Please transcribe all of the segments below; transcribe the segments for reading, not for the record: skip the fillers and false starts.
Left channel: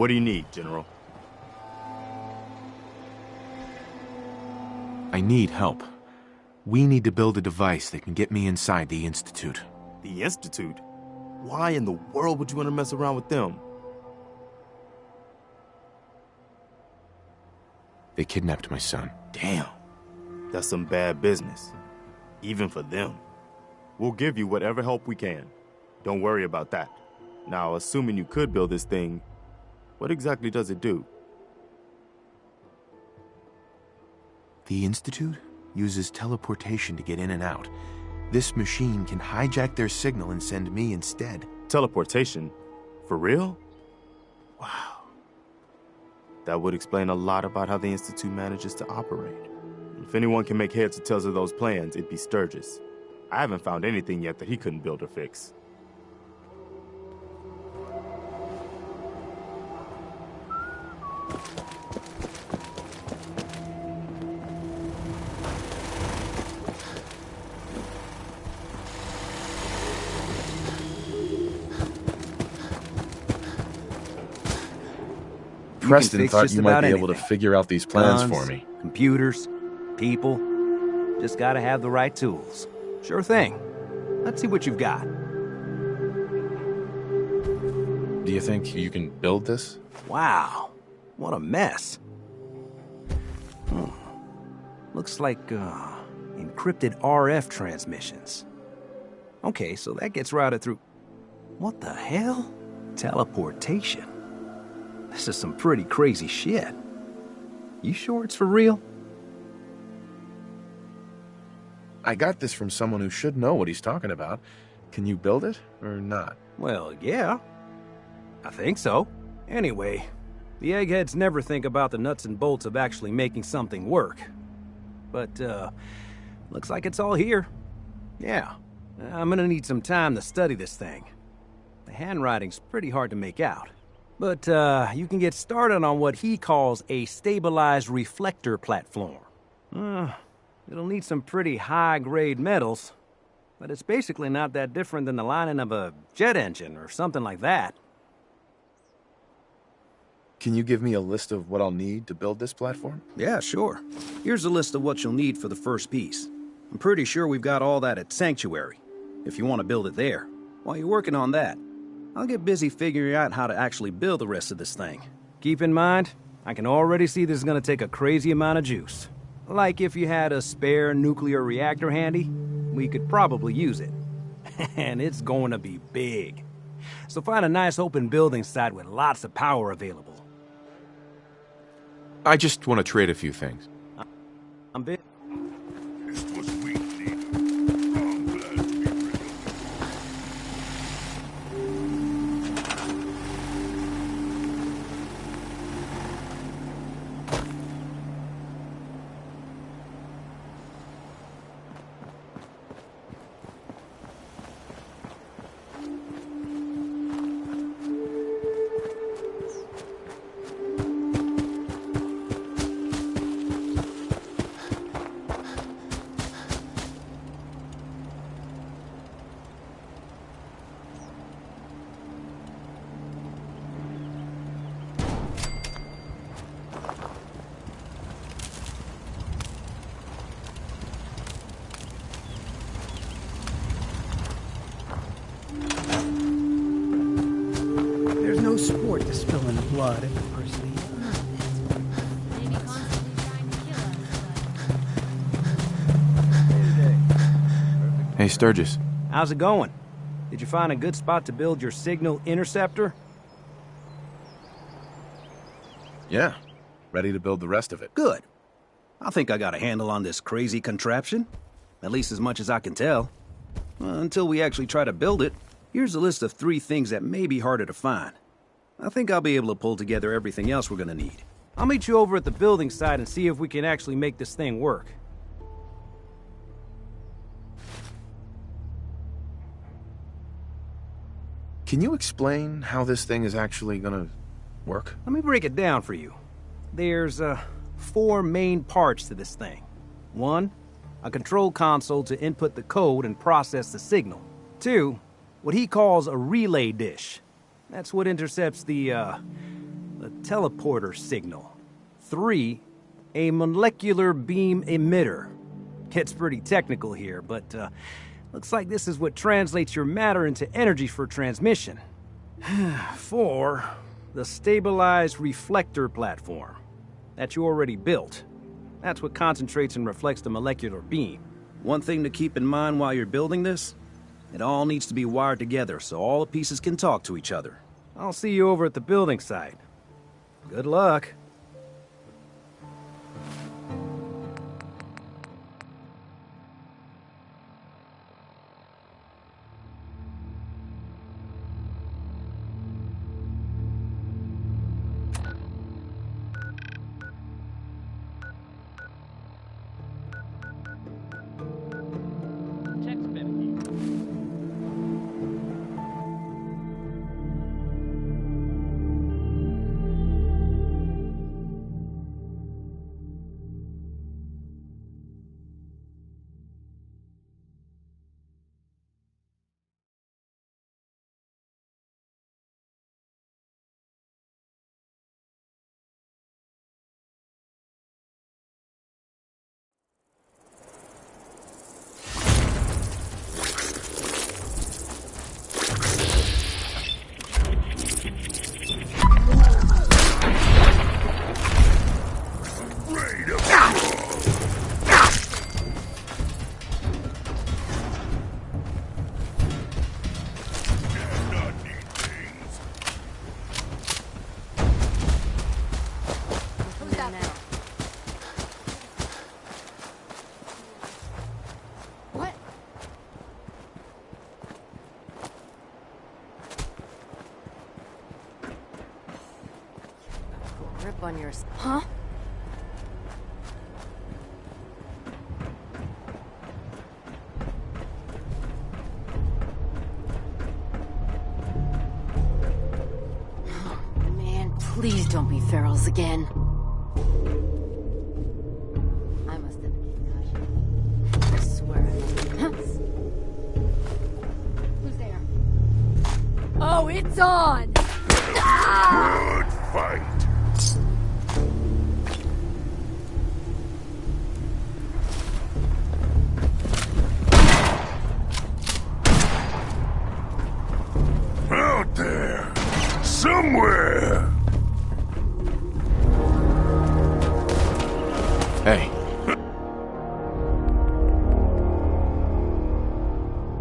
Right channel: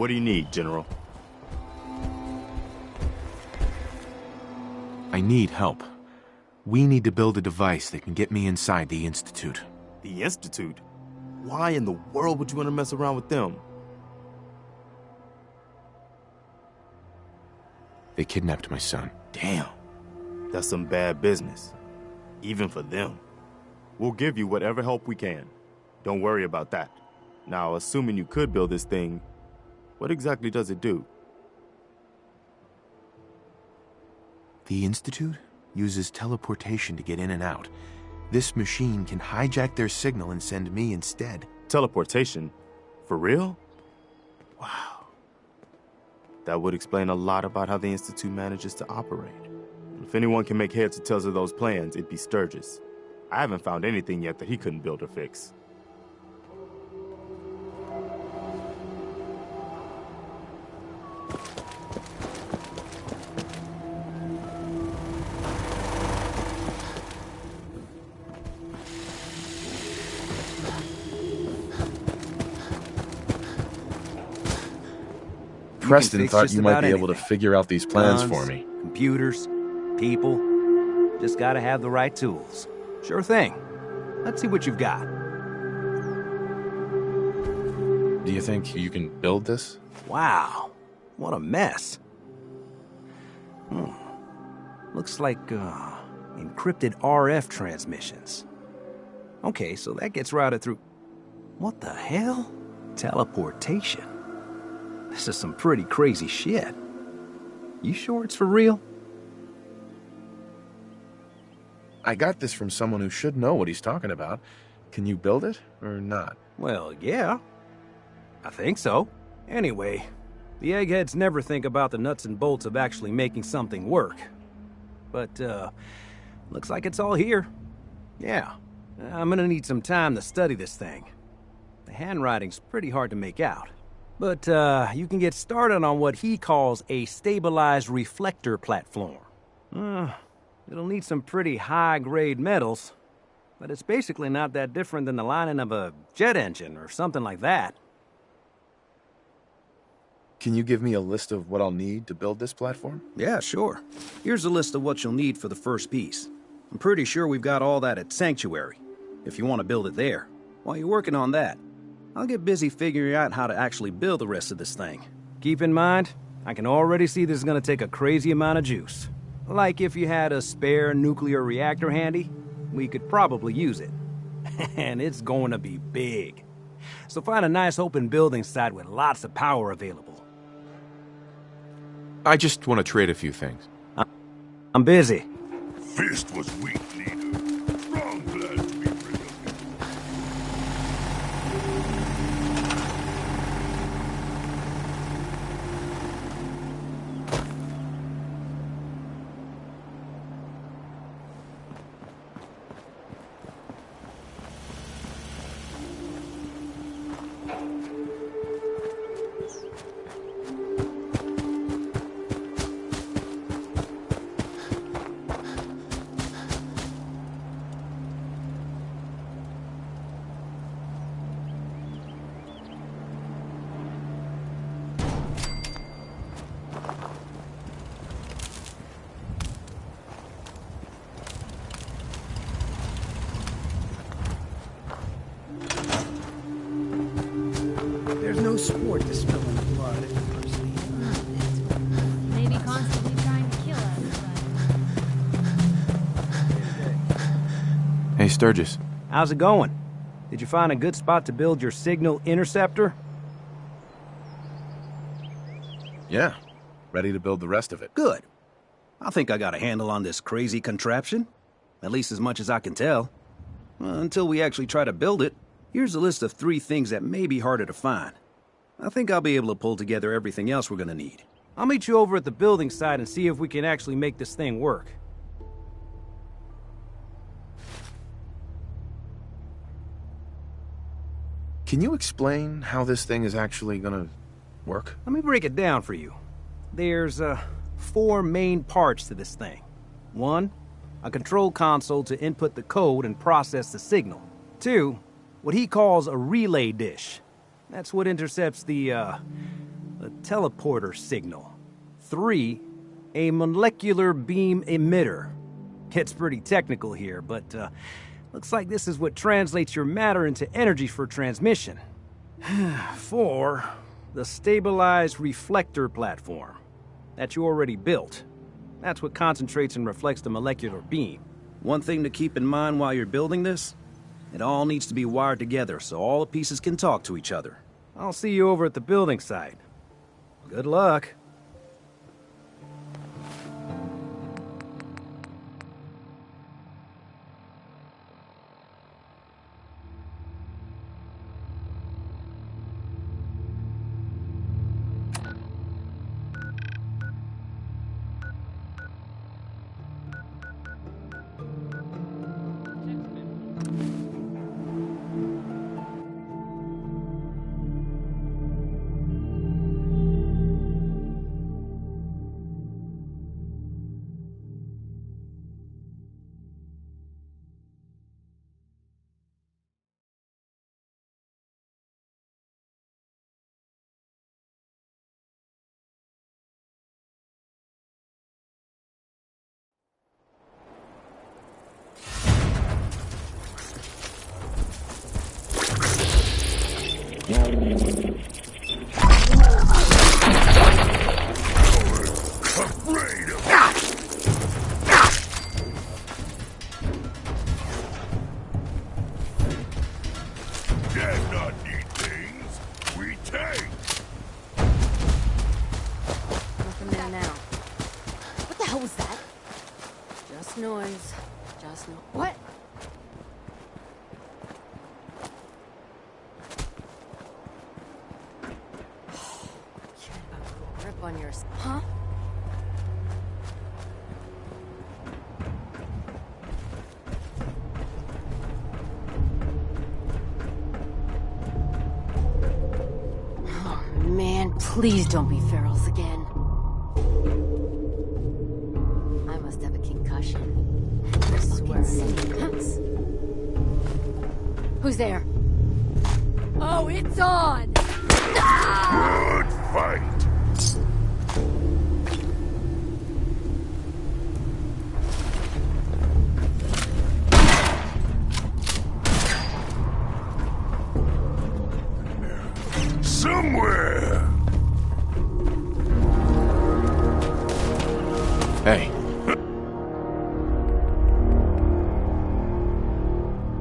What do you need, General? I need help. We need to build a device that can get me inside the Institute. The Institute? Why in the world would you want to mess around with them? They kidnapped my son. Damn. That's some bad business. Even for them. We'll give you whatever help we can. Don't worry about that. Now, assuming you could build this thing, what exactly does it do? The Institute uses teleportation to get in and out. This machine can hijack their signal and send me instead. Teleportation? For real? Wow. That would explain a lot about how the Institute manages to operate. If anyone can make heads or tails of those plans, it'd be Sturgis. I haven't found anything yet that he couldn't build or fix. Preston thought you might be able to figure out these plans for me. Computers, people. Just gotta have the right tools. Sure thing. Let's see what you've got. Do you think you can build this? Wow. What a mess. Looks like, encrypted RF transmissions. Okay, so that gets routed through... What the hell? Teleportation. This is some pretty crazy shit. You sure it's for real? I got this from someone who should know what he's talking about. Can you build it, or not? Well, yeah. I think so. Anyway, the eggheads never think about the nuts and bolts of actually making something work. But, looks like it's all here. Yeah, I'm gonna need some time to study this thing. The handwriting's pretty hard to make out. But, you can get started on what he calls a stabilized reflector platform. It'll need some pretty high-grade metals, but it's basically not that different than the lining of a jet engine or something like that. Can you give me a list of what I'll need to build this platform? Yeah, sure. Here's a list of what you'll need for the first piece. I'm pretty sure we've got all that at Sanctuary, if you want to build it there. While you're working on that, I'll get busy figuring out how to actually build the rest of this thing. Keep in mind, I can already see this is going to take a crazy amount of juice. Like if you had a spare nuclear reactor handy, we could probably use it. And it's going to be big. So find a nice open building site with lots of power available. I just want to trade a few things. I'm busy. Fist was weak, leader. Strong blood to be rid of. There's no sport to spilling the blood if the person Maybe constantly trying to kill us, Hey, Sturgis. How's it going? Did you find a good spot to build your signal interceptor? Yeah. Ready to build the rest of it. Good. I think I got a handle on this crazy contraption. At least as much as I can tell. Until we actually try to build it, here's a list of 3 things that may be harder to find. I think I'll be able to pull together everything else we're gonna need. I'll meet you over at the building site and see if we can actually make this thing work. Can you explain how this thing is actually gonna work? Let me break it down for you. There's, 4 main parts to this thing. 1, a control console to input the code and process the signal. 2, what he calls a relay dish. That's what intercepts the, a teleporter signal. 3, a molecular beam emitter. It's pretty technical here, but looks like this is what translates your matter into energy for transmission. 4, the stabilized reflector platform that you already built. That's what concentrates and reflects the molecular beam. One thing to keep in mind while you're building this, it all needs to be wired together so all the pieces can talk to each other. I'll see you over at the building site. Good luck. On yours. Huh? Oh, man, please don't be ferals again. I must have a concussion. I swear I must have nuts. Who's there? Oh, it's on! Good fight. Out there, somewhere. Hey.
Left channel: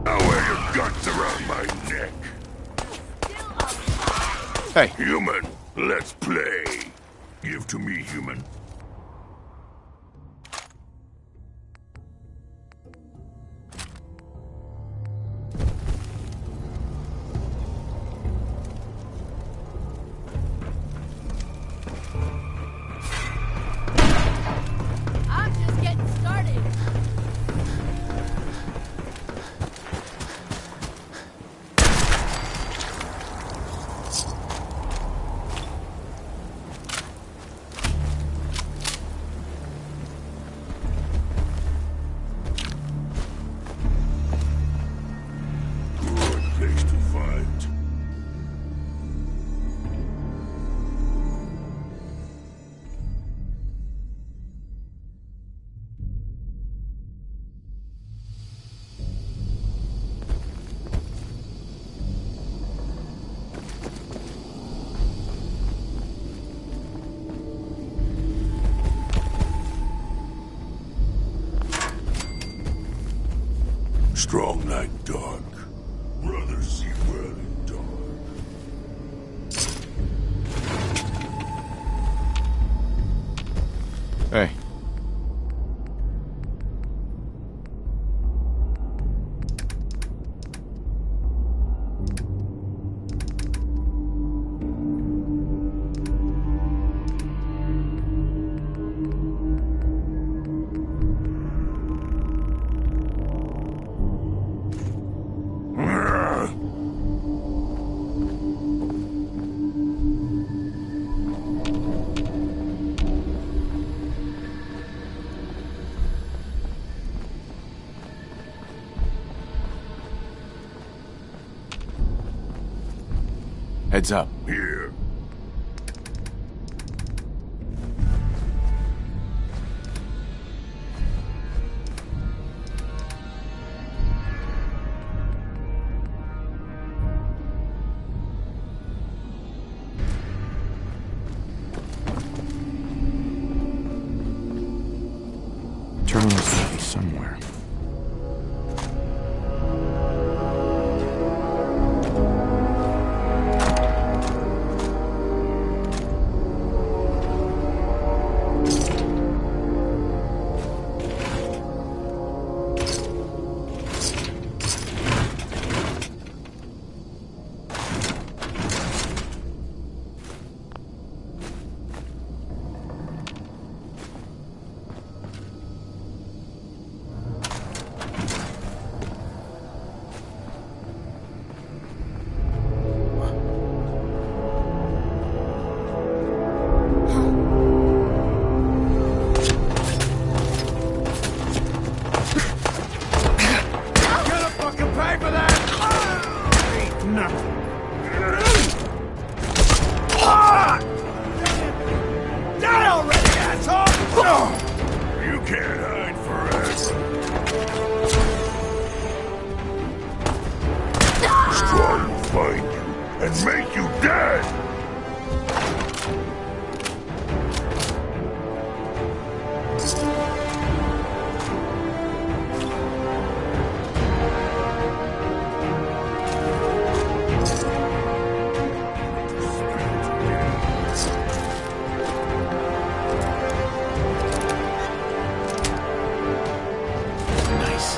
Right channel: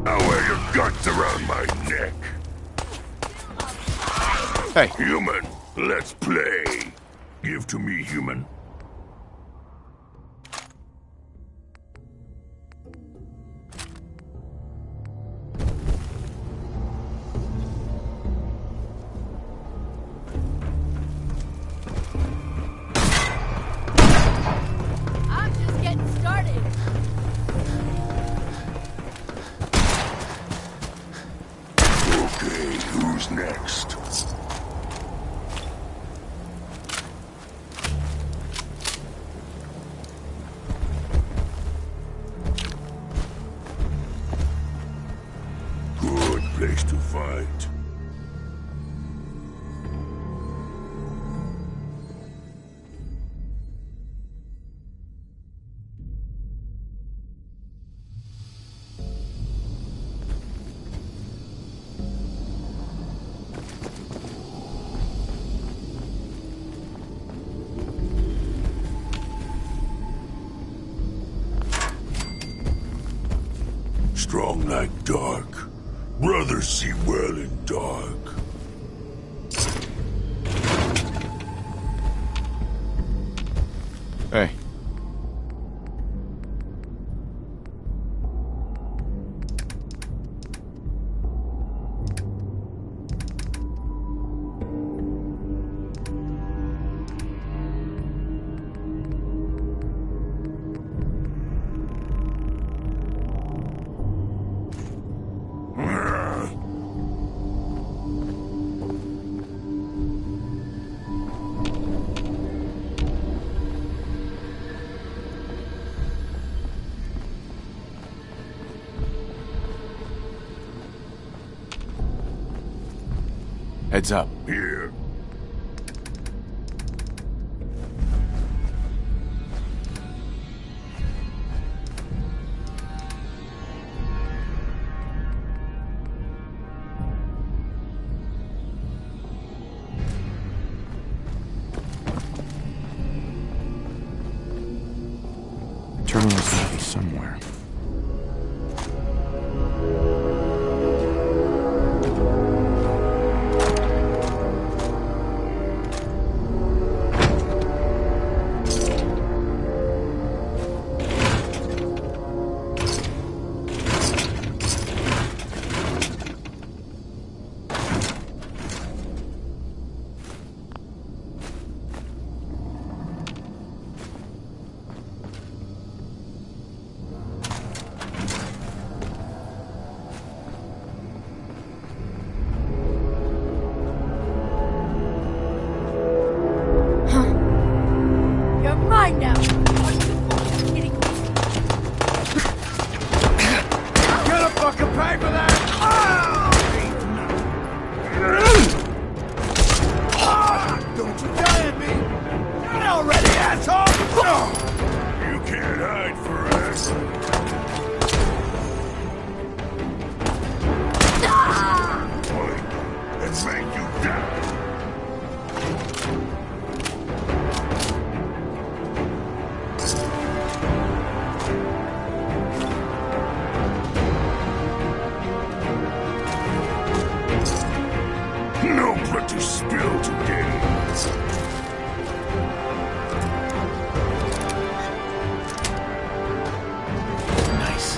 I wear your guts around my neck. Hey. Human, let's play. Give to me, human. I'm just getting started. Okay, who's next? Good place to fight. Strong like dark. Brothers see well in dark. Hey. Heads up. Here. somewhere. You're mine now. Gonna fucking pay for that! Don't you die at me! Die already, asshole! You can't hide forever. Find you and make you dead! No blood to spill today. Nice.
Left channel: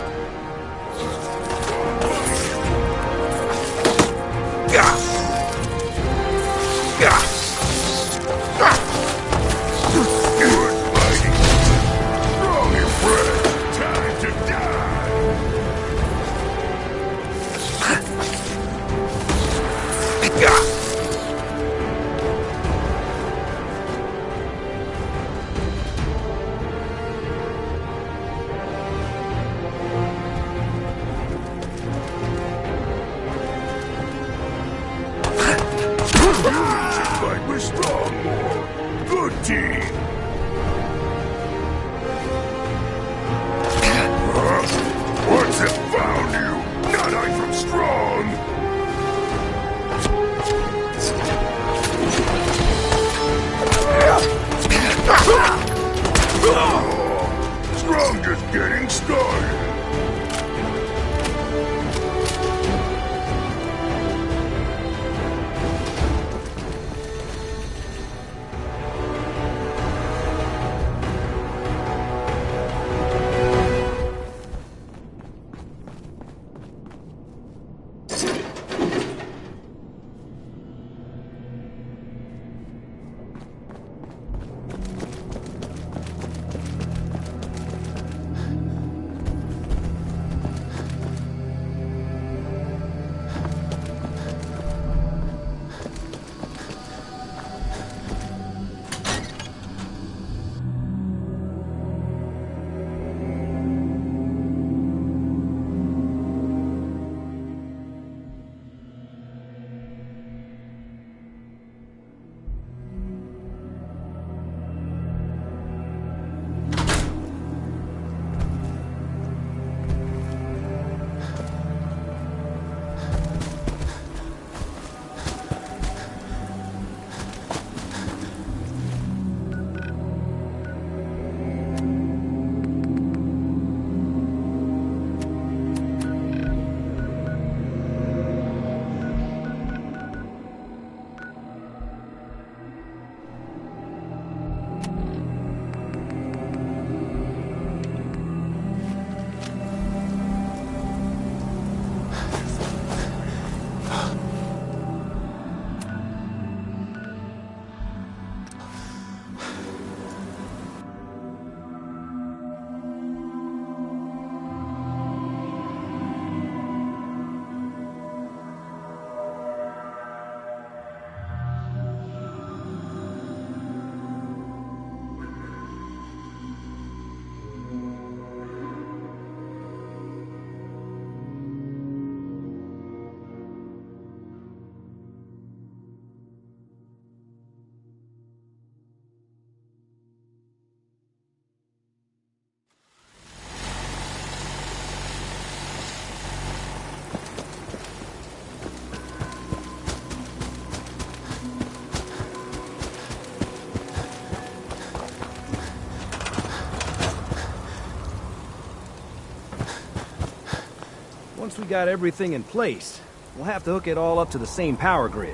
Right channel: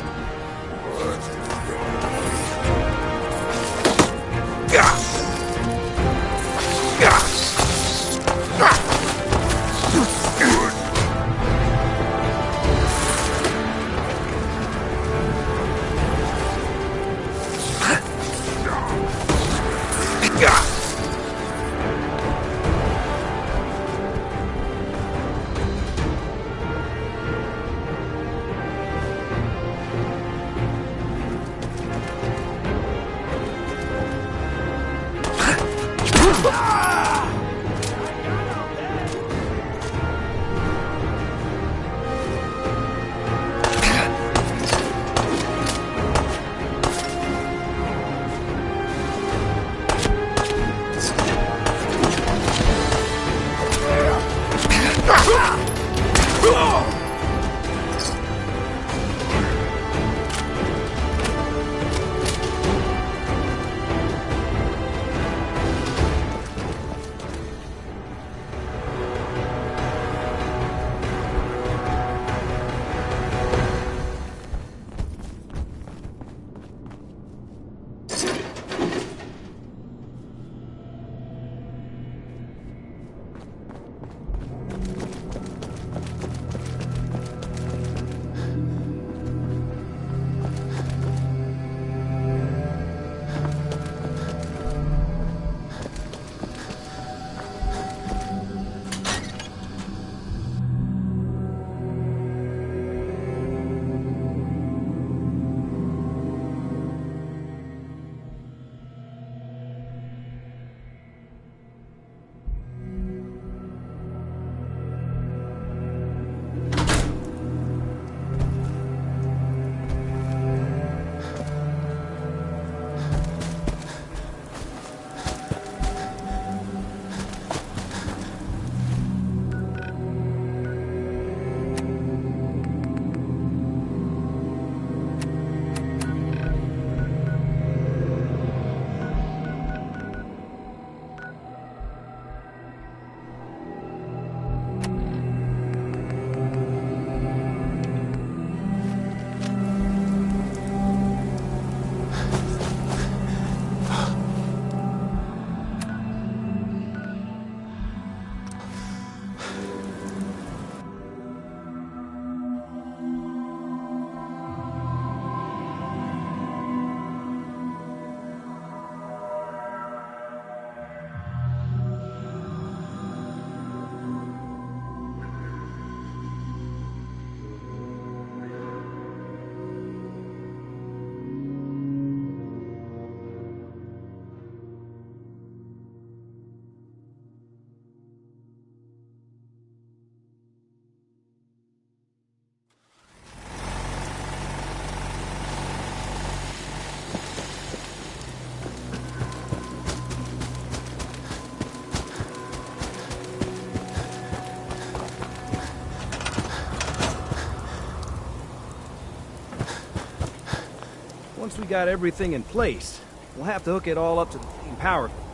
Once we got everything in place, we'll have to hook it all up to the same power grid.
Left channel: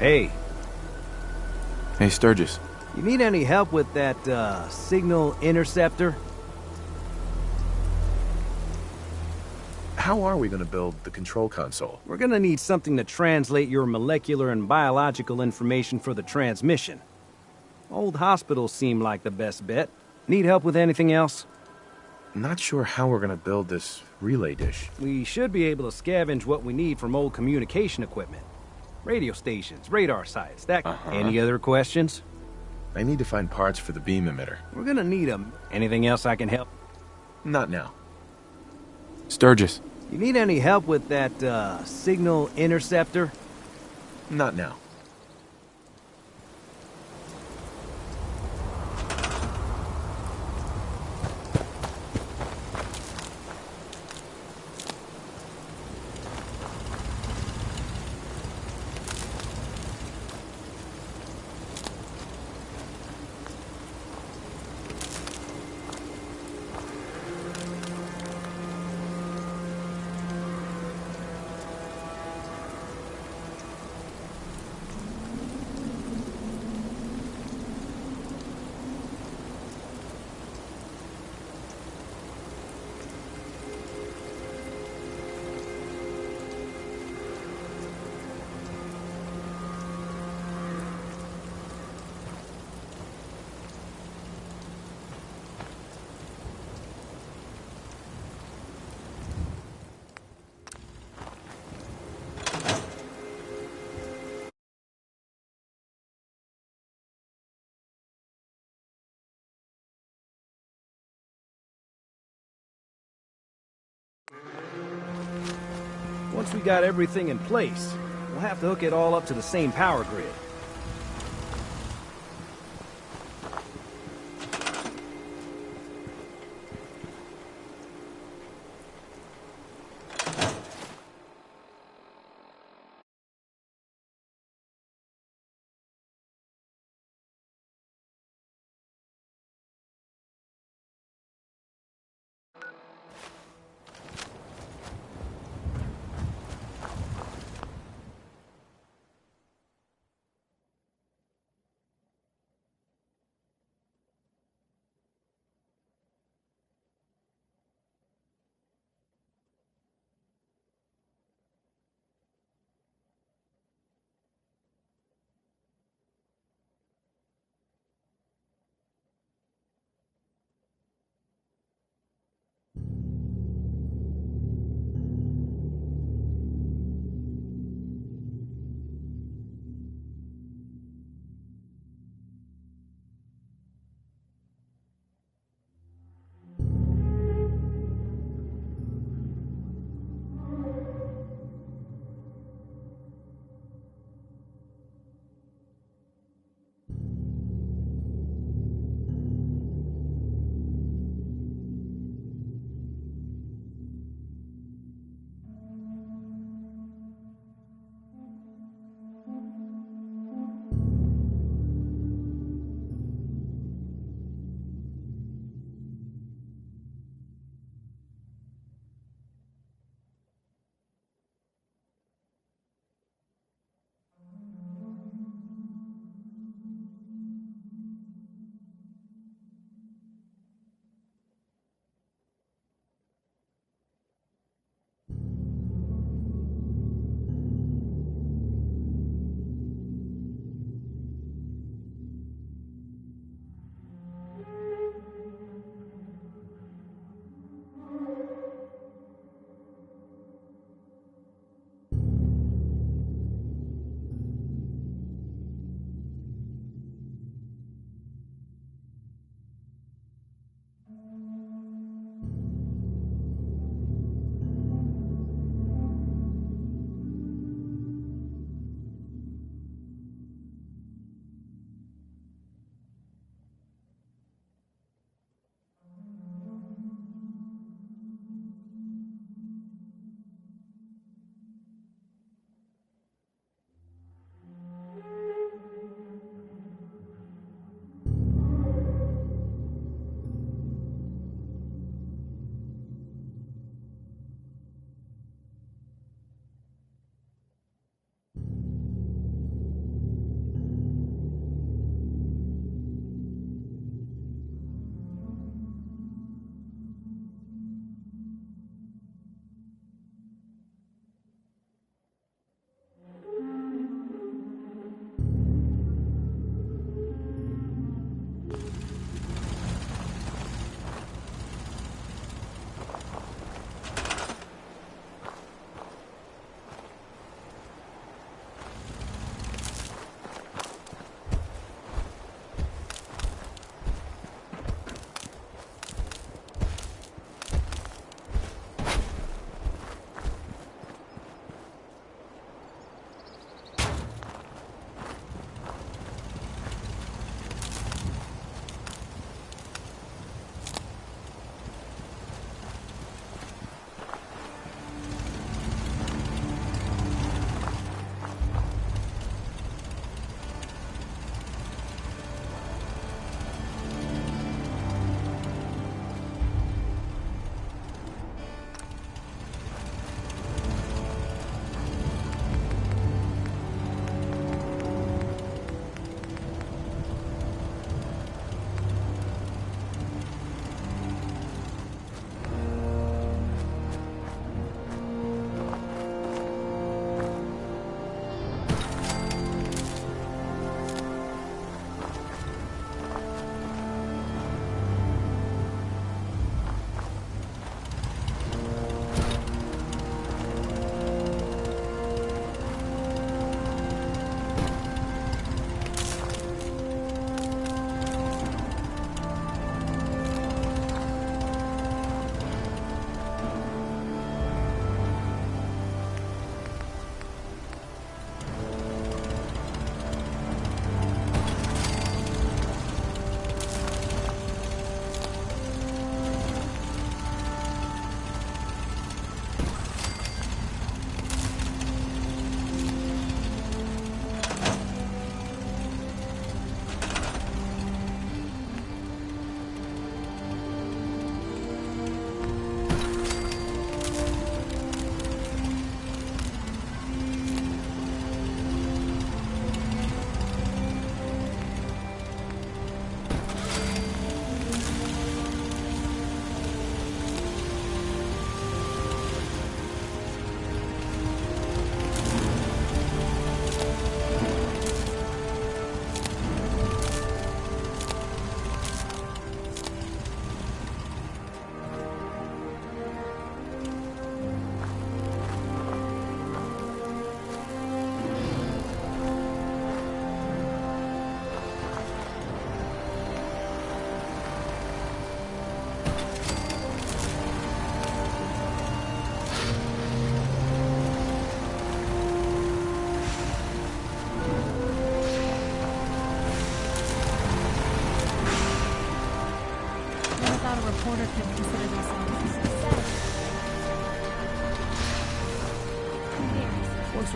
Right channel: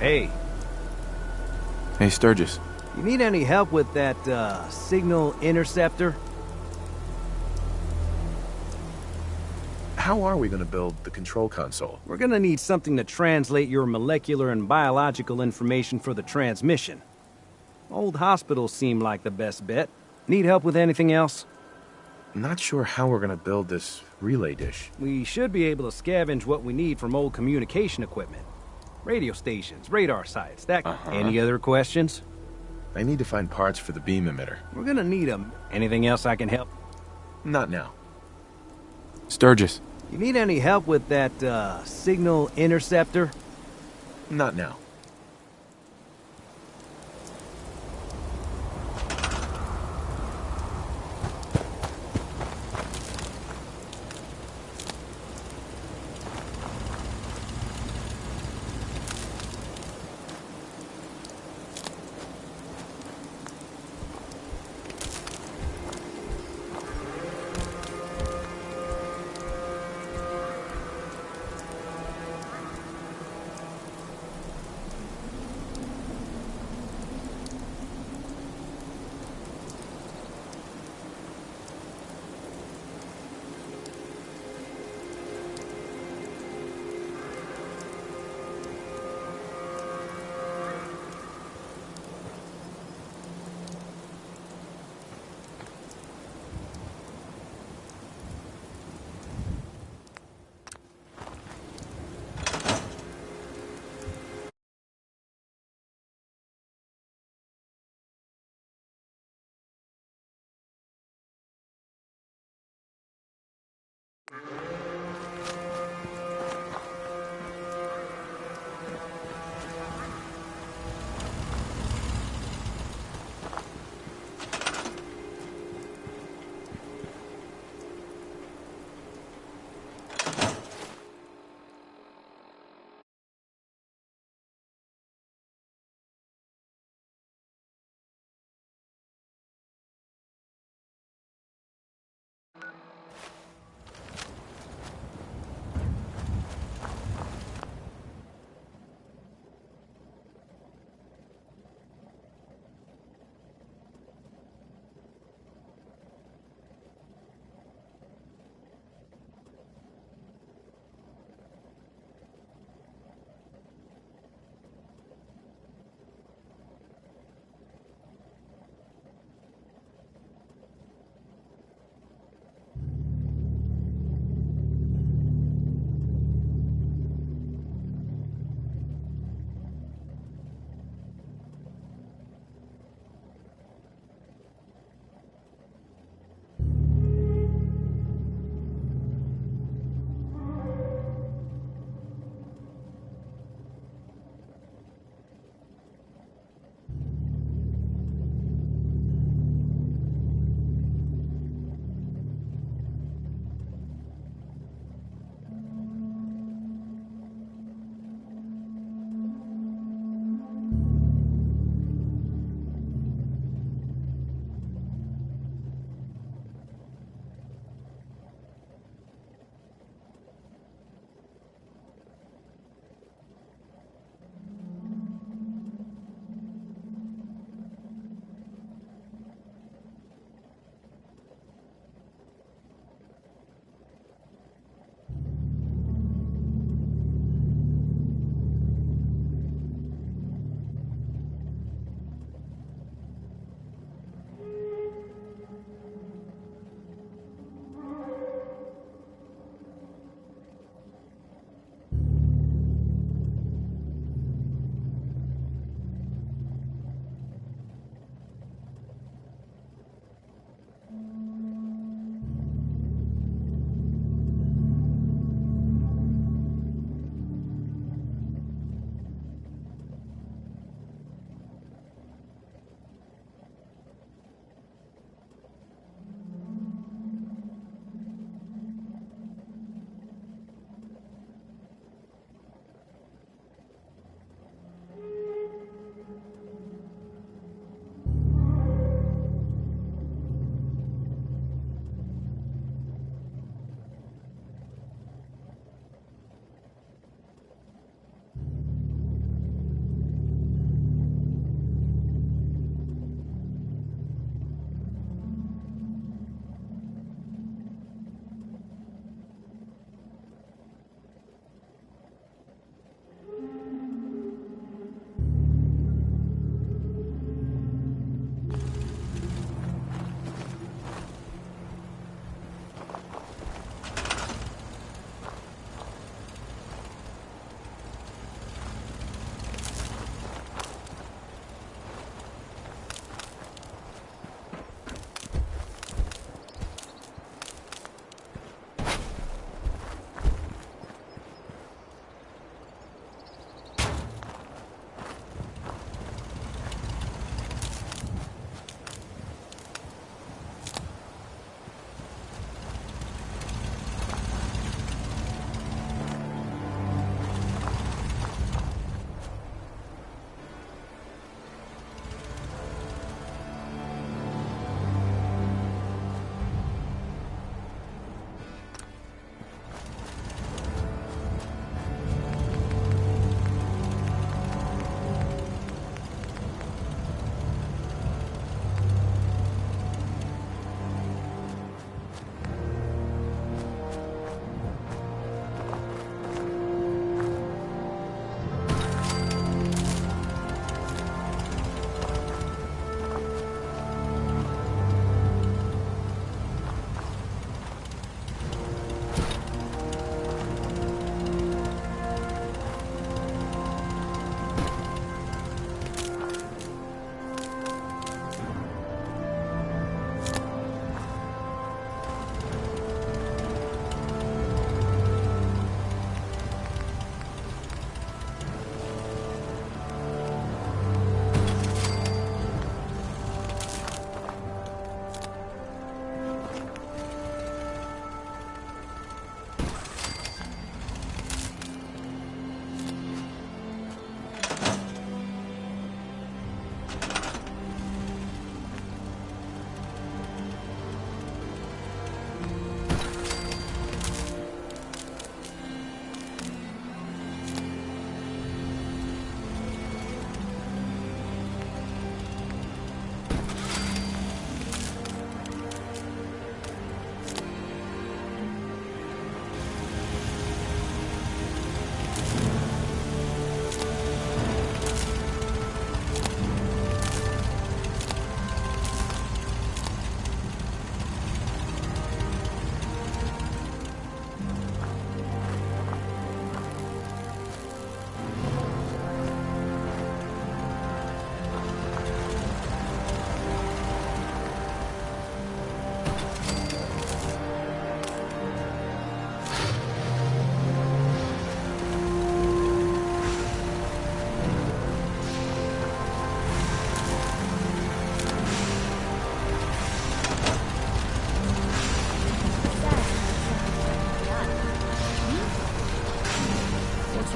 Hey, Hey, Sturgis. you need any help with that, signal interceptor? How are we gonna build the control console? We're gonna need something to translate your molecular and biological information for the transmission. Old hospitals seem like the best bet. Need help with anything else? Not sure how we're gonna build this relay dish. We should be able to scavenge what we need from old communication equipment. Radio stations, radar sites, that... Any other questions? I need to find parts for the beam emitter. We're gonna need them. Anything else I can help? Not now. Sturgis. You need any help with that, signal interceptor? Not now. Once we got everything in place, we'll have to hook it all up to the same power grid.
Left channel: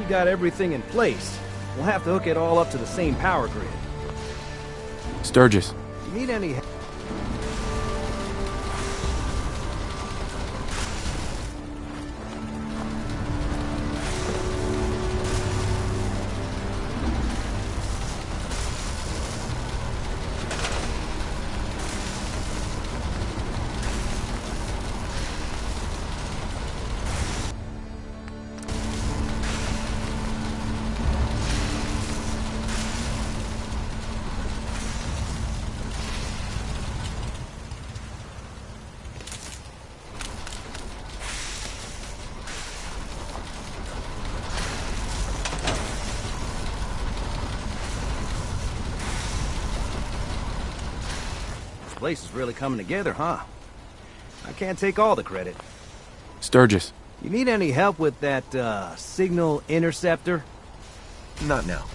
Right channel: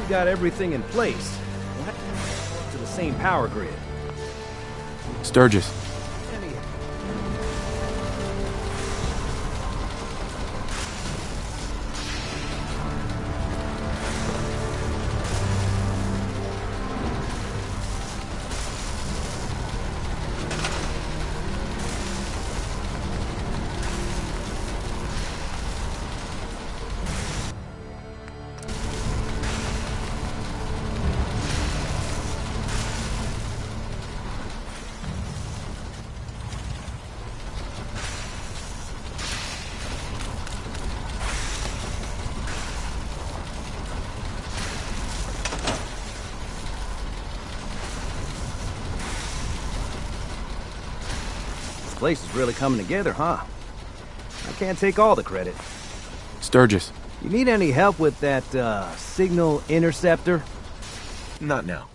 we got everything in place, we'll have to hook it all up to the same power grid. Sturgis, Need any... This place is really coming together, huh? I can't take all the credit. Sturgis. You need any help with that, signal interceptor? Not now.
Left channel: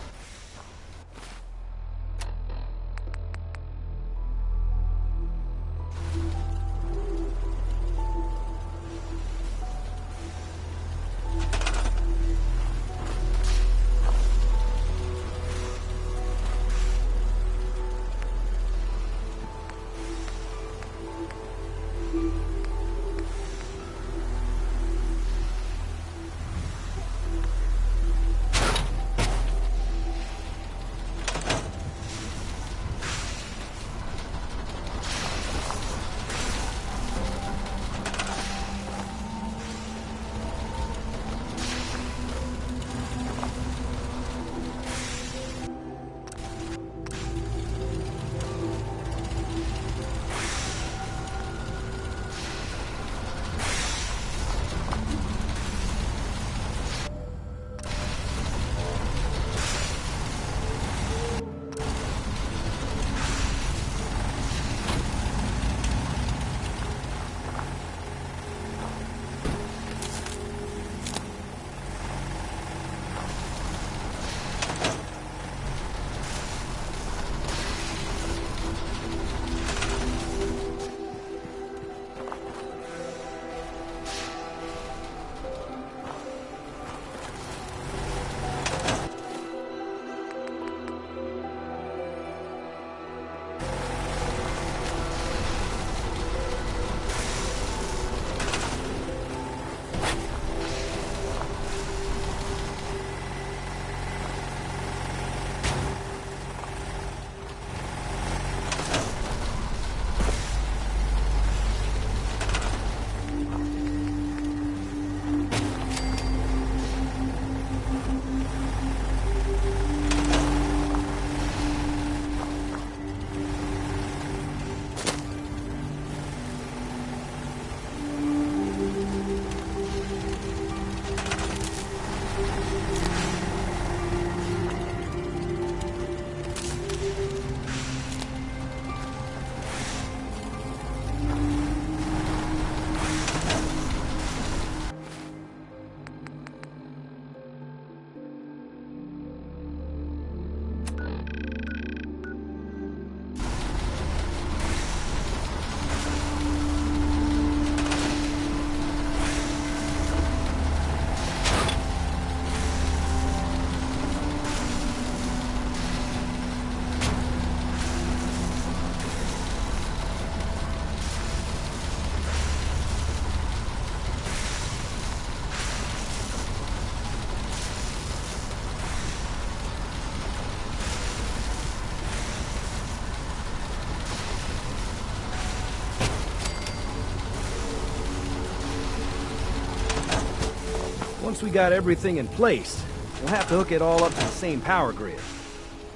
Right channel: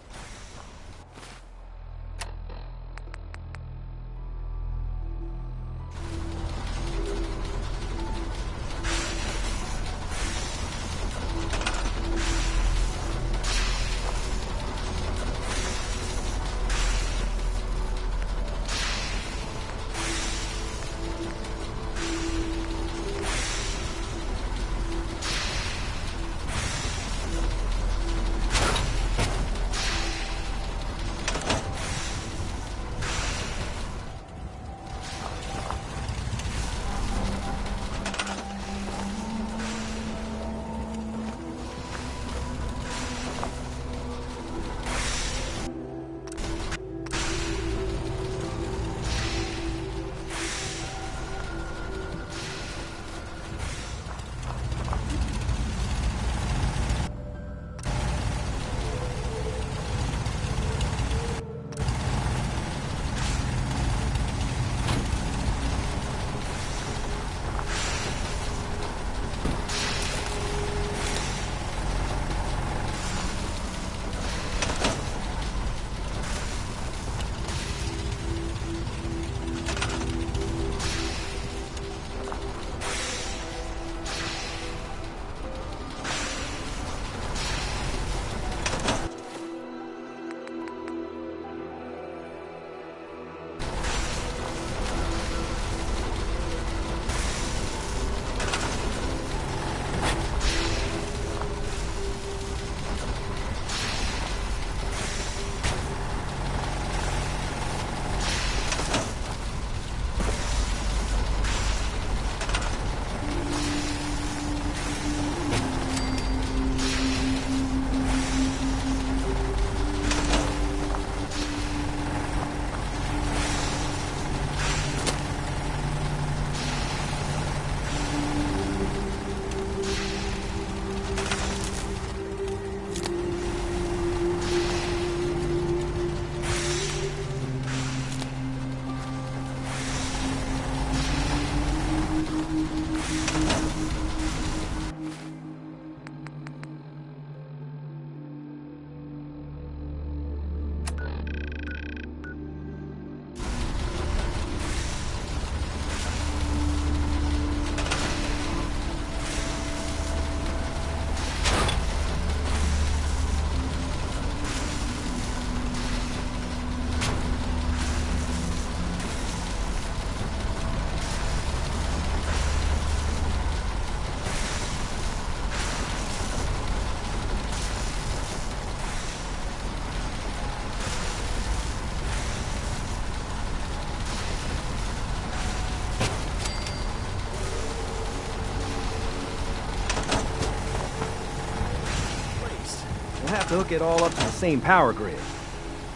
We got everything in place, we'll have to hook it all up to the same power grid.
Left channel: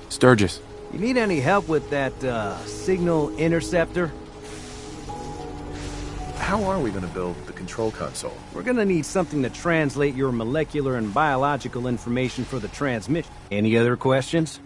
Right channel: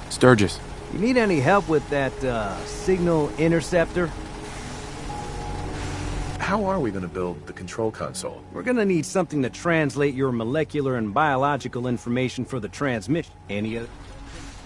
Sturgis. You need any help with that, signal interceptor? How are we going to build the control console? We're gonna need something to translate your molecular and biological information for the transmission. Any other questions?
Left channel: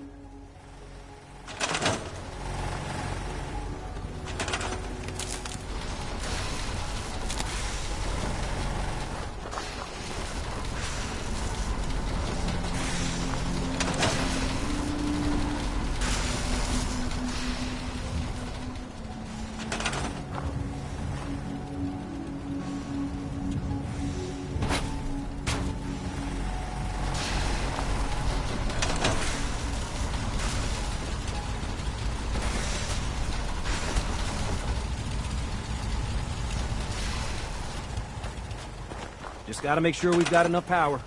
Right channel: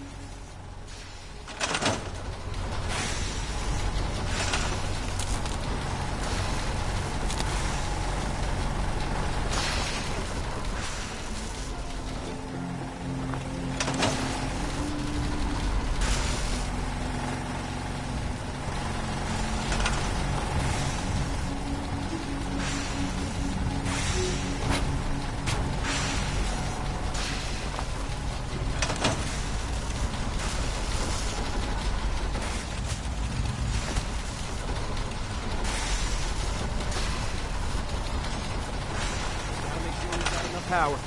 Gotta make sure we've got enough power.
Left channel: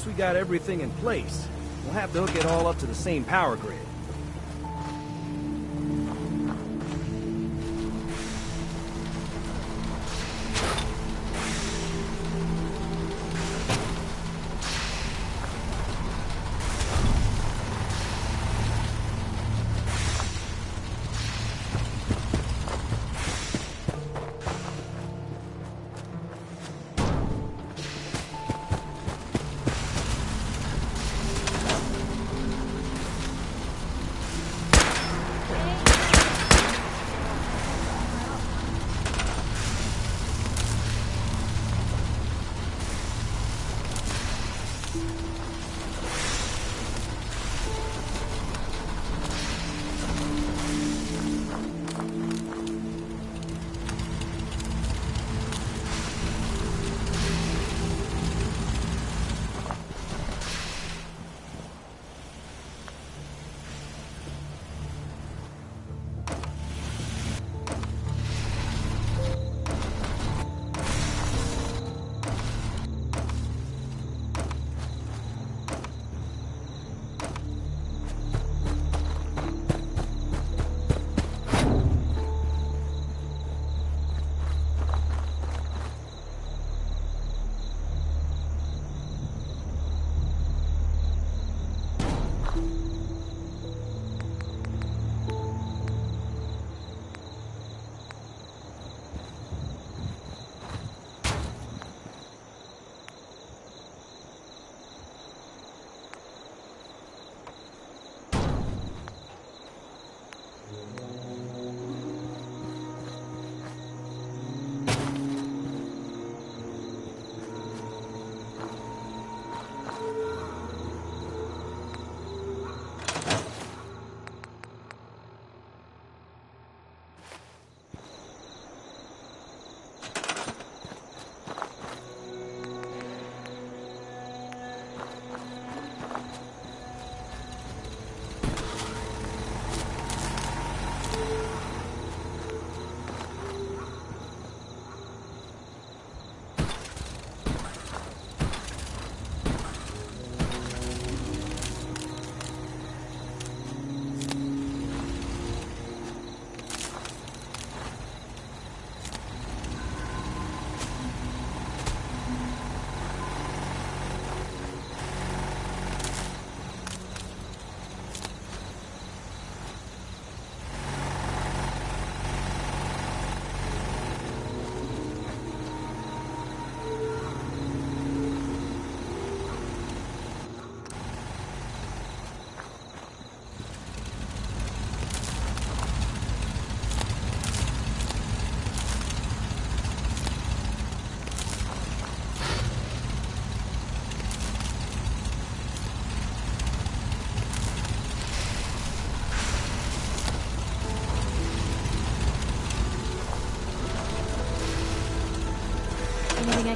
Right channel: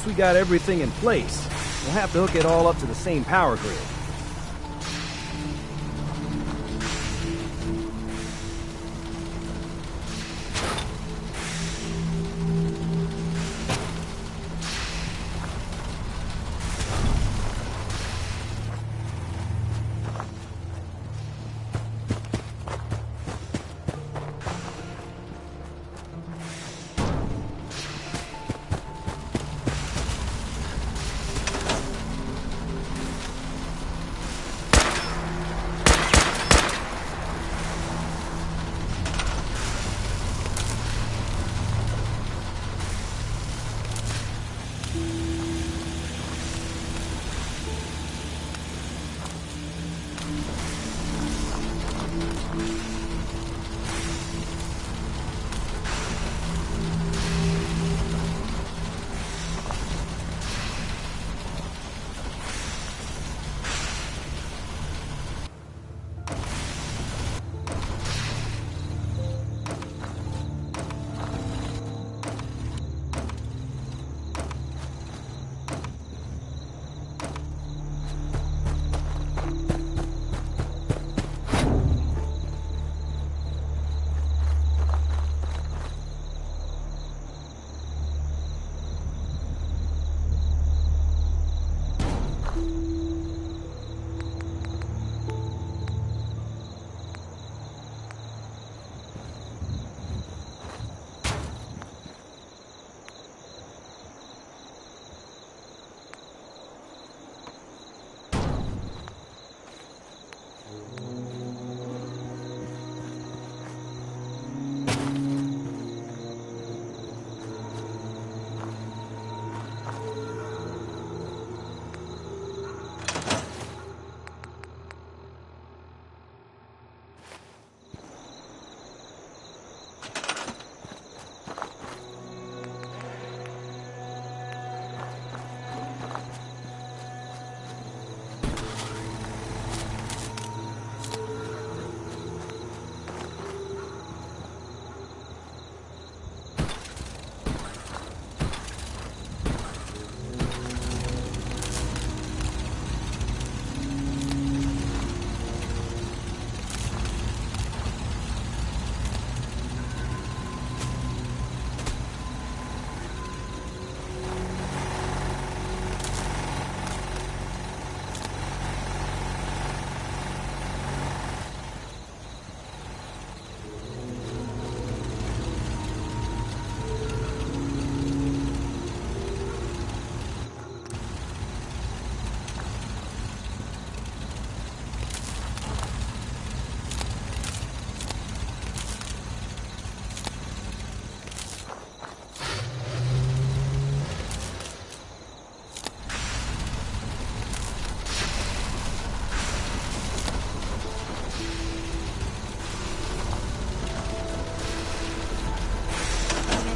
Once we got everything in place, we'll have to hook it all up to the same power grid.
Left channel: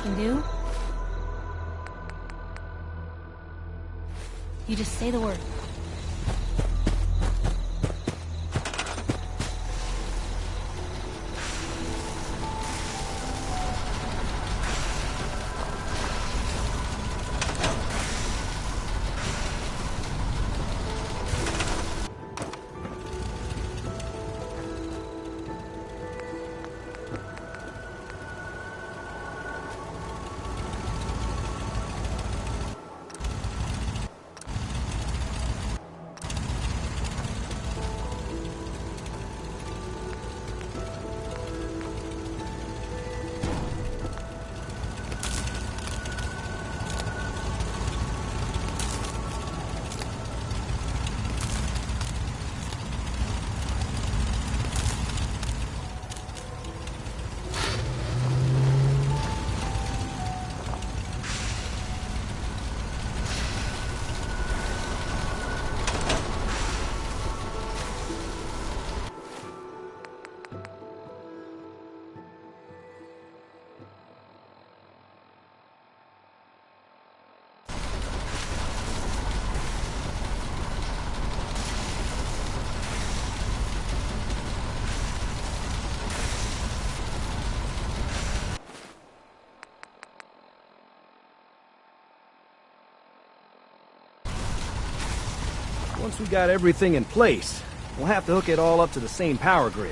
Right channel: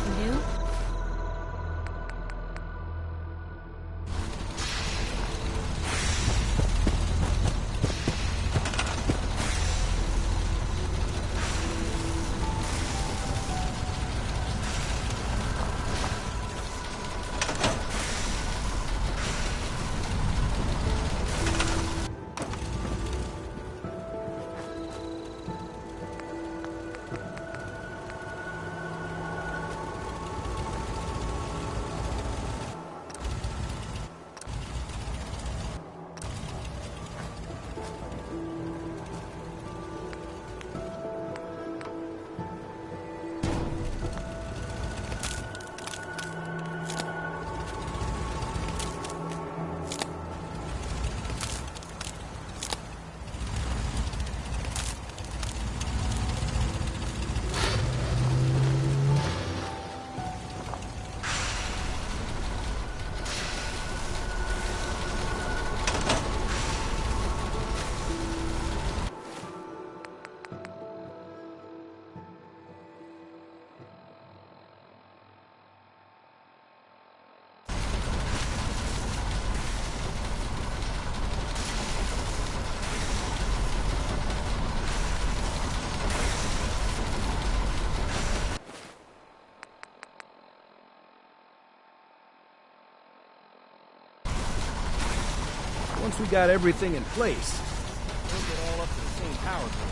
can do? You just say the word. Once we got everything in place, we'll have to hook it all up to the same power grid.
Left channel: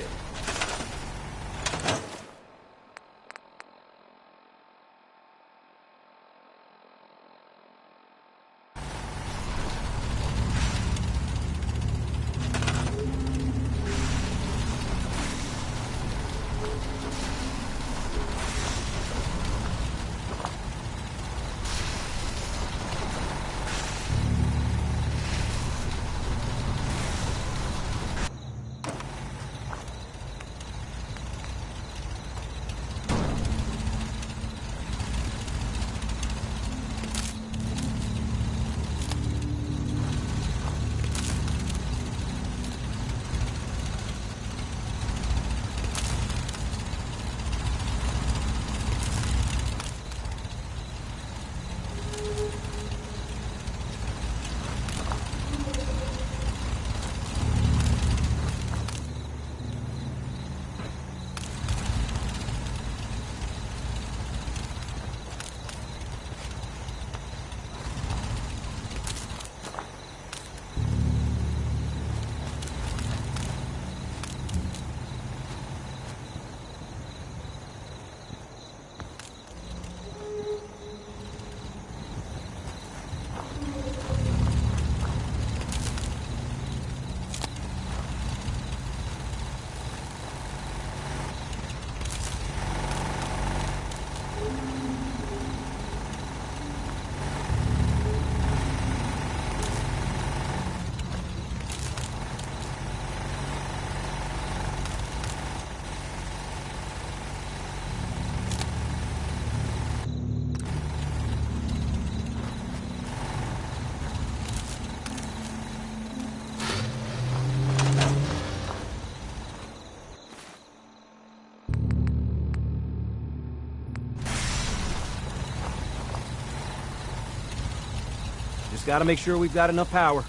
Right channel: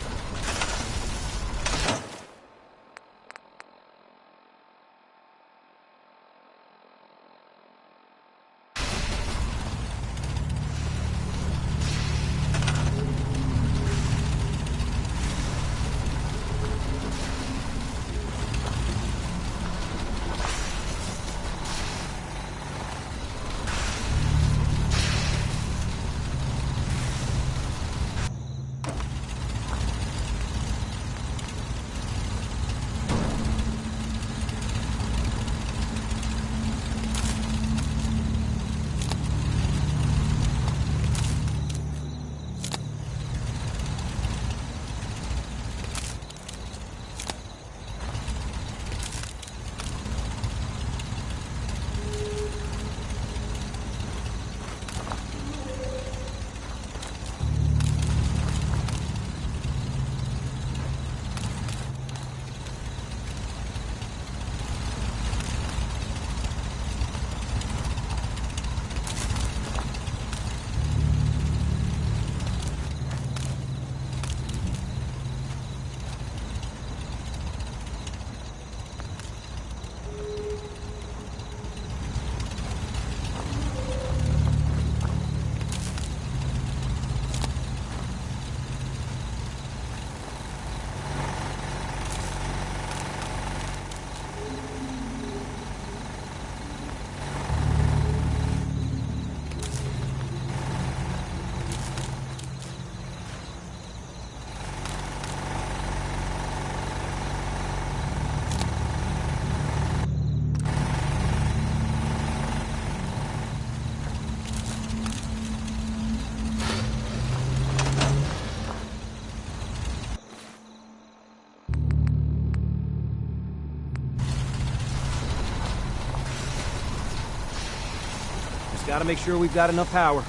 Just gotta make sure we've got enough power.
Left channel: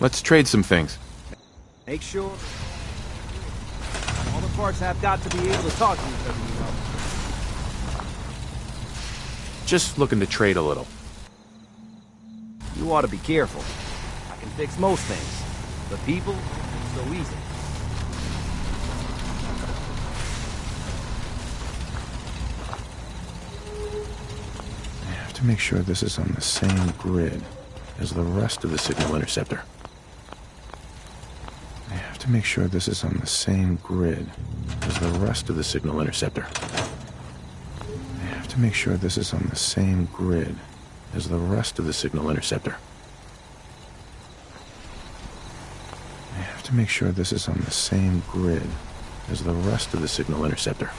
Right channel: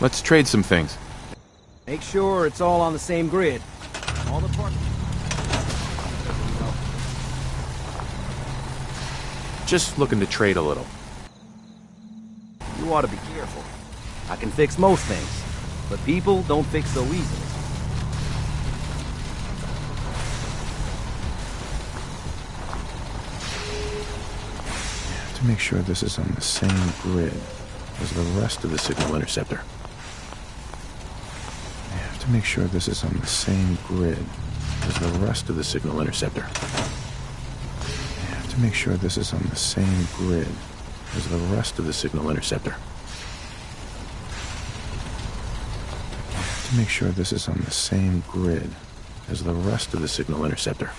Let's trade some things. Make sure it's all on the same grid. All the parts have got to be able to talk to each other, you know. Just looking to trade a little. You ought to be careful. I can fix most things, but people don't fix so easily. I have to make sure this is on the same grid as the rest of the signal interceptor. I have to make sure this is on the same grid as the rest of the signal interceptor. I have to make sure this is on the same grid as the rest of the signal interceptor. I have to make sure this is on the same grid as the rest of the signal interceptor.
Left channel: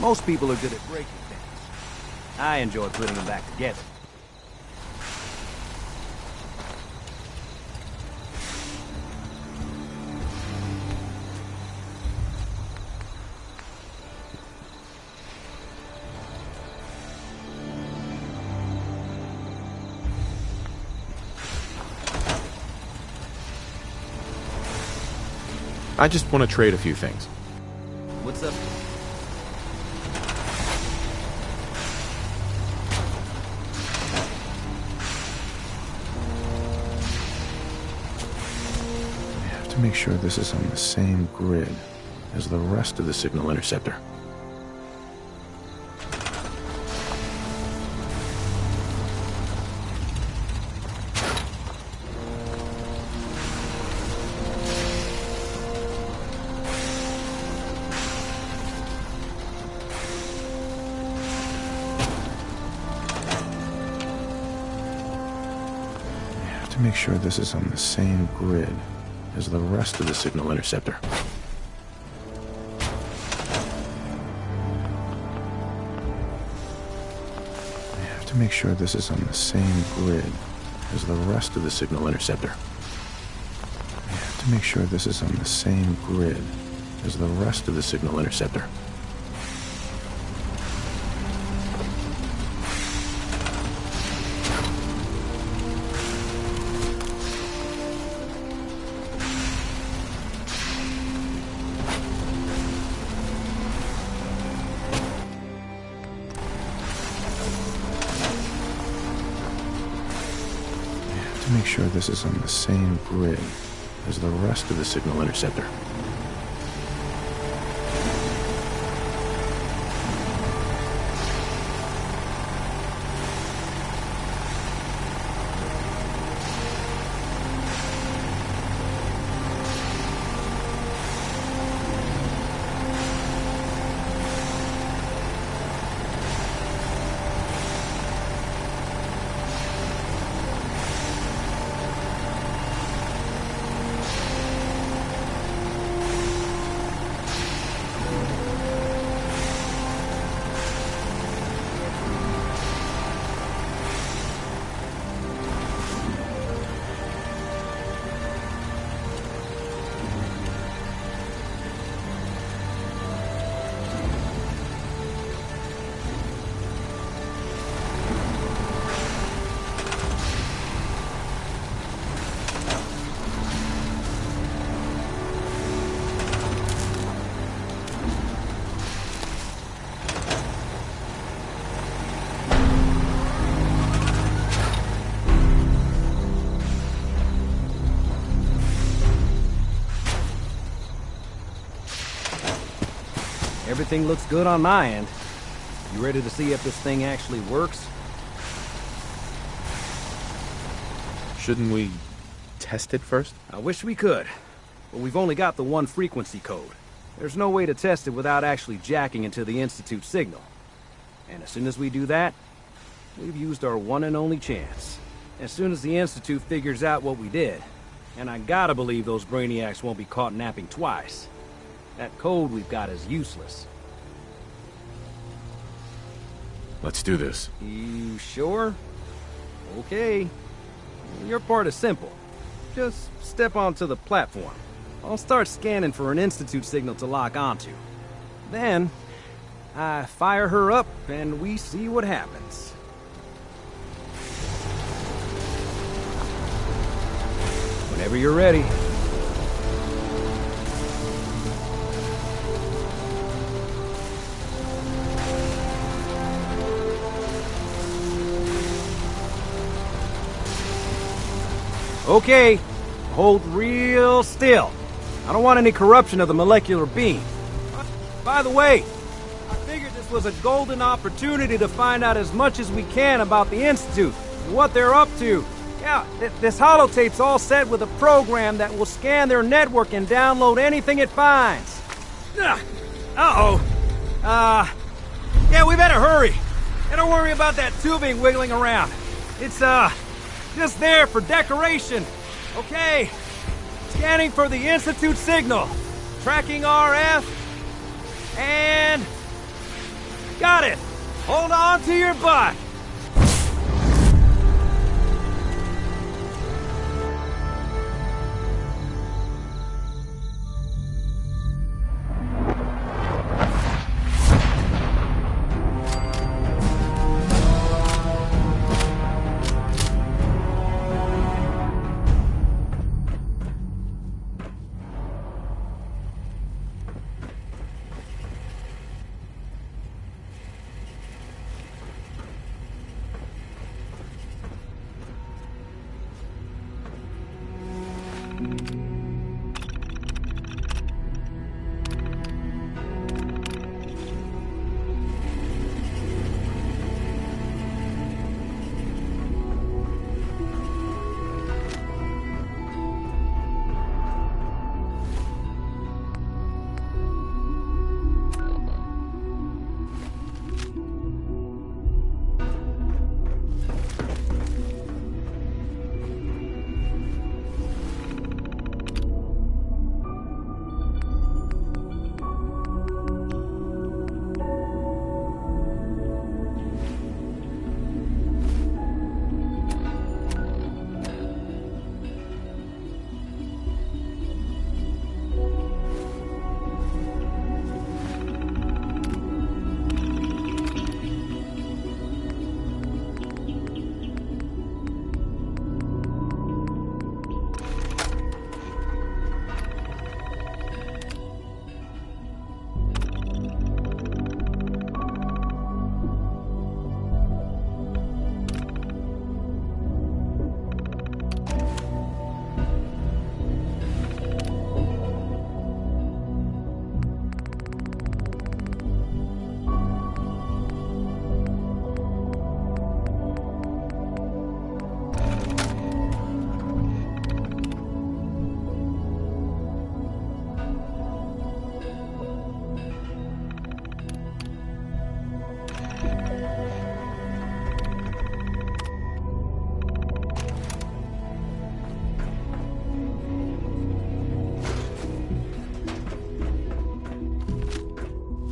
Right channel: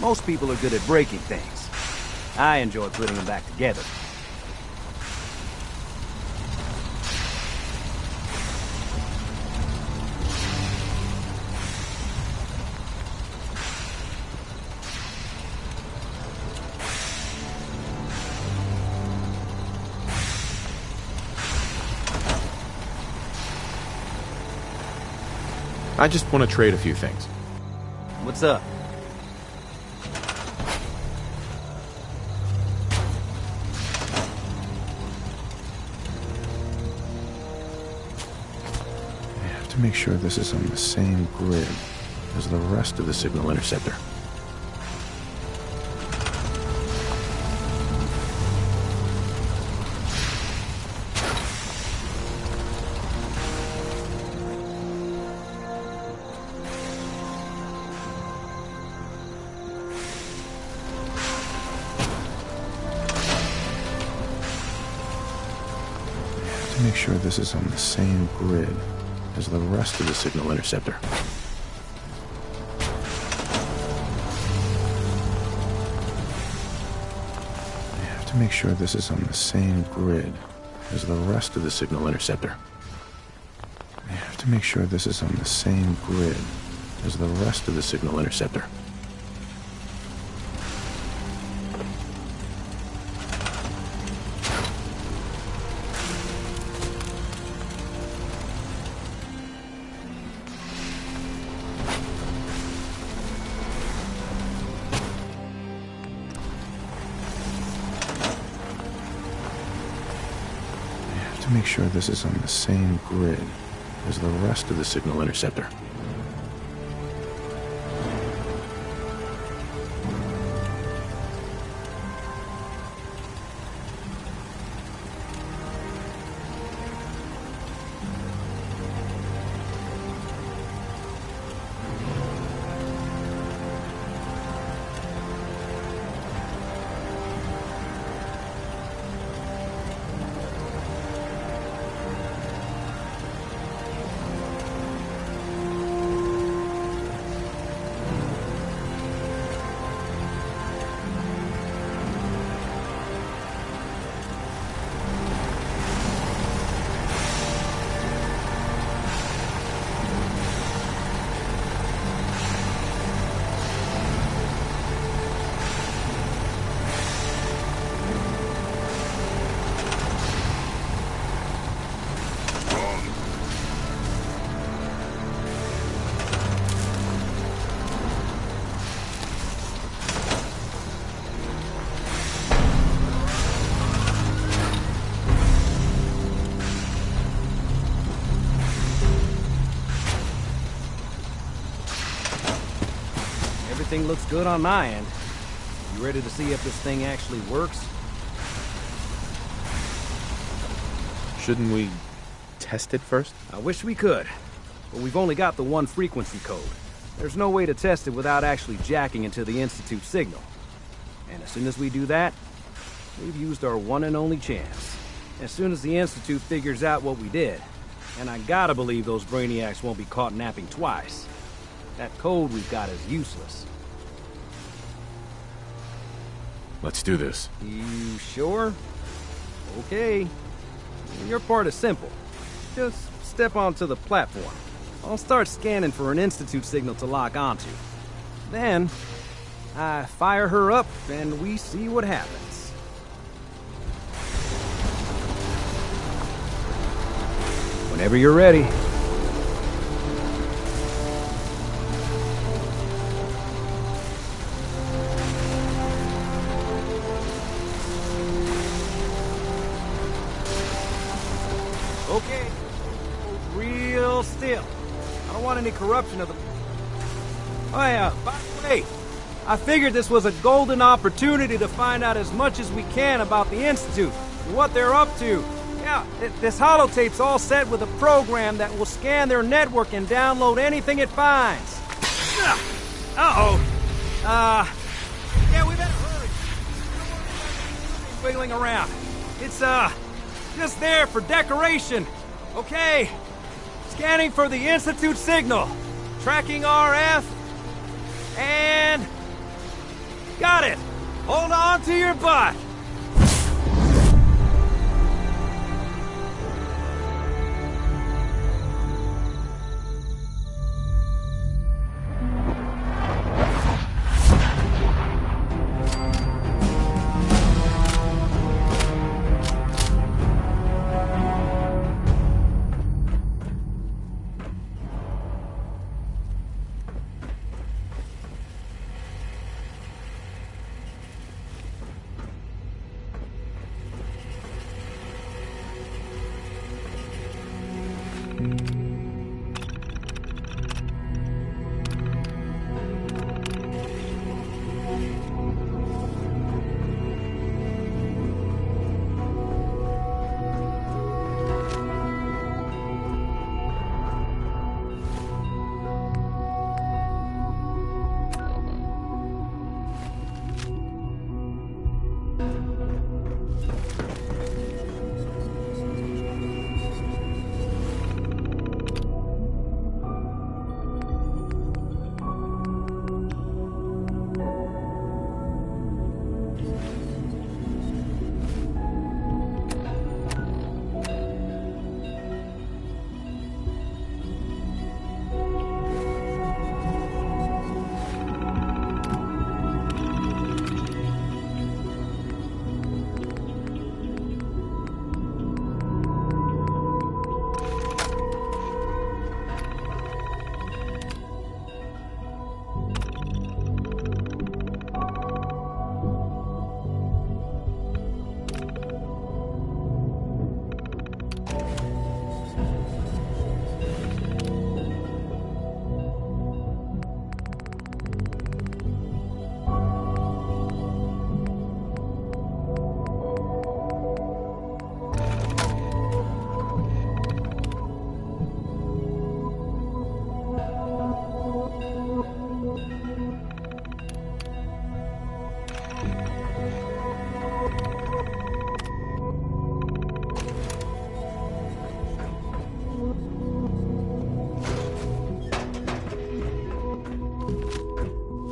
Most people are good at breaking things. I enjoy putting them back together. I just want to trade a few things. What's up? I have to make sure this is on the same grid as the rest of the signal interceptor. Make sure this is on the same grid as the rest of the signal interceptor. I have to make sure this is on the same grid as the rest of the signal interceptor. I have to make sure this is on the same grid as the rest of the signal interceptor. to make sure this is on the same grid as the rest of the signal interceptor. Everything looks good on my end. You ready to see if this thing actually works? Shouldn't we test it first? I wish we could, but we've only got the one frequency code. There's no way to test it without actually jacking into the Institute signal. And as soon as we do that, we've used our one and only chance. As soon as the Institute figures out what we did, and I gotta believe those brainiacs won't be caught napping twice, that code we've got is useless. Let's do this. You sure? Okay. Your part is simple. Just step onto the platform. I'll start scanning for an Institute signal to lock onto. Then, I fire her up and we see what happens. Whenever you're ready. Okay, hold real still. I don't want any corruption of the molecular beam. Oh yeah, by the way, I figured this was a golden opportunity to find out as much as we can about the Institute and what they're up to. Yeah, this holotape's all set with a program that will scan their network and download anything it finds. Uh-oh. Yeah, we better hurry. And don't worry about that tubing wiggling around. It's, just there for decoration. Okay. Scanning for the Institute signal. Tracking RF. And... got it. Hold on to your butt.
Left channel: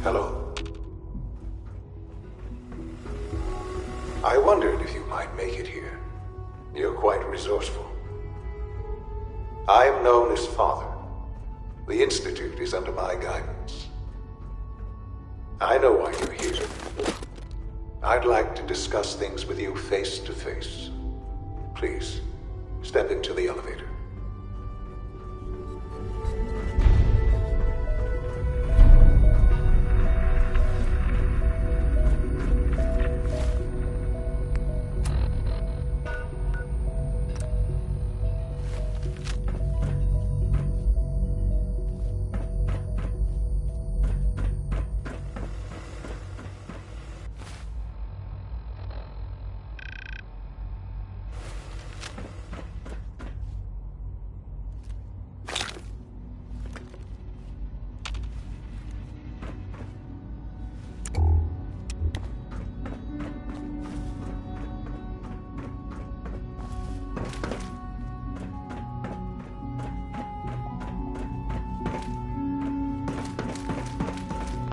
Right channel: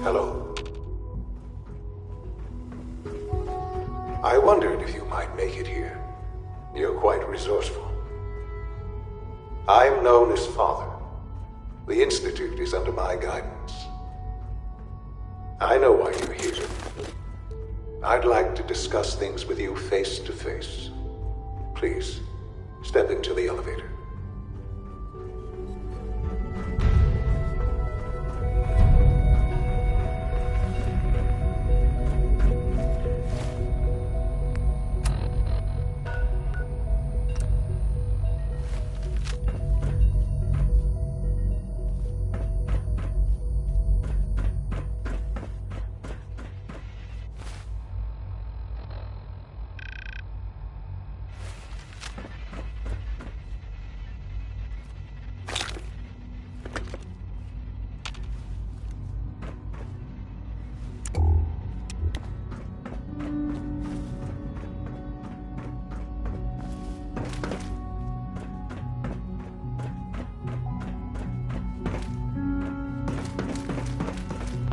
Hello. I wondered if you might make it here. You're quite resourceful. I'm known as Father. The Institute is under my guidance. I know why you're here. I'd like to discuss things with you face to face. Please, step into the elevator.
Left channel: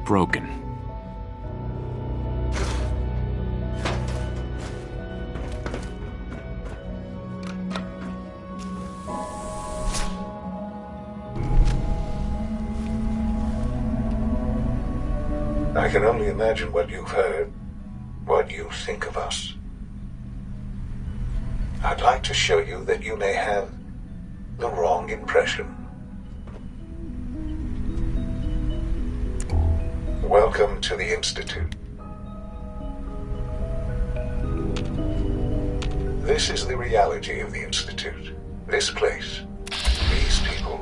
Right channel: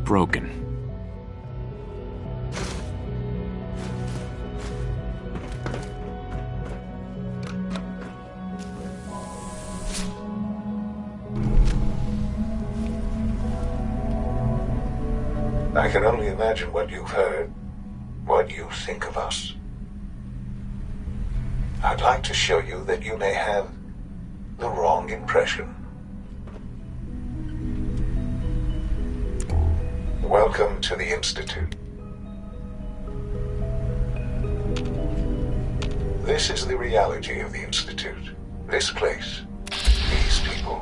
Broken. I can only imagine what you've heard, what you think of us. I'd like to show you that you may have the wrong impression. Welcome to the Institute. This is the reality of the Institute. This place. These people.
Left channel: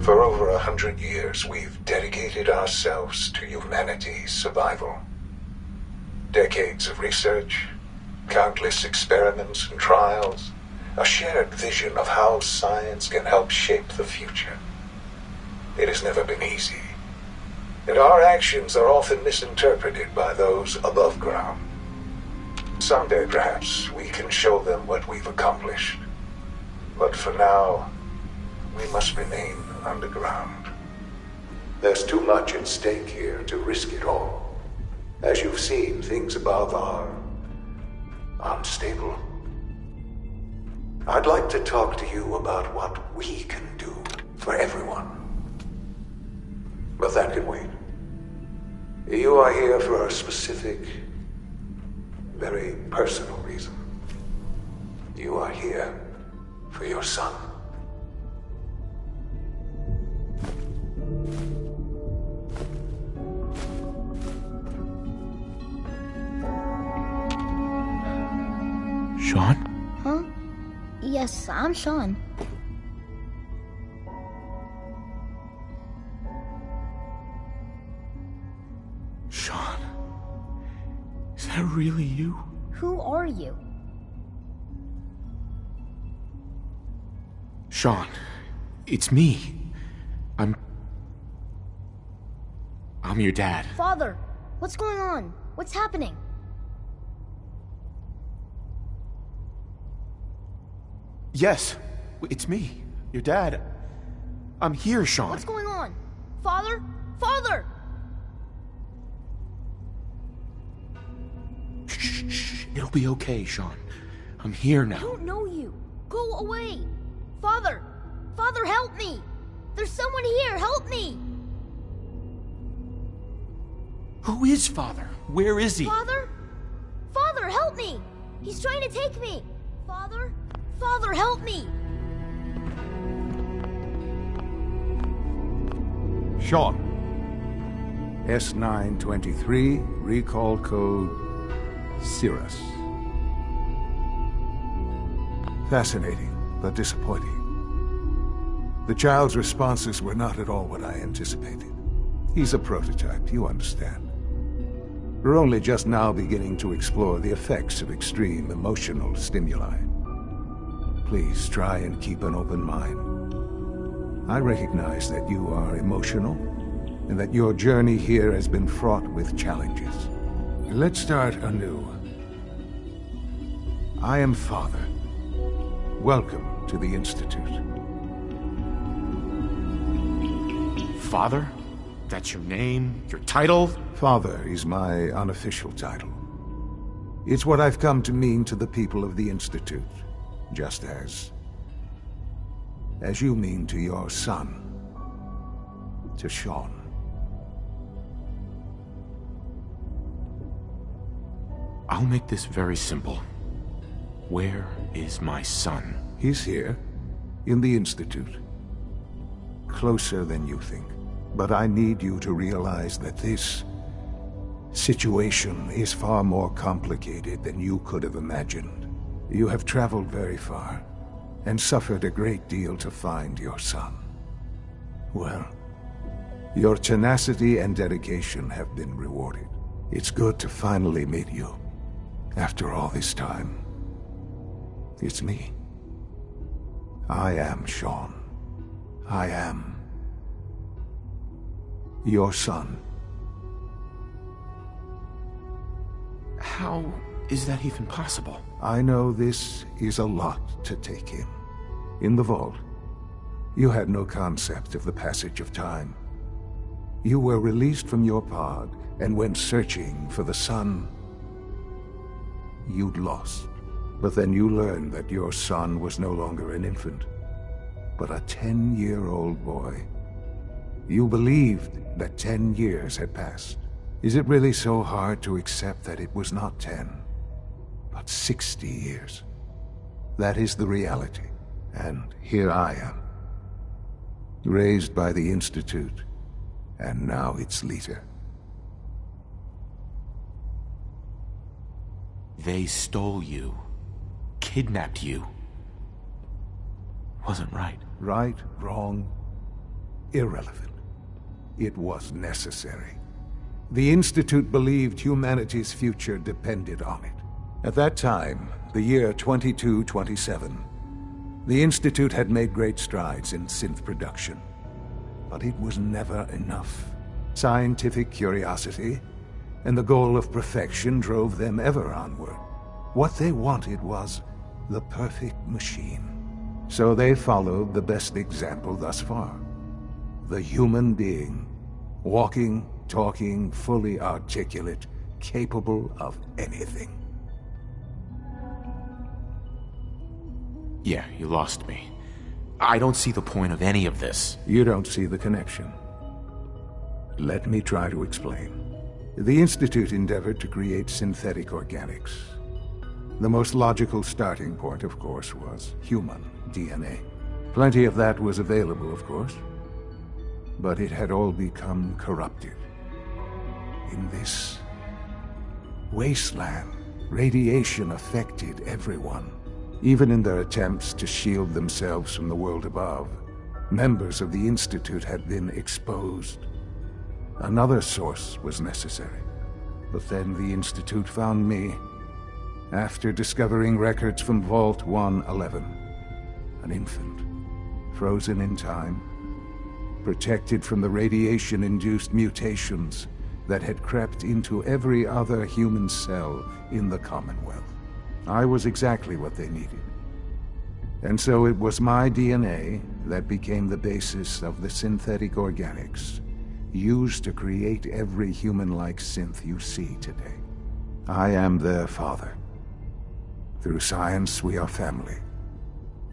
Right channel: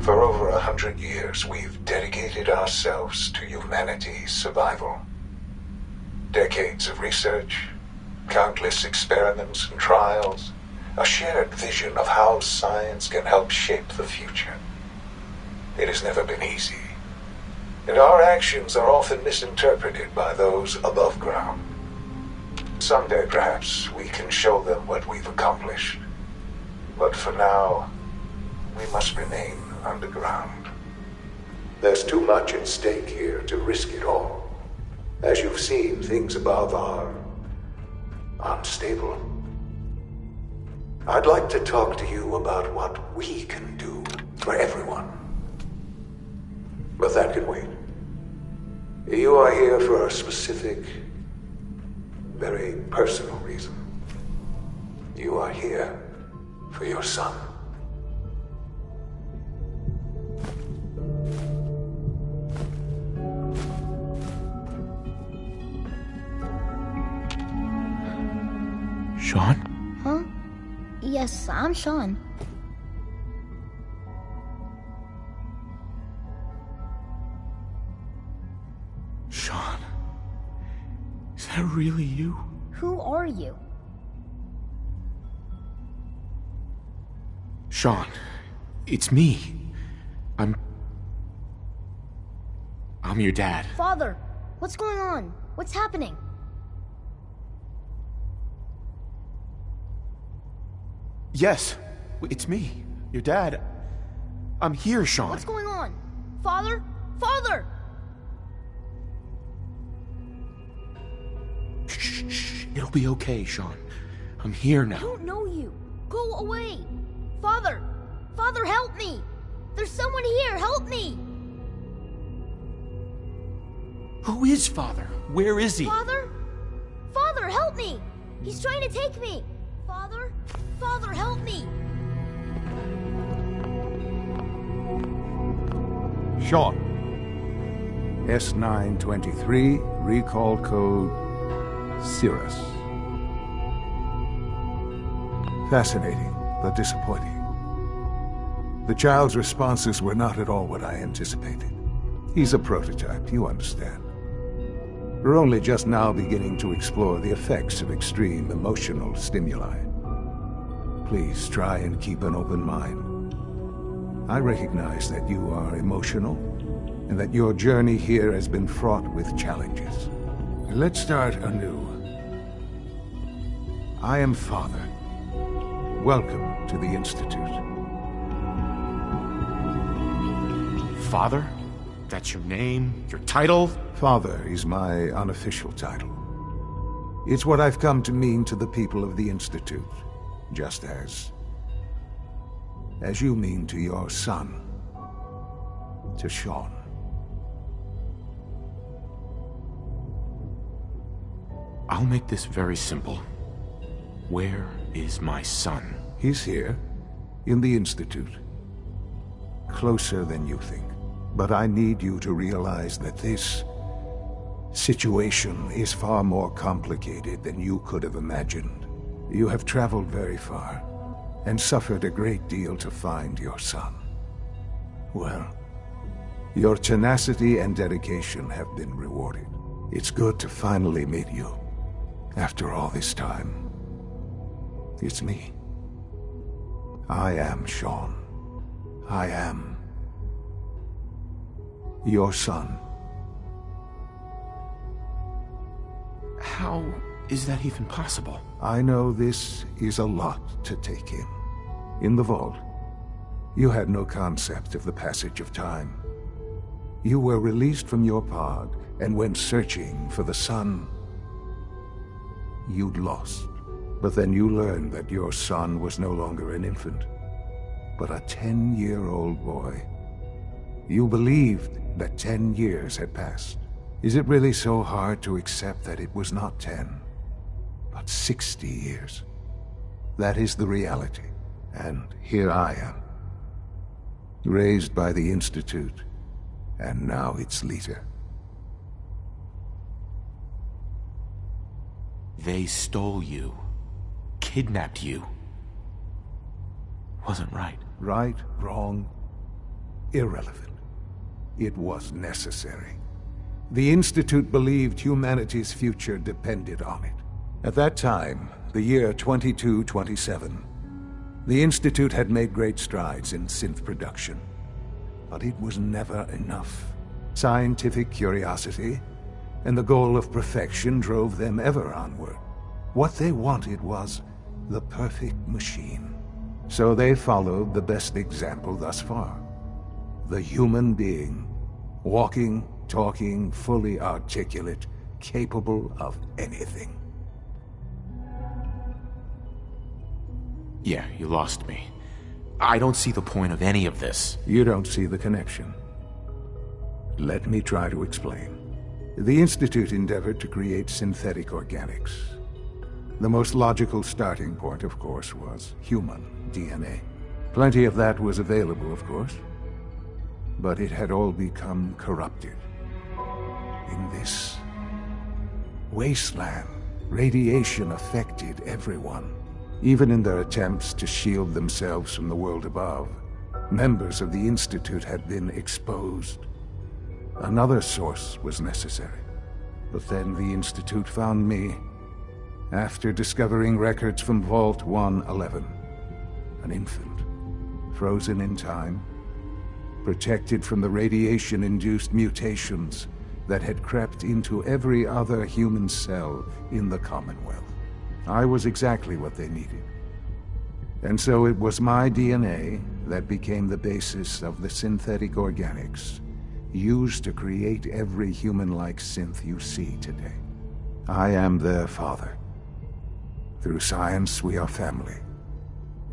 For over 100 years, we've dedicated ourselves to humanity's survival. Decades of research, countless experiments and trials, a shared vision of how science can help shape the future. It has never been easy, and our actions are often misinterpreted by those above ground. Someday, perhaps, we can show them what we've accomplished. But for now, we must remain underground. There's too much at stake here to risk it all. As you've seen, things above are unstable. I'd like to talk to you about what we can do for everyone. But that can wait. You are here for a specific, very personal reason. You are here for your son. Sean? Huh? Yes, I'm Sean. Sean? Is that really you? Who are you? Sean, it's me. I'm your dad. Father, what's going on? What's happening? Yes, it's me, your dad. I'm here, Sean. What's going on? Father? Father! Shh. It'll be okay, Sean. I'm here now. I don't know you. Go away. Father! Father, help me! There's someone here, help me! Who is Father? Where is he? Father? Father, help me! He's trying to take me! Father? Father, help me! Sean. S923, recall code Cirrus. Fascinating, but disappointing. The child's responses were not at all what I anticipated. He's a prototype, you understand. We're only just now beginning to explore the effects of extreme emotional stimuli. Please try and keep an open mind. I recognize that you are emotional, and that your journey here has been fraught with challenges. Let's start anew. I am Father. Welcome to the Institute. Father? That's your name? Your title? Father is my unofficial title. It's what I've come to mean to the people of the Institute, just as you mean to your son, to Sean. I'll make this very simple. Where is my son? He's here, in the Institute. Closer than you think. But I need you to realize that this situation is far more complicated than you could have imagined. You have traveled very far, and suffered a great deal to find your son. Well, your tenacity and dedication have been rewarded. It's good to finally meet you. After all this time, it's me. I am Sean. I am your son. How is that even possible? I know this is a lot to take in. In the vault, you had no concept of the passage of time. You were released from your pod and went searching for the son you'd lost. But then you learned that your son was no longer an infant, but a 10-year-old boy. You believed that 10 years had passed. Is it really so hard to accept that it was not 10, but 60 years? That is the reality. And here I am, raised by the Institute, and now its leader. They stole you, kidnapped you. Wasn't right. Right, wrong, irrelevant. It was necessary. The Institute believed humanity's future depended on it. At that time, the year 2227, the Institute had made great strides in synth production. But it was never enough. Scientific curiosity and the goal of perfection drove them ever onward. What they wanted was the perfect machine. So they followed the best example thus far. The human being, walking, talking, fully articulate, capable of anything. Yeah, you lost me. I don't see the point of any of this. You don't see the connection. Let me try to explain. The Institute endeavored to create synthetic organics. The most logical starting point, of course, was human DNA. Plenty of that was available, of course. But it had all become corrupted. In this wasteland, radiation affected everyone. Even in their attempts to shield themselves from the world above, members of the Institute had been exposed. Another source was necessary. But then the Institute found me, after discovering records from Vault 111. An infant, frozen in time, protected from the radiation-induced mutations that had crept into every other human cell in the Commonwealth. I was exactly what they needed. And so it was my DNA that became the basis of the synthetic organics used to create every human-like synth you see today. I am their father. Through science, we are family.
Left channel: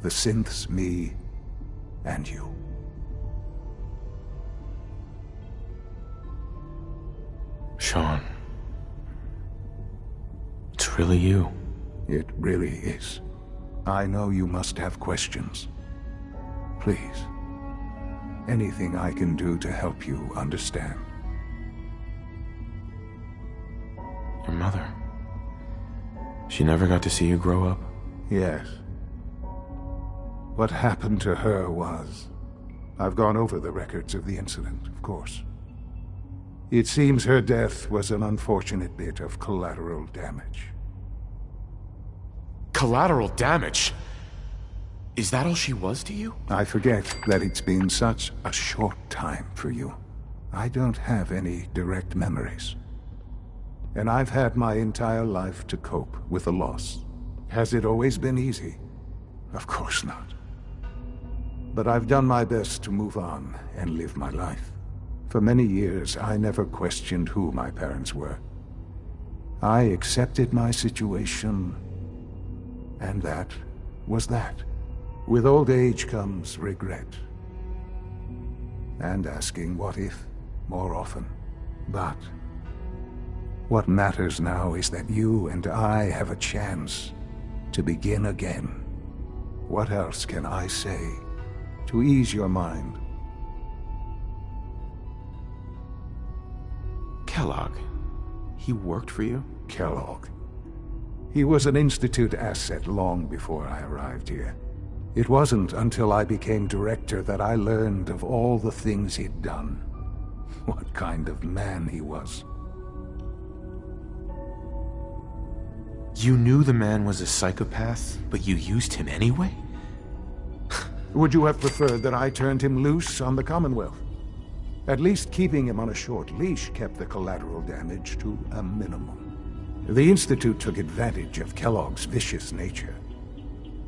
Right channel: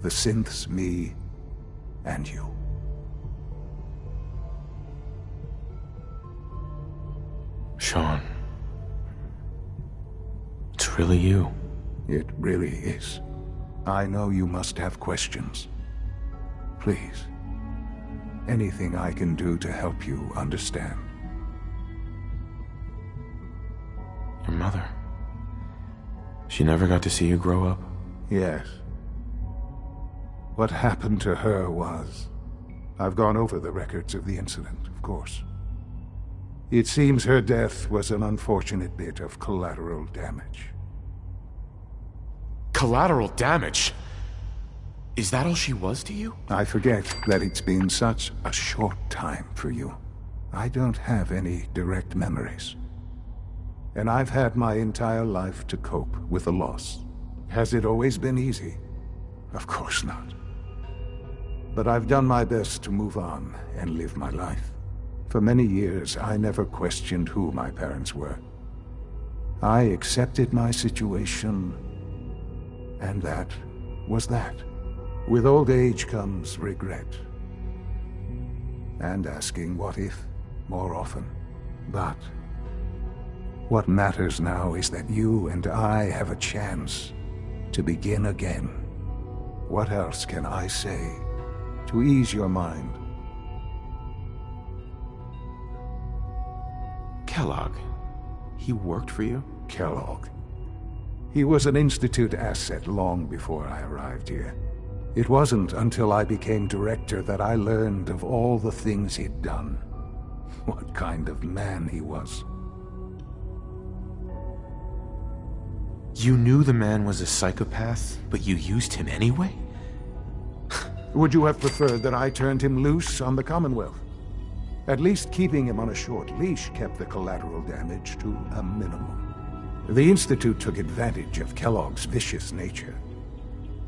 The synths, me, and you. Sean. It's really you. It really is. I know you must have questions. Please. Anything I can do to help you understand. Your mother. She never got to see you grow up? Yes. What happened to her was... I've gone over the records of the incident, of course. It seems her death was an unfortunate bit of collateral damage. Collateral damage? Is that all she was to you? I forget that it's been such a short time for you. I don't have any direct memories. And I've had my entire life to cope with the loss. Has it always been easy? Of course not. But I've done my best to move on and live my life. For many years, I never questioned who my parents were. I accepted my situation, and that was that. With old age comes regret. And asking what if more often. But what matters now is that you and I have a chance to begin again. What else can I say to ease your mind? Kellogg. He worked for you? Kellogg. He was an Institute asset long before I arrived here. It wasn't until I became director that I learned of all the things he'd done. What kind of man he was. You knew the man was a psychopath, but you used him anyway? Would you have preferred that I turned him loose on the Commonwealth? At least keeping him on a short leash kept the collateral damage to a minimum. The Institute took advantage of Kellogg's vicious nature.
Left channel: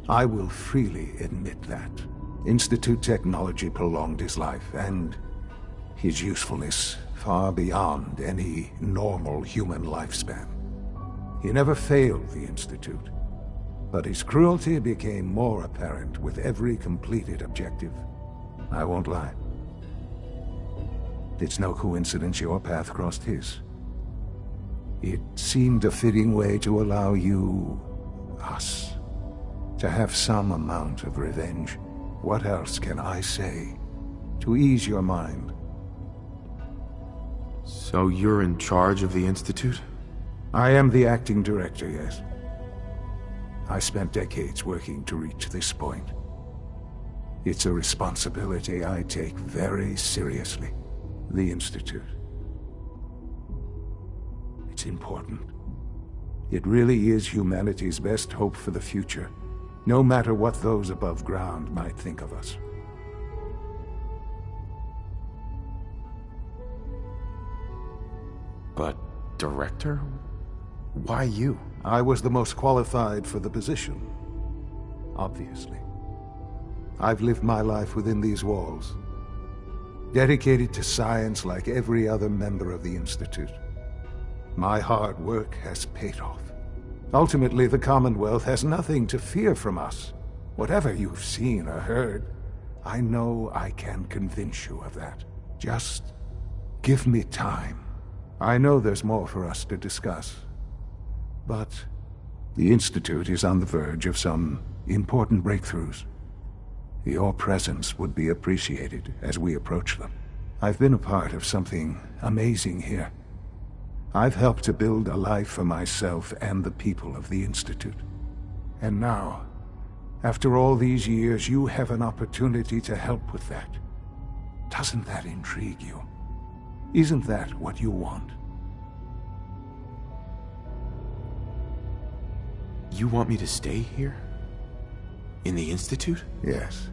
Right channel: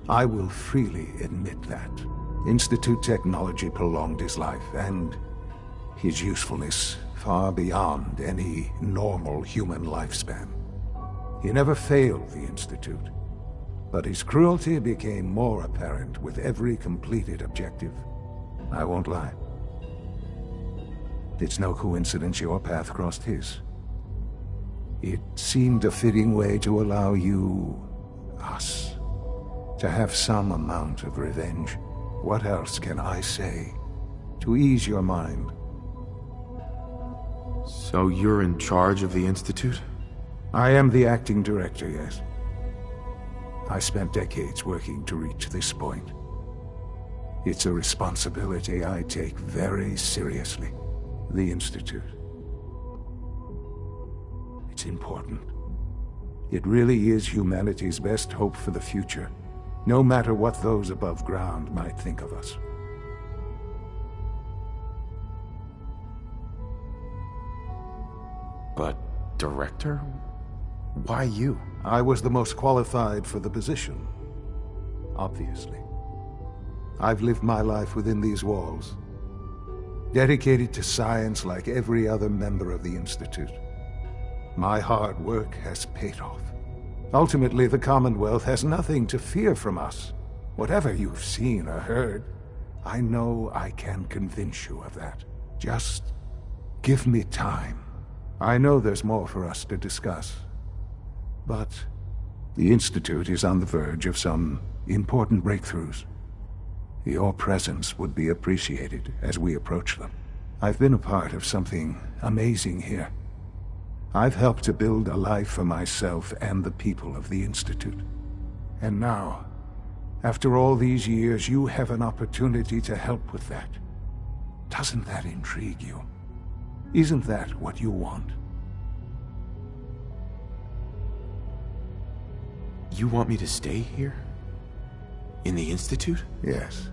I will freely admit that. Institute technology prolonged his life, and his usefulness far beyond any normal human lifespan. He never failed the Institute, but his cruelty became more apparent with every completed objective. I won't lie. It's no coincidence your path crossed his. It seemed a fitting way to allow you, us, to have some amount of revenge. What else can I say to ease your mind? So you're in charge of the Institute? I am the acting director, yes. I spent decades working to reach this point. It's a responsibility I take very seriously. The Institute. It's important. It really is humanity's best hope for the future, no matter what those above ground might think of us. But, director? Why you? I was the most qualified for the position. Obviously. I've lived my life within these walls, dedicated to science like every other member of the Institute. My hard work has paid off. Ultimately, the Commonwealth has nothing to fear from us. Whatever you've seen or heard, I know I can convince you of that. Just give me time. I know there's more for us to discuss. But the Institute is on the verge of some important breakthroughs. Your presence would be appreciated as we approach them. I've been a part of something amazing here. I've helped to build a life for myself and the people of the Institute. And now, after all these years, you have an opportunity to help with that. Doesn't that intrigue you? Isn't that what you want? You want me to stay here? In the Institute? Yes.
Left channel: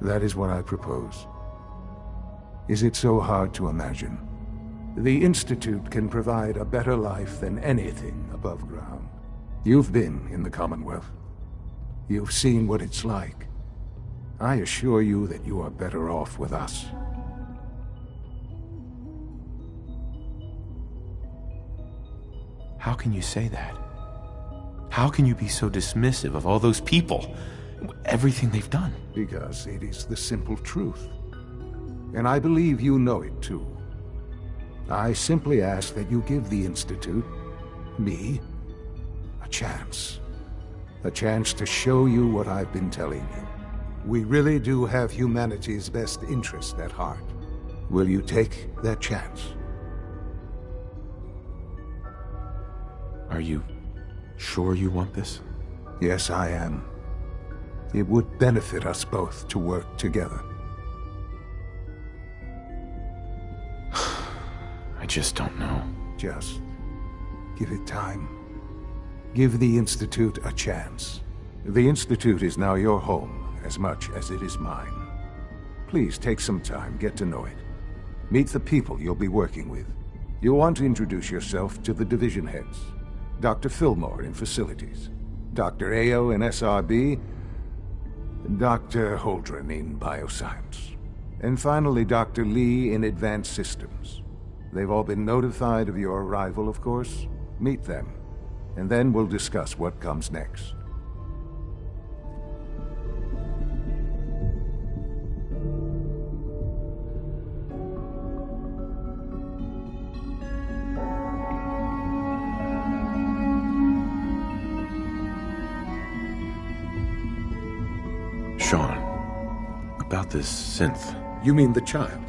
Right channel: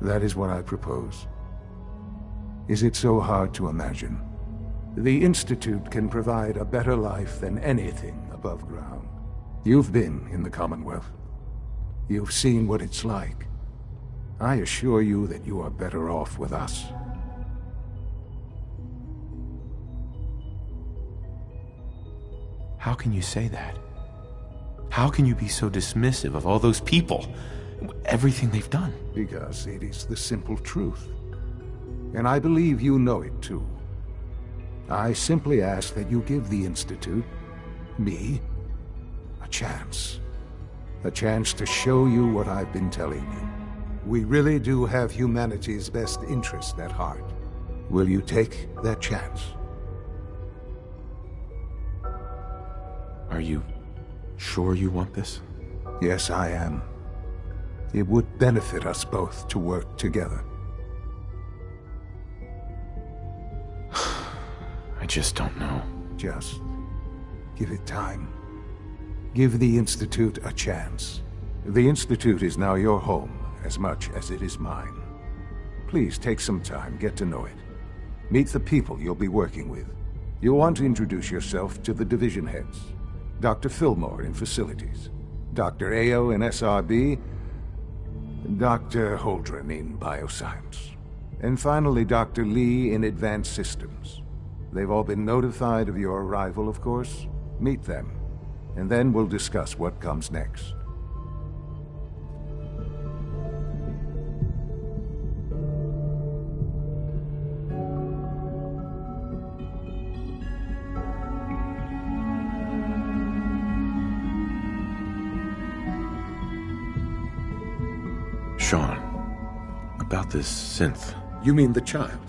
That is what I propose. Is it so hard to imagine? The Institute can provide a better life than anything above ground. You've been in the Commonwealth. You've seen what it's like. I assure you that you are better off with us. How can you say that? How can you be so dismissive of all those people? Everything they've done? Because it is the simple truth. And I believe you know it too. I simply ask that you give the Institute, me, a chance. A chance to show you what I've been telling you. We really do have humanity's best interest at heart. Will you take that chance? Are you sure you want this? Yes, I am. It would benefit us both to work together. I just don't know. Just give it time. Give the Institute a chance. The Institute is now your home as much as it is mine. Please take some time, get to know it. Meet the people you'll be working with. You'll want to introduce yourself to the division heads. Dr. Fillmore in facilities. Dr. Ao in SRB, Dr. Holdren in Bioscience, and finally Dr. Lee in Advanced Systems. They've all been notified of your arrival, of course. Meet them, and then we'll discuss what comes next. Sean, about this synth. You mean the child?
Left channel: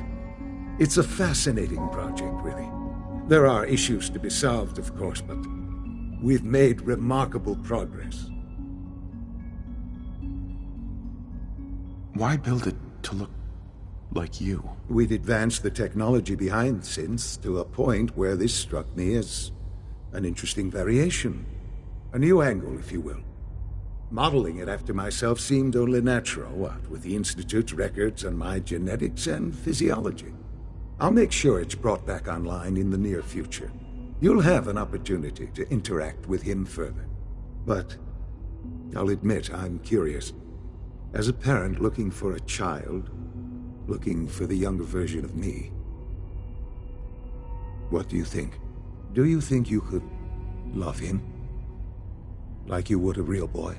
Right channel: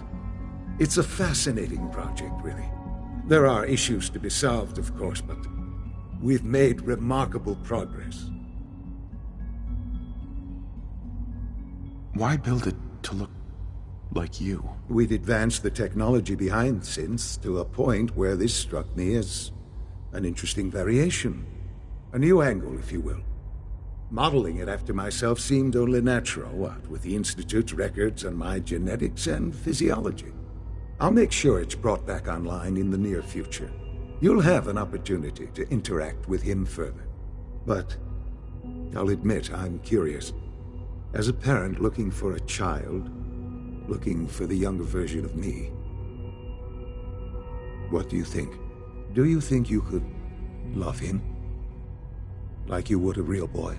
It's a fascinating project, really. There are issues to be solved, of course, but we've made remarkable progress. Why build it to look like you? We'd advanced the technology behind synths to a point where this struck me as an interesting variation. A new angle, if you will. Modeling it after myself seemed only natural, what with the Institute's records on my genetics and physiology. I'll make sure it's brought back online in the near future. You'll have an opportunity to interact with him further. But I'll admit I'm curious. As a parent looking for a child, looking for the younger version of me, what do you think? Do you think you could love him? Like you would a real boy?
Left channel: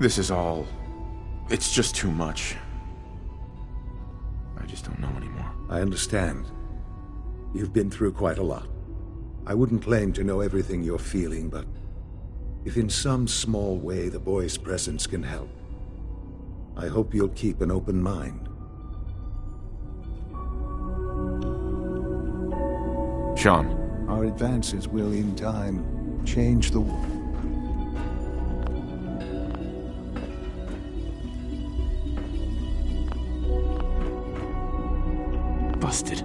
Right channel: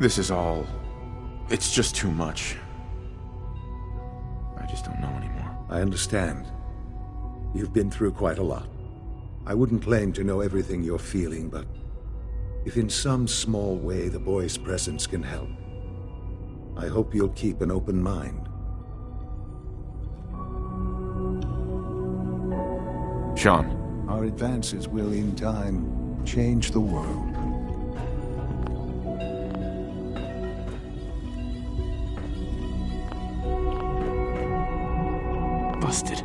This is all... it's just too much. I just don't know anymore. I understand. You've been through quite a lot. I wouldn't claim to know everything you're feeling, but if in some small way the boy's presence can help, I hope you'll keep an open mind. Sean. Our advances will, in time, change the world. Busted.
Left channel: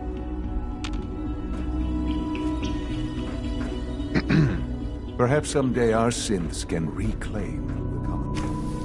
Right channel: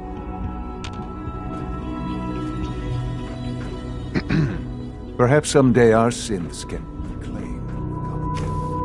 Perhaps someday our synths can reclaim the Commonwealth.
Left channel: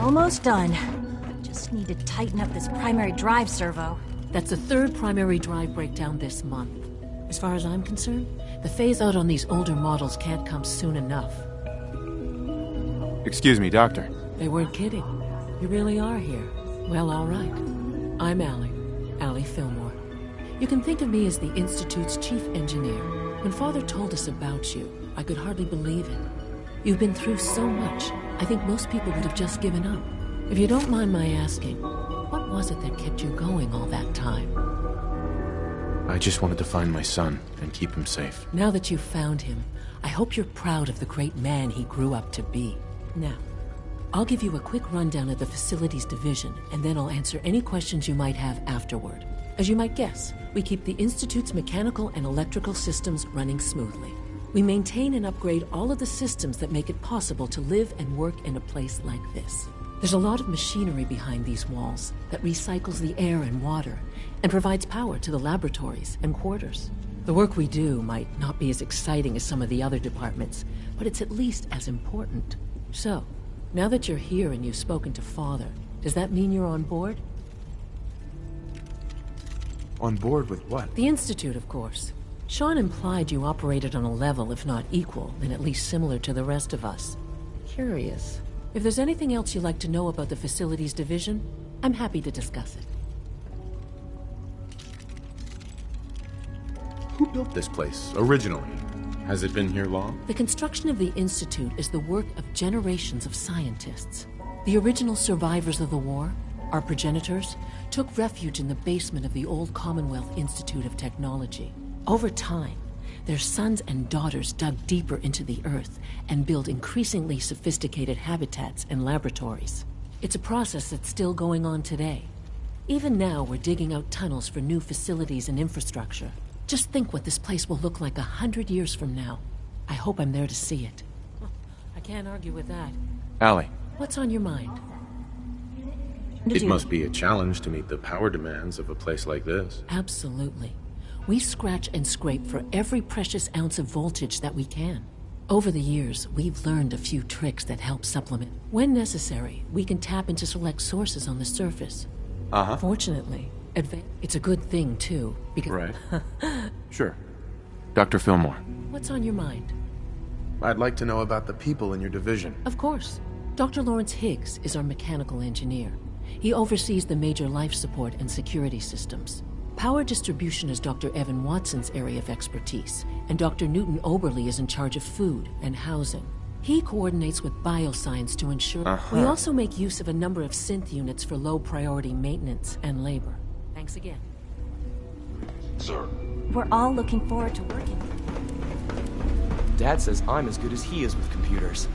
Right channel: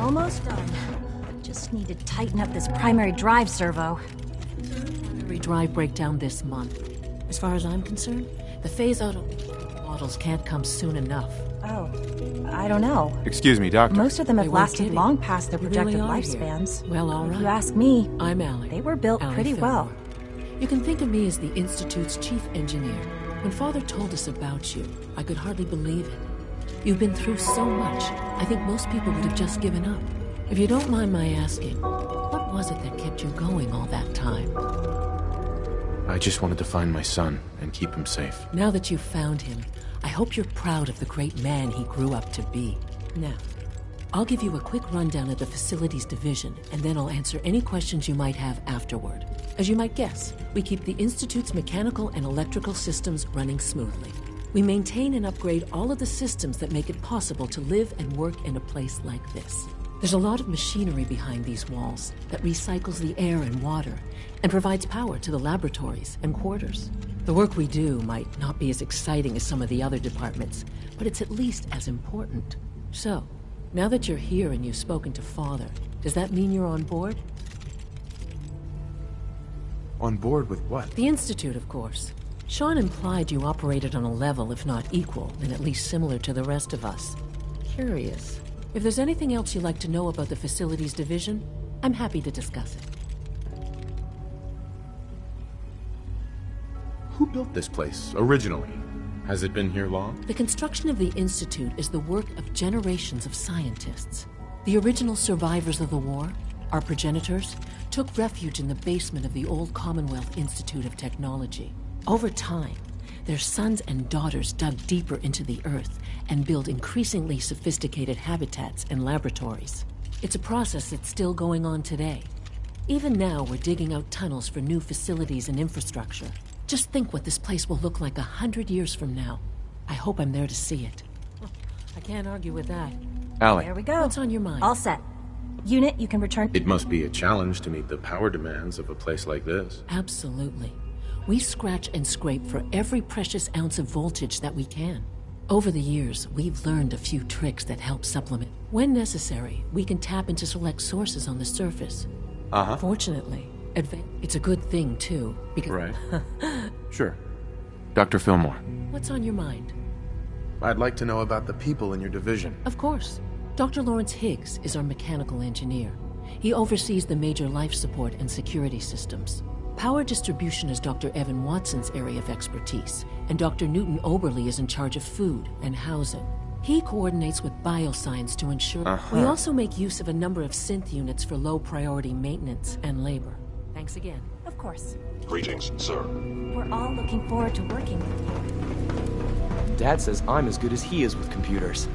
Almost done. Just just need to tighten up this primary drive servo. That's the third primary drive breakdown this month. As far as I'm concerned, the phase-out on these older models can't come soon enough. Oh, I don't know. Excuse me, Doctor. Most of them have They weren't lasted kidding. long past their You projected really are here. lifespans. Well, all If right. you ask me, I'm Allie. they were built Allie pretty Fillmore. well. You can think of me as the Institute's chief engineer. When Father told us about you, I could hardly believe it. You've been through so much, I think most people would have just given up. If you don't mind my asking, what was it that kept you going all that time? I just wanted to find my son and keep him safe. Now that you've found him, I hope you're proud of the great man he grew up to be. Now, I'll give you a quick rundown of the Facilities Division, and then I'll answer any questions you might have afterward. As you might guess, we keep the Institute's mechanical and electrical systems running smoothly. We maintain and upgrade all of the systems that make it possible to live and work in a place like this. There's a lot of machinery behind these walls that recycles the air and water and provides power to the laboratories and quarters. The work we do might not be as exciting as some of the other departments, but it's at least as important. So, now that you're here and you've spoken to Father, does that mean you're on board? On board with what? The Institute, of course. Sean implied you operated on a level, if not equal, then at least similar to the rest of us. Curious. If there's anything else you'd like to know about the Facilities Division, I'm happy to discuss it. Who built this place, originally? Has it been here long? The construction of the Institute is the work of generations of scientists. The original survivors of the war, our progenitors, took refuge in the basement of the old Commonwealth Institute of Technology. Over time, their sons and daughters dug deeper into the earth and built increasingly sophisticated habitats and laboratories. It's a process that's still going on today. Even now, we're digging out tunnels for new facilities and infrastructure. Just think what this place will look like 100 years from now. I hope I'm there to see it. I can't argue with that. Allie. There we go. What's on your mind? All set. Unit, you can return to It duty. must be a challenge to meet the power demands of a place like this. Absolutely. We scratch and scrape for every precious ounce of voltage that we can. Over the years, we've learned a few tricks that help supplement. When necessary, we can tap into select sources on the surface. Fortunately, it's a good thing, too, because... Right. Sure. Dr. Fillmore. What's on your mind? I'd like to know about the people in your division. Of course. Dr. Lawrence Higgs is our mechanical engineer. He oversees the major life support and security systems. Power distribution is Dr. Evan Watson's area of expertise, and Dr. Newton Oberly is in charge of food and housing. He coordinates with bioscience to ensure... We also make use of a number of synth units for low-priority maintenance and labor. Thanks again. Of course. Greetings, sir. We're all looking forward to working with you. Dad says I'm as good as he is with computers.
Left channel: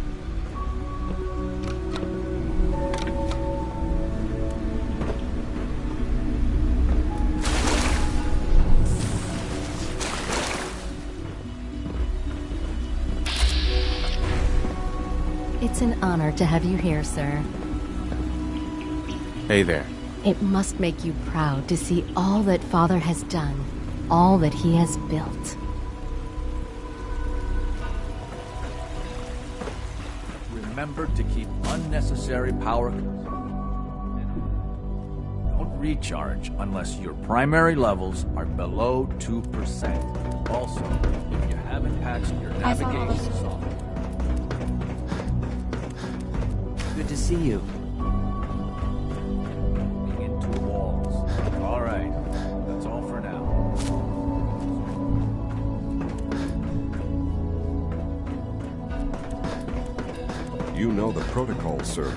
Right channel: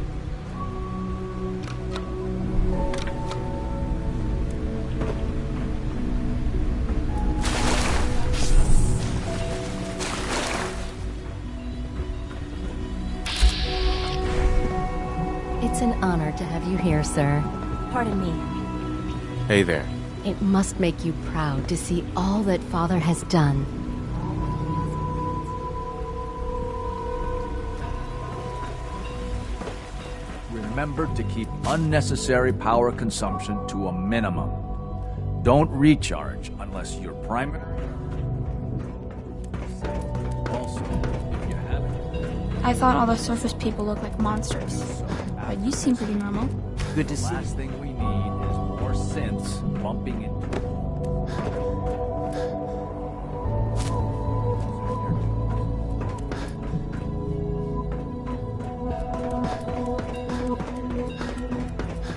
It's an honor to have you here, sir. Pardon me. Hey there. It must make you proud to see all that Father has done, all that he has built. Remember to keep unnecessary power consumption to a minimum. Don't recharge unless your primary levels are below 2%. Also, if you haven't patched your... I thought all the surface people looked like monsters. But you seem pretty normal. Good to see you. We need is more synths bumping into walls. All right, that's all for now. You know the protocol, sir.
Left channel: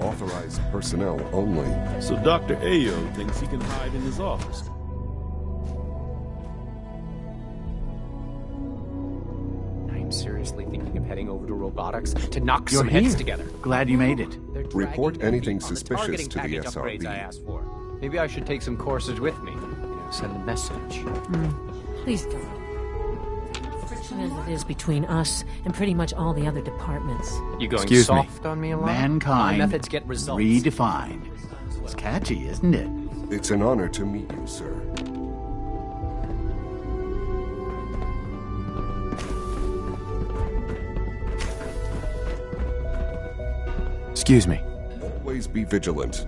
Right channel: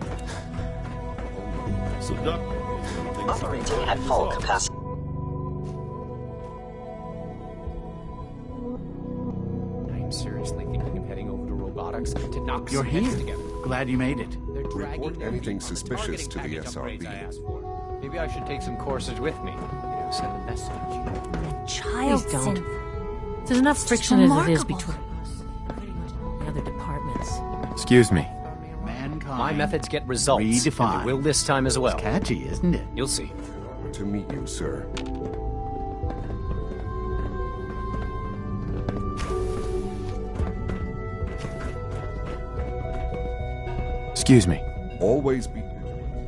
Authorized personnel only. So Dr. Ayo thinks he can hide in his office. I'm seriously thinking of heading over to robotics to knock You're some heads here. together. Glad you made it. Report anything suspicious to the SRB. Maybe I should take some courses with me. Send a message. Please don't. There's enough friction as it is between us and pretty much all the other departments. You going Excuse me. soft on me a lot? Mankind. My methods get results. Redefined. You will this time as well. It's catchy, isn't it? You'll see. It's an honor to meet you, sir. Excuse me. Always be vigilant.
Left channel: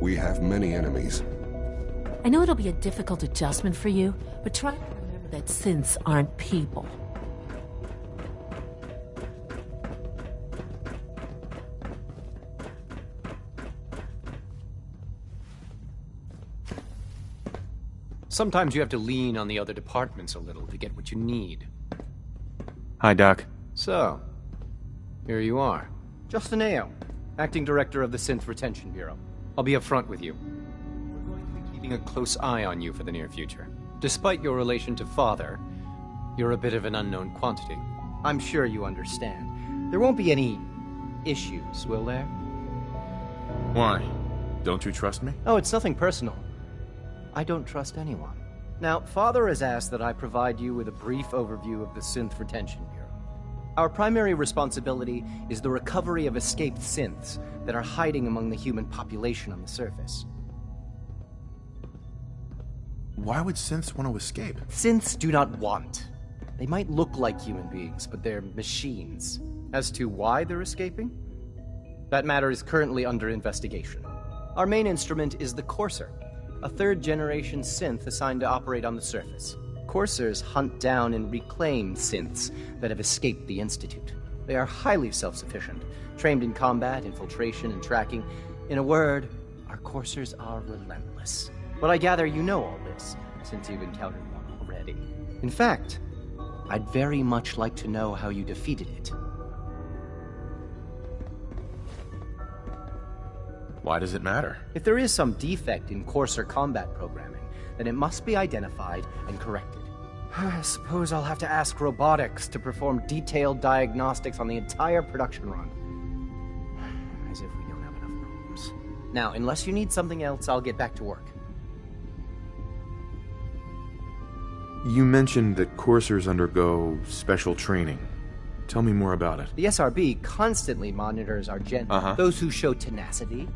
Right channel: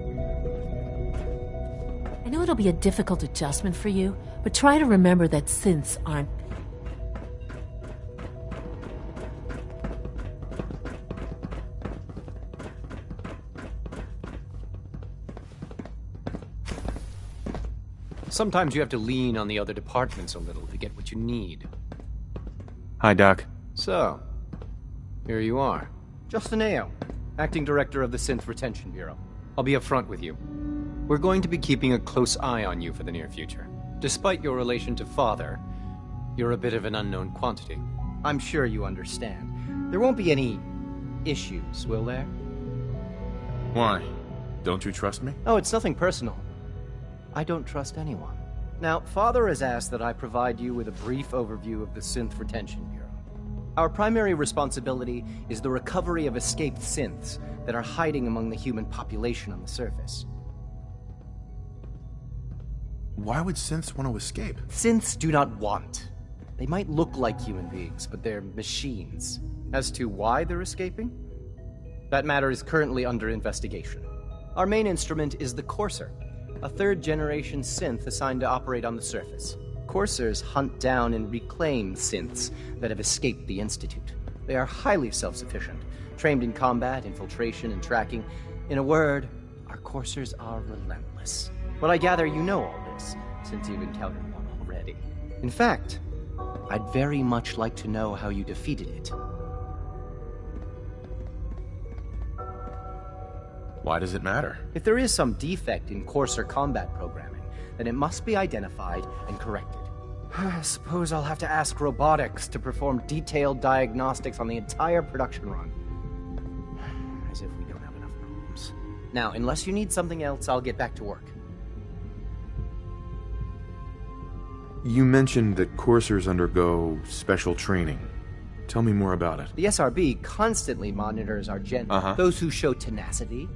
We have many enemies. I know it'll be a difficult adjustment for you, but try to remember that synths aren't people. Sometimes you have to lean on the other departments a little to get what you need. Hi, Doc. So, here you are. Justin Ayo, Acting Director of the Synth Retention Bureau. I'll be upfront with you. We're going to be keeping a close eye on you for the near future. Despite your relation to Father, you're a bit of an unknown quantity. I'm sure you understand. There won't be any issues, will there? Why? Don't you trust me? Oh, it's nothing personal. I don't trust anyone. Now, Father has asked that I provide you with a brief overview of the Synth Retention Bureau. Our primary responsibility is the recovery of escaped synths that are hiding among the human population on the surface. Why would synths want to escape? Synths do not want. They might look like human beings, but they're machines. As to why they're escaping? That matter is currently under investigation. Our main instrument is the Courser, a third-generation synth assigned to operate on the surface. Coursers hunt down and reclaim synths that have escaped the Institute. They are highly self-sufficient, trained in combat, infiltration, and tracking. In a word, our Coursers are relentless. But I gather you know all this, since you've encountered one already. In fact, I'd very much like to know how you defeated it. Why does it matter? If there is some defect in Courser combat programming, then it must be identified and corrected. I suppose I'll have to ask robotics to perform detailed diagnostics on the entire production run. As if we don't have enough problems. Now, unless you need something else, I'll get back to work. You mentioned that coursers undergo special training. Tell me more about it. The SRB constantly monitors our gen. Those who show tenacity,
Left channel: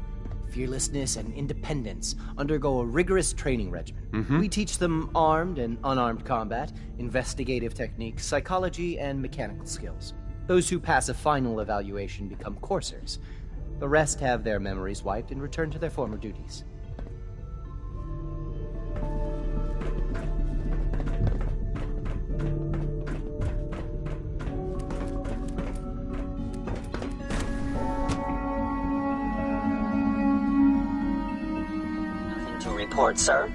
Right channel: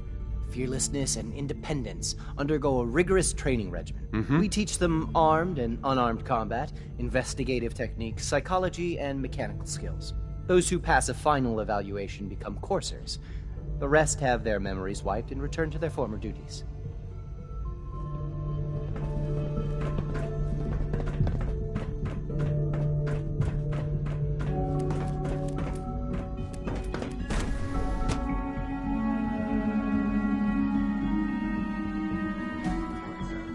fearlessness, and independence undergo a rigorous training regimen. We teach them armed and unarmed combat, investigative techniques, psychology, and mechanical skills. Those who pass a final evaluation become coursers. The rest have their memories wiped and return to their former duties. Report, sir.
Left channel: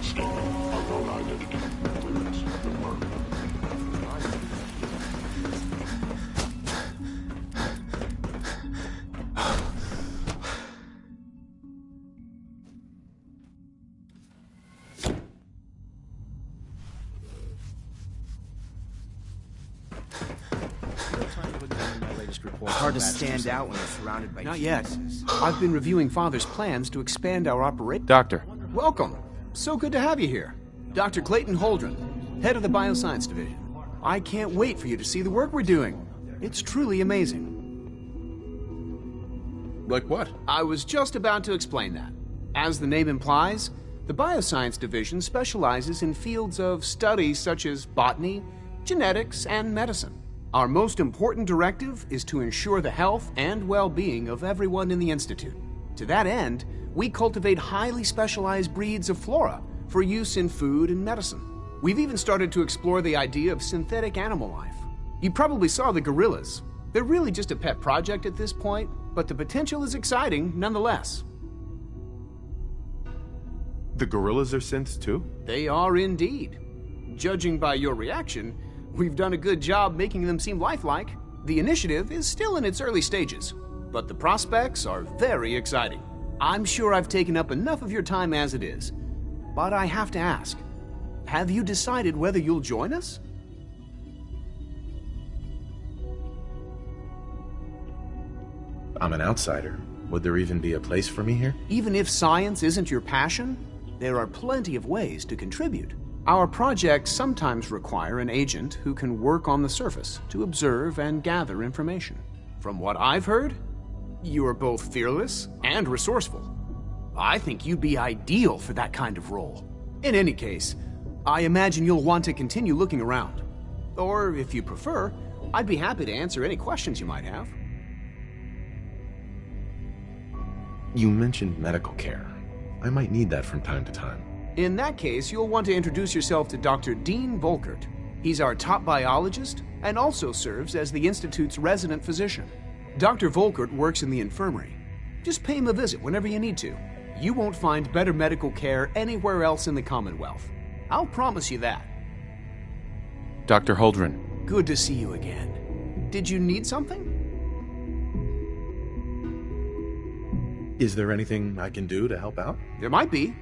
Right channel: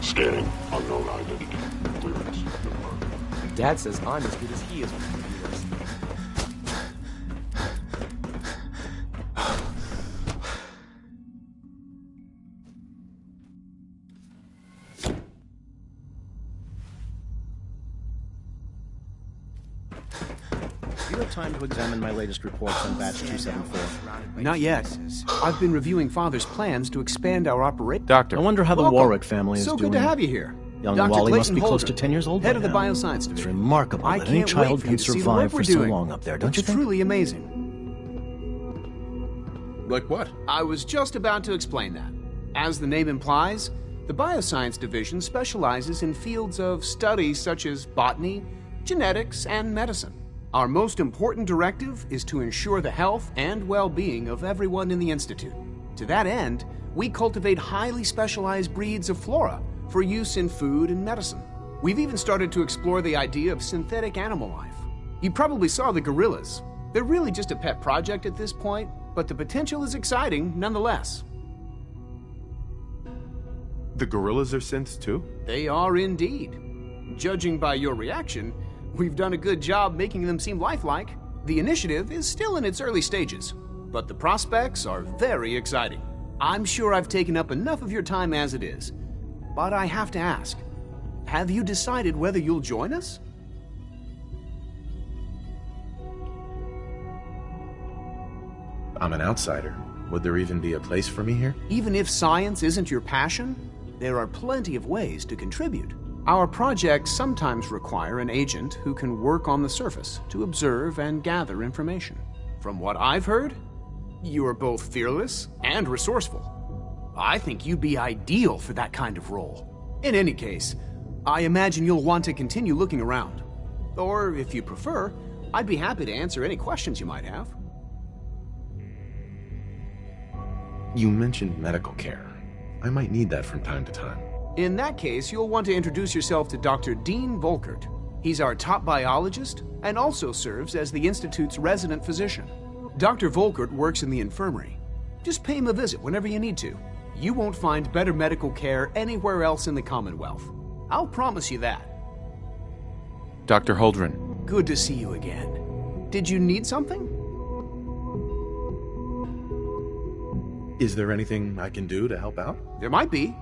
Scanning. Unknown identity. Clearance confirmed. Dad says I'm as good as he is. Time to examine my latest report. Hard to stand out when surrounded by Not yet. I've been reviewing Father's plans to expand our operation. Doctor. I wonder how the Warwick family is So doing. good to have you here. Young Dr. Wally Clayton must be close Holden, to 10 years old head of the now. Bioscience Division. It's remarkable. I that any can't child wait for you can to see the survive work we're for so doing. long up there, don't It's you think? truly amazing. Like what? I was just about to explain that. As the name implies, the Bioscience Division specializes in fields of study such as botany, genetics, and medicine. Our most important directive is to ensure the health and well-being of everyone in the Institute. To that end, we cultivate highly specialized breeds of flora for use in food and medicine. We've even started to explore the idea of synthetic animal life. You probably saw the gorillas. They're really just a pet project at this point, but the potential is exciting nonetheless. The gorillas are synths too? They are indeed. Judging by your reaction, we've done a good job making them seem lifelike. The initiative is still in its early stages, but the prospects are very exciting. I'm sure I've taken up enough of your time as it is, but I have to ask, have you decided whether you'll join us? I'm an outsider. Would there even be a place for me here? Even if science isn't your passion, there are plenty of ways to contribute. Our projects sometimes require an agent who can work on the surface to observe and gather information. From what I've heard, you are both fearless and resourceful. I think you'd be ideal for that kind of role. In any case, I imagine you'll want to continue looking around. Or, if you prefer, I'd be happy to answer any questions you might have. You mentioned medical care. I might need that from time to time. In that case, you'll want to introduce yourself to Dr. Dean Volkert. He's our top biologist and also serves as the Institute's resident physician. Dr. Volkert works in the infirmary. Just pay him a visit whenever you need to. You won't find better medical care anywhere else in the Commonwealth. I'll promise you that. Dr. Holdren. Good to see you again. Did you need something? Is there anything I can do to help out? There might be.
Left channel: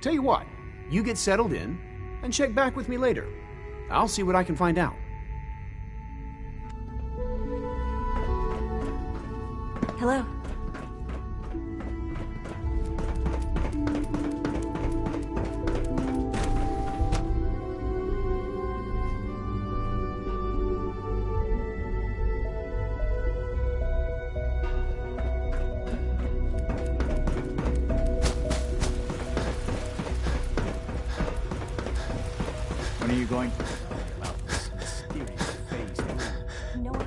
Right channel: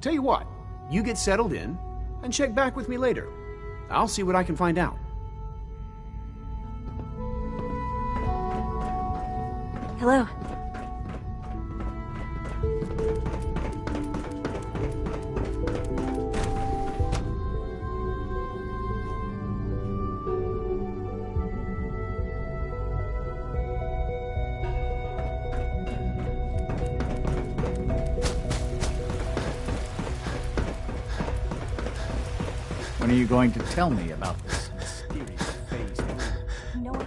Tell you what, you get settled in and check back with me later. I'll see what I can find out. Hello. When are you going to tell me about this mysterious phase 3? You know what?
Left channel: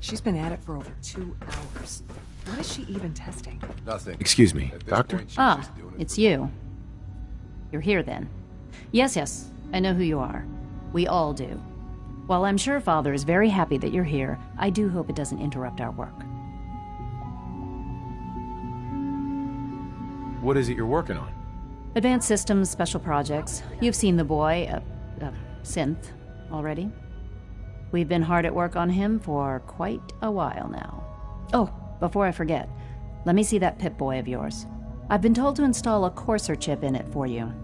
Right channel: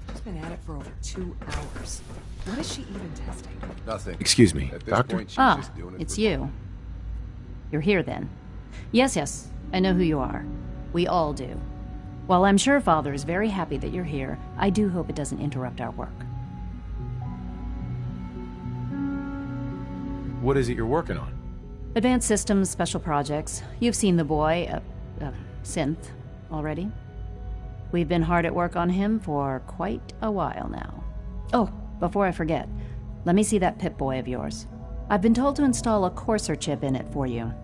She's been at it for over 2 hours. What is she even testing? Nothing. Excuse me, At this doctor? point, she's Ah, just doing it it's for you. You're here then. Yes, I know who you are. We all do. While I'm sure Father is very happy that you're here, I do hope it doesn't interrupt our work. What is it you're working on? Advanced Systems, Special Projects. You've seen the boy, Synth, already. We've been hard at work on him for quite a while now. Oh, before I forget, let me see that Pip-Boy of yours. I've been told to install a Courser chip in it for you.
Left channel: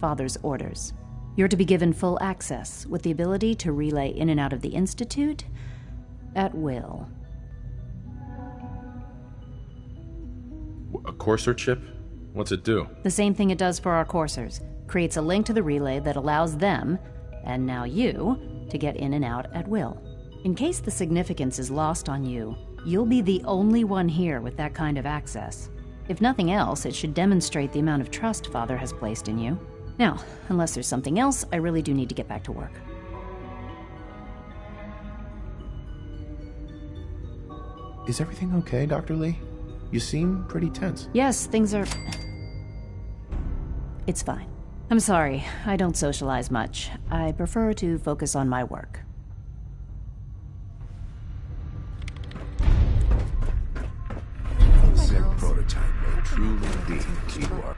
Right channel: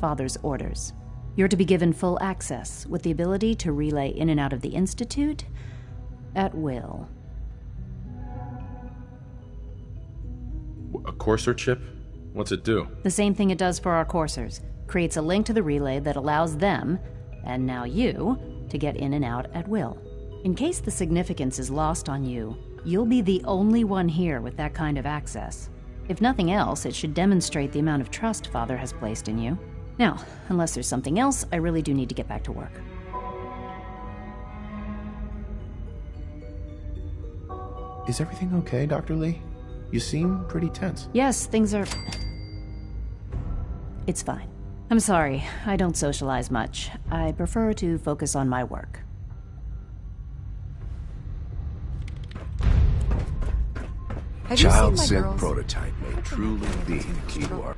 Father's orders. You're to be given full access, with the ability to relay in and out of the Institute at will. A Courser chip? What's it do? The same thing it does for our coursers. Creates a link to the relay that allows them, and now you, to get in and out at will. In case the significance is lost on you, you'll be the only one here with that kind of access. If nothing else, it should demonstrate the amount of trust Father has placed in you. Now, unless there's something else, I really do need to get back to work. Is everything okay, Dr. Lee? You seem pretty tense. Yes, things are... It's fine. I'm sorry, I don't socialize much. I prefer to focus on my work. Child sent prototype may truly be the key to our...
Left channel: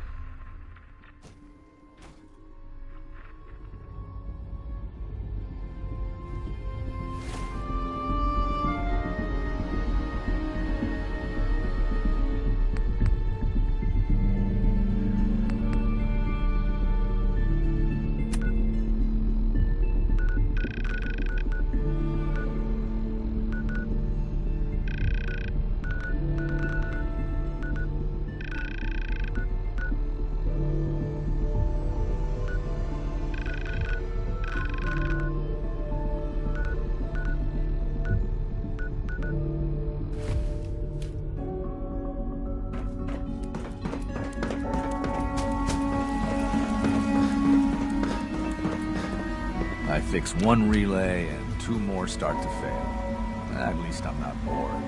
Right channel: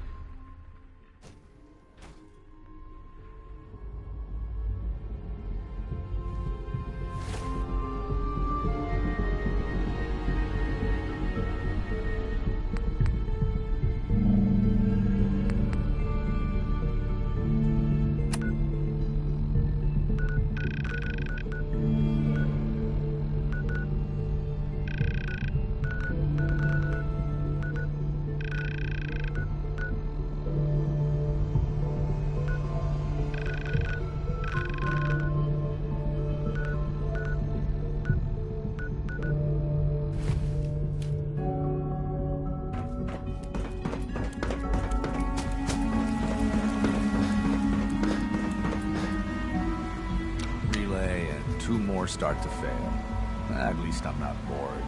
Fix one relay and 2 more start to fail. At least I'm not bored.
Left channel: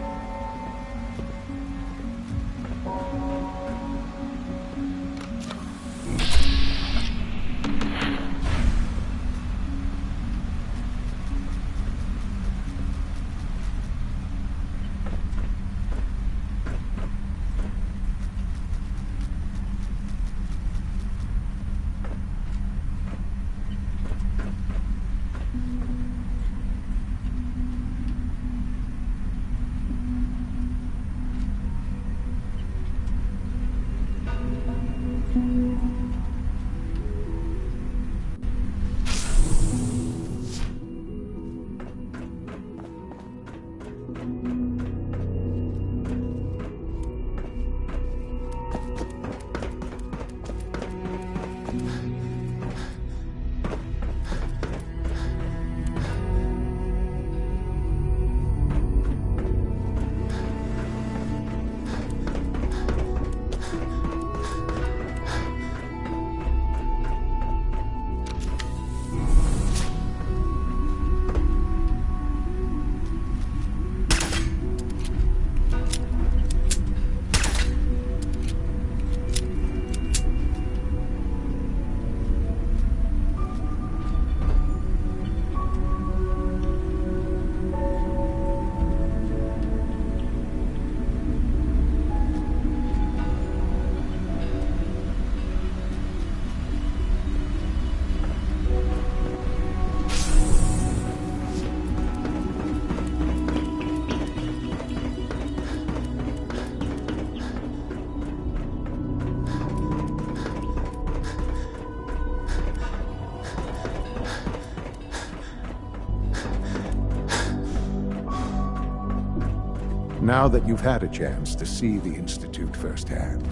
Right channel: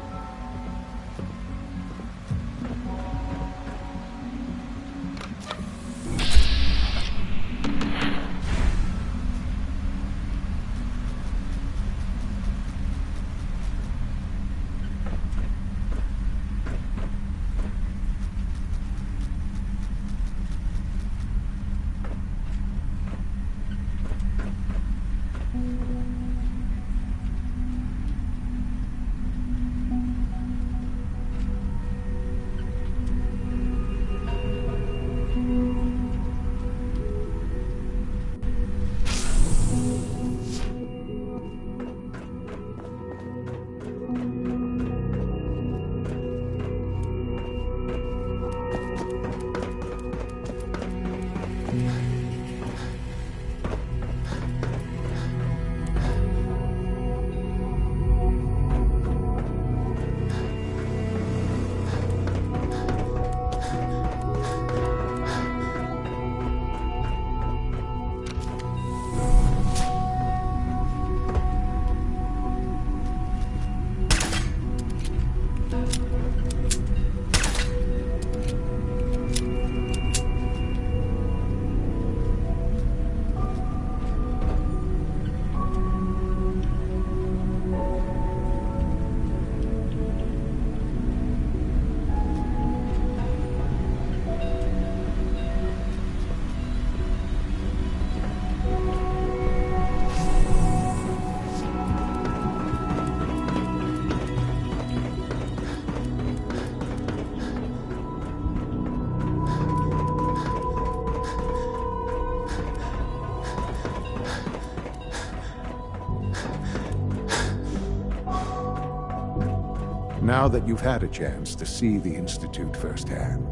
Now that you've had a chance to see the Institute firsthand,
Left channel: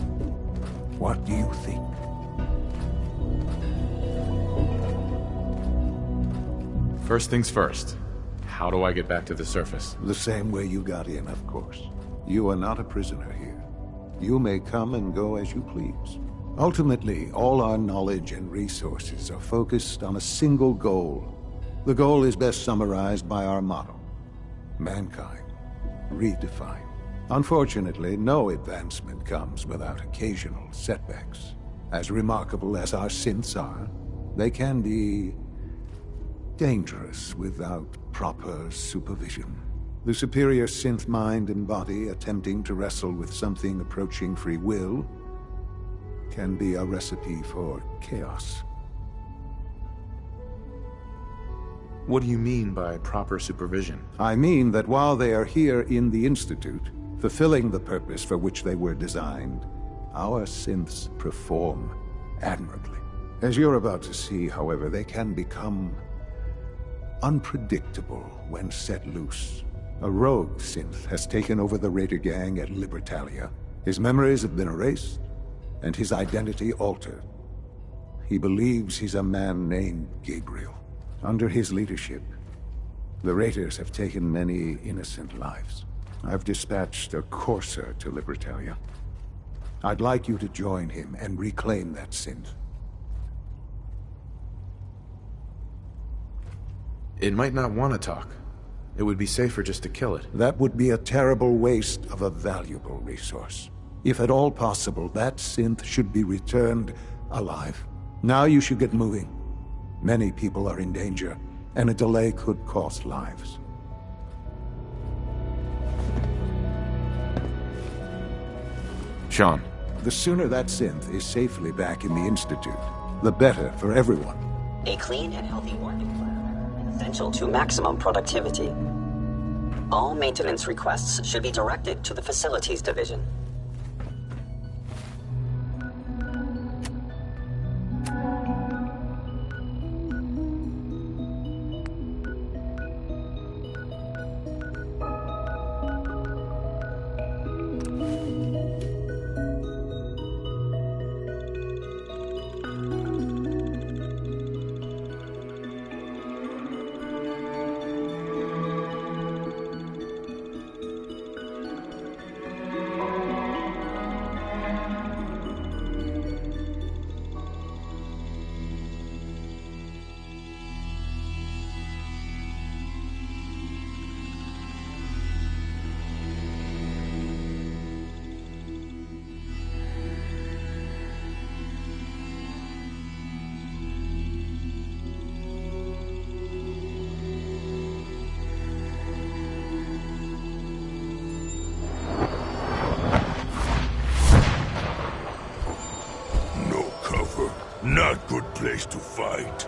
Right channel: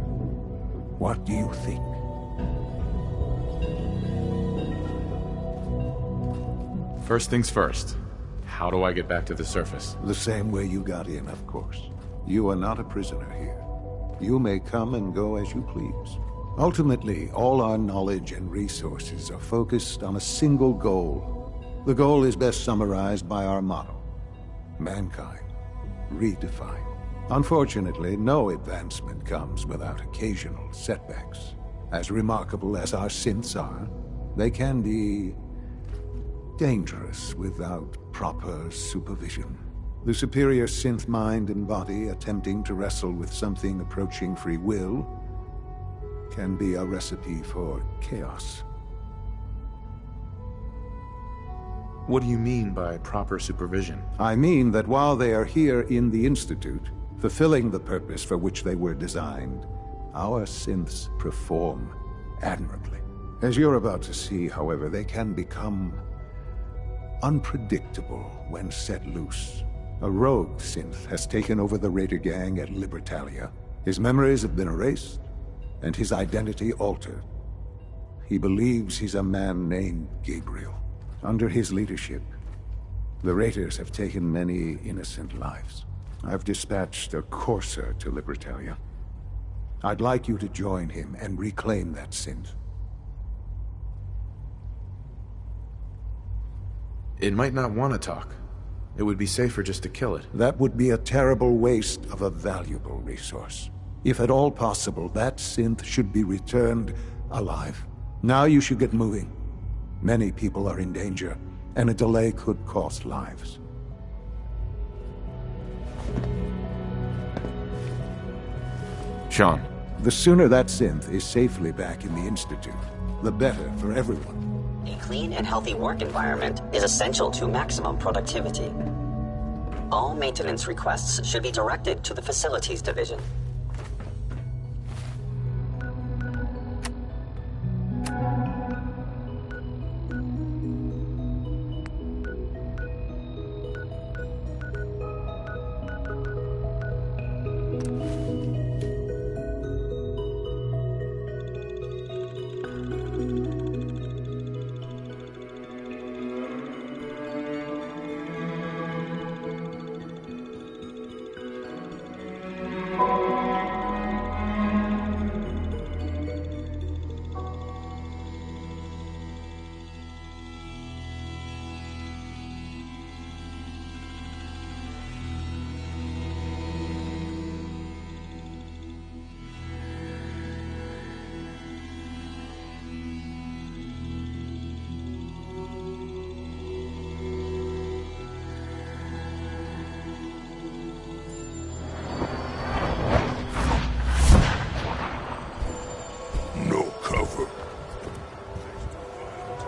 what do you think? First things first. How do I get back to the surface? The same way you got in, of course. You are not a prisoner here. You may come and go as you please. Ultimately, all our knowledge and resources are focused on a single goal. The goal is best summarized by our motto: mankind, redefined. Unfortunately, no advancement comes without occasional setbacks. As remarkable as our synths are, they can be dangerous without proper supervision. The superior synth mind and body attempting to wrestle with something approaching free will can be a recipe for chaos. What do you mean by proper supervision? I mean that while they are here in the Institute, fulfilling the purpose for which they were designed, our synths perform admirably. As you're about to see, however, they can become unpredictable when set loose. A rogue synth has taken over the Raider gang at Libertalia. His memories have been erased, and his identity altered. He believes he's a man named Gabriel. Under his leadership, the Raiders have taken many innocent lives. I've dispatched a courser to Libertalia. I'd like you to join him and reclaim that synth. It might not want to talk. It would be safer just to kill it. That would be a terrible waste of a valuable resource. If at all possible, that synth should be returned alive. Now you should get moving. Many people are in danger, and a delay could cost lives. Sean. The sooner that synth is safely back in the Institute, the better for everyone. A clean and healthy work environment is essential to maximum productivity. All maintenance requests should be directed to the Facilities Division. Not good place to fight.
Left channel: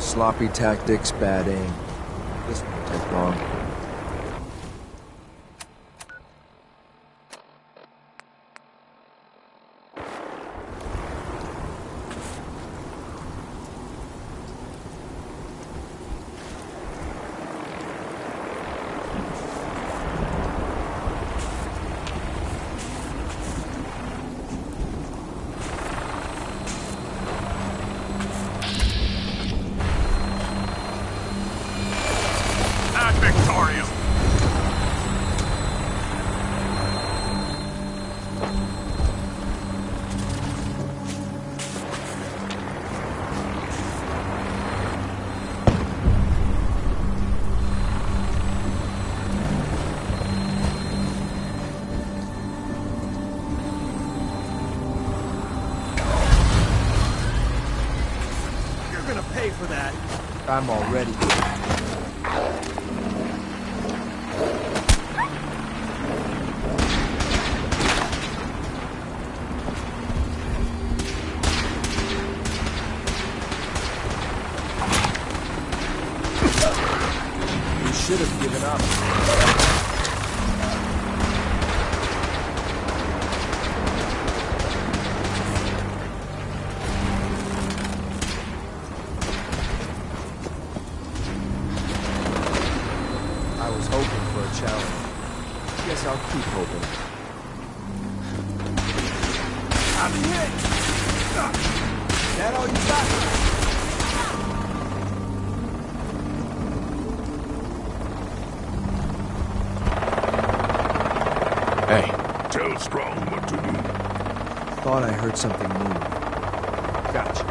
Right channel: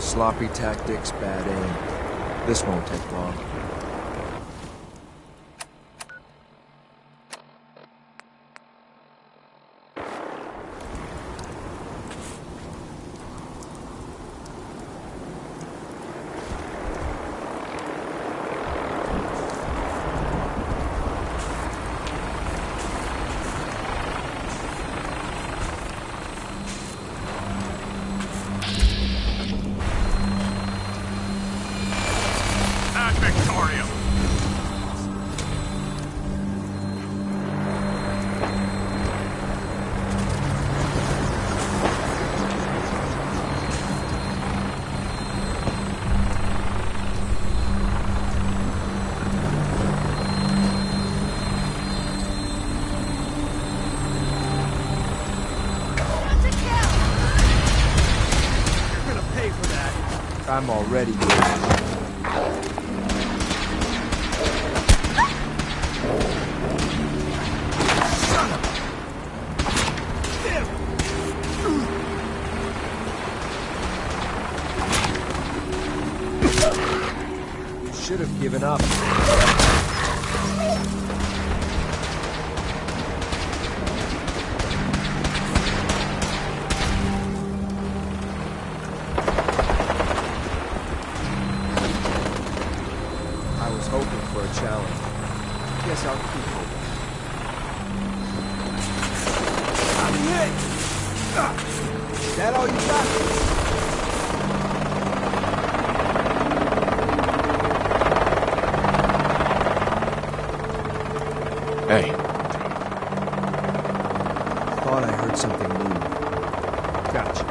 Sloppy tactics, bad aim. This won't take long. I'm already good. You should have given up. Challenge. Guess I'll keep hoping. I'm hit! That all you got? Hey. Tell Strong what to do. Thought I heard something move. Gotcha.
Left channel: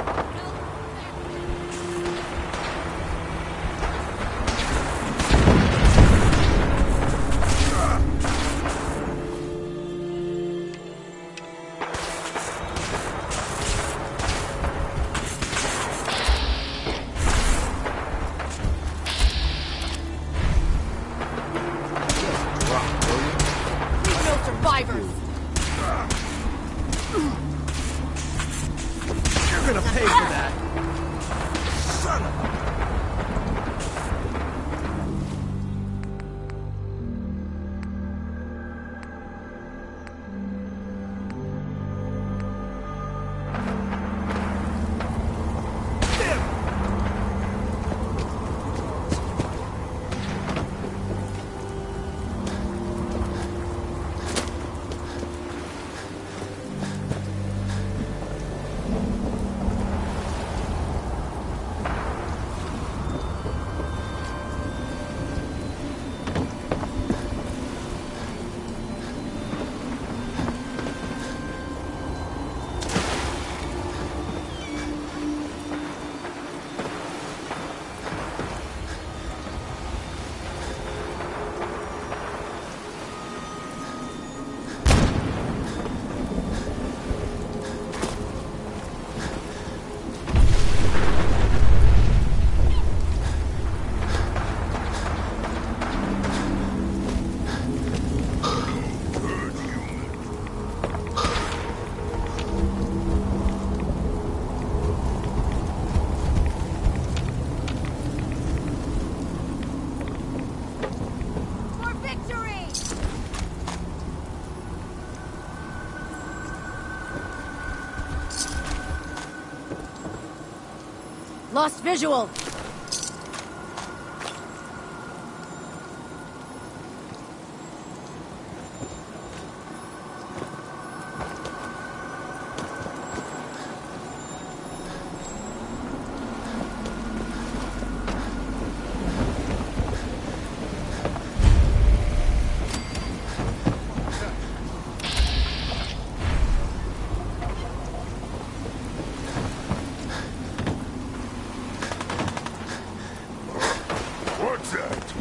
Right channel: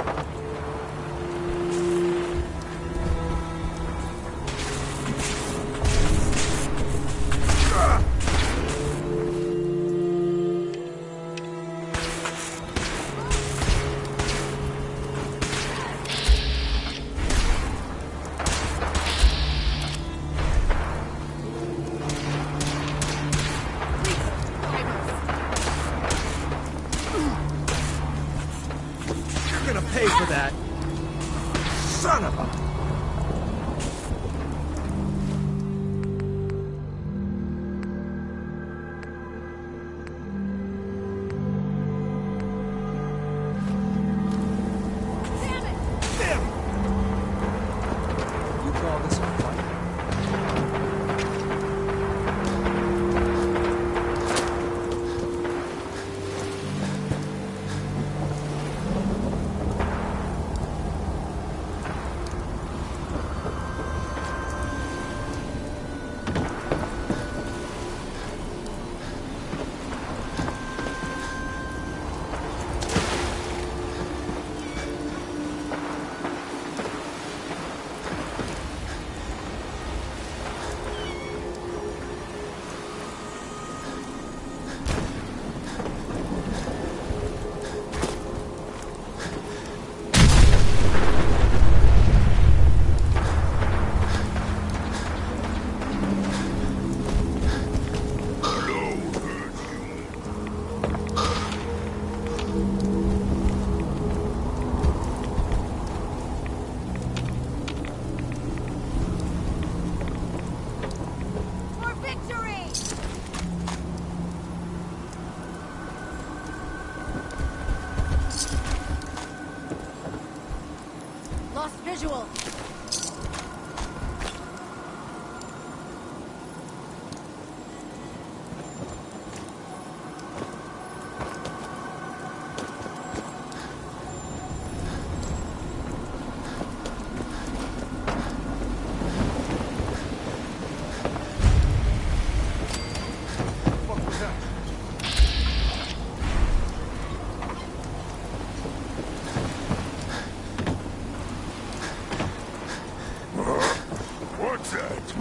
Lost visual. What's that?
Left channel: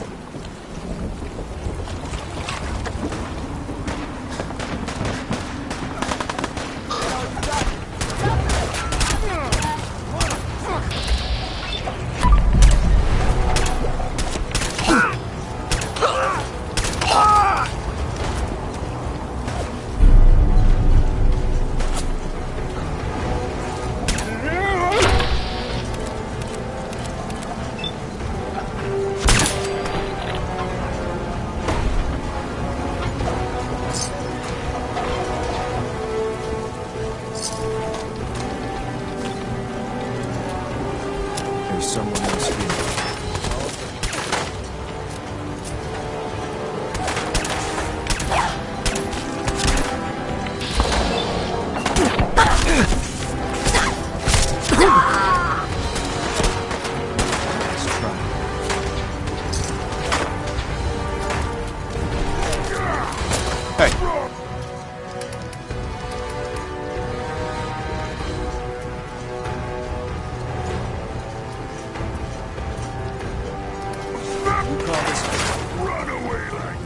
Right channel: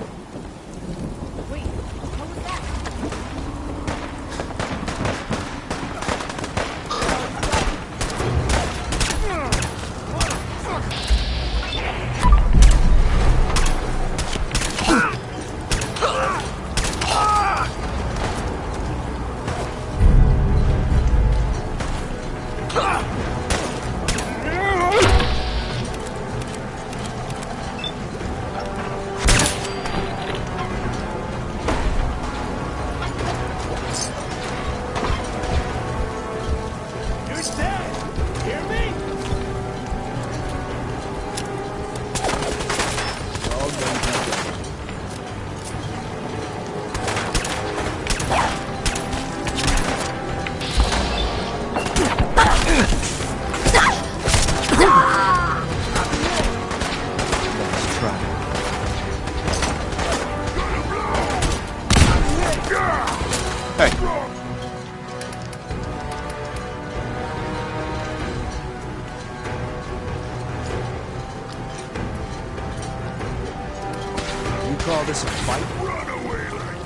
You call this a fight? Run away like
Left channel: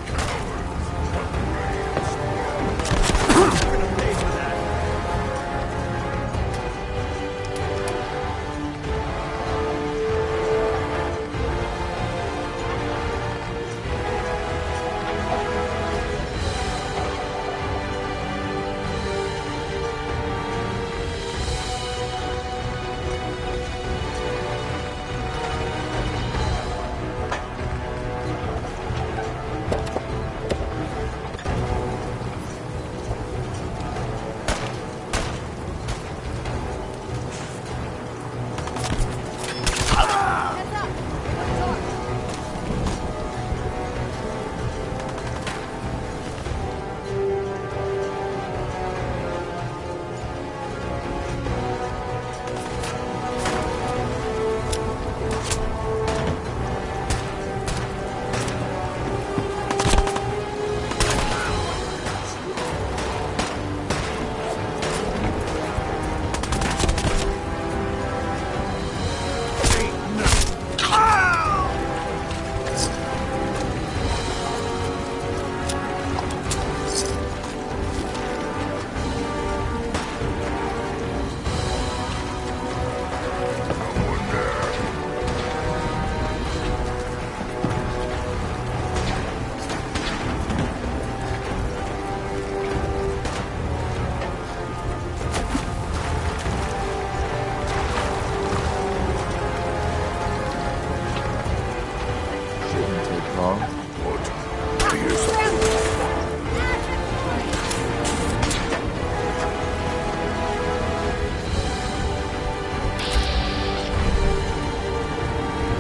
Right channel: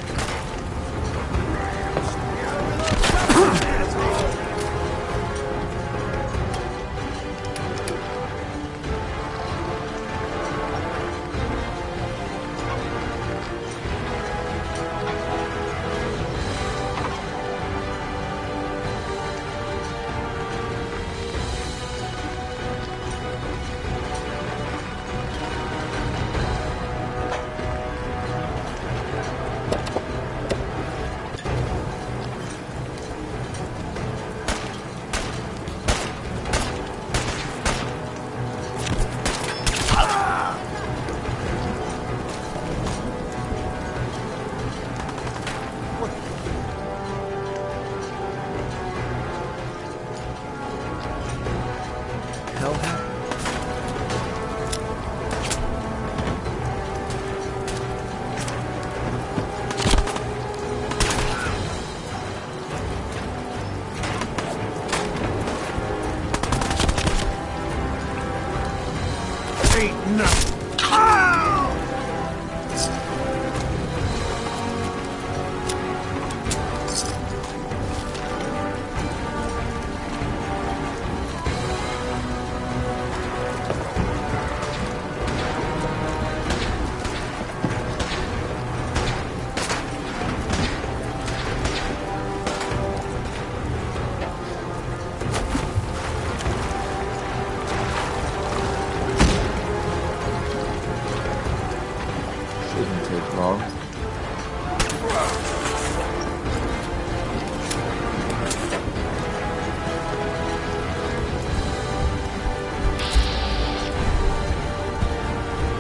Shouldn't take long.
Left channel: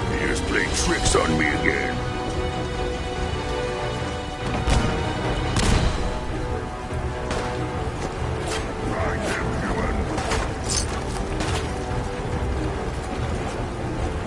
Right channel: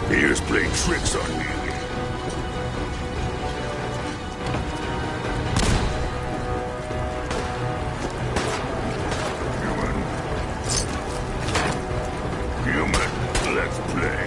he is playing tricks on me again. Human, let's play.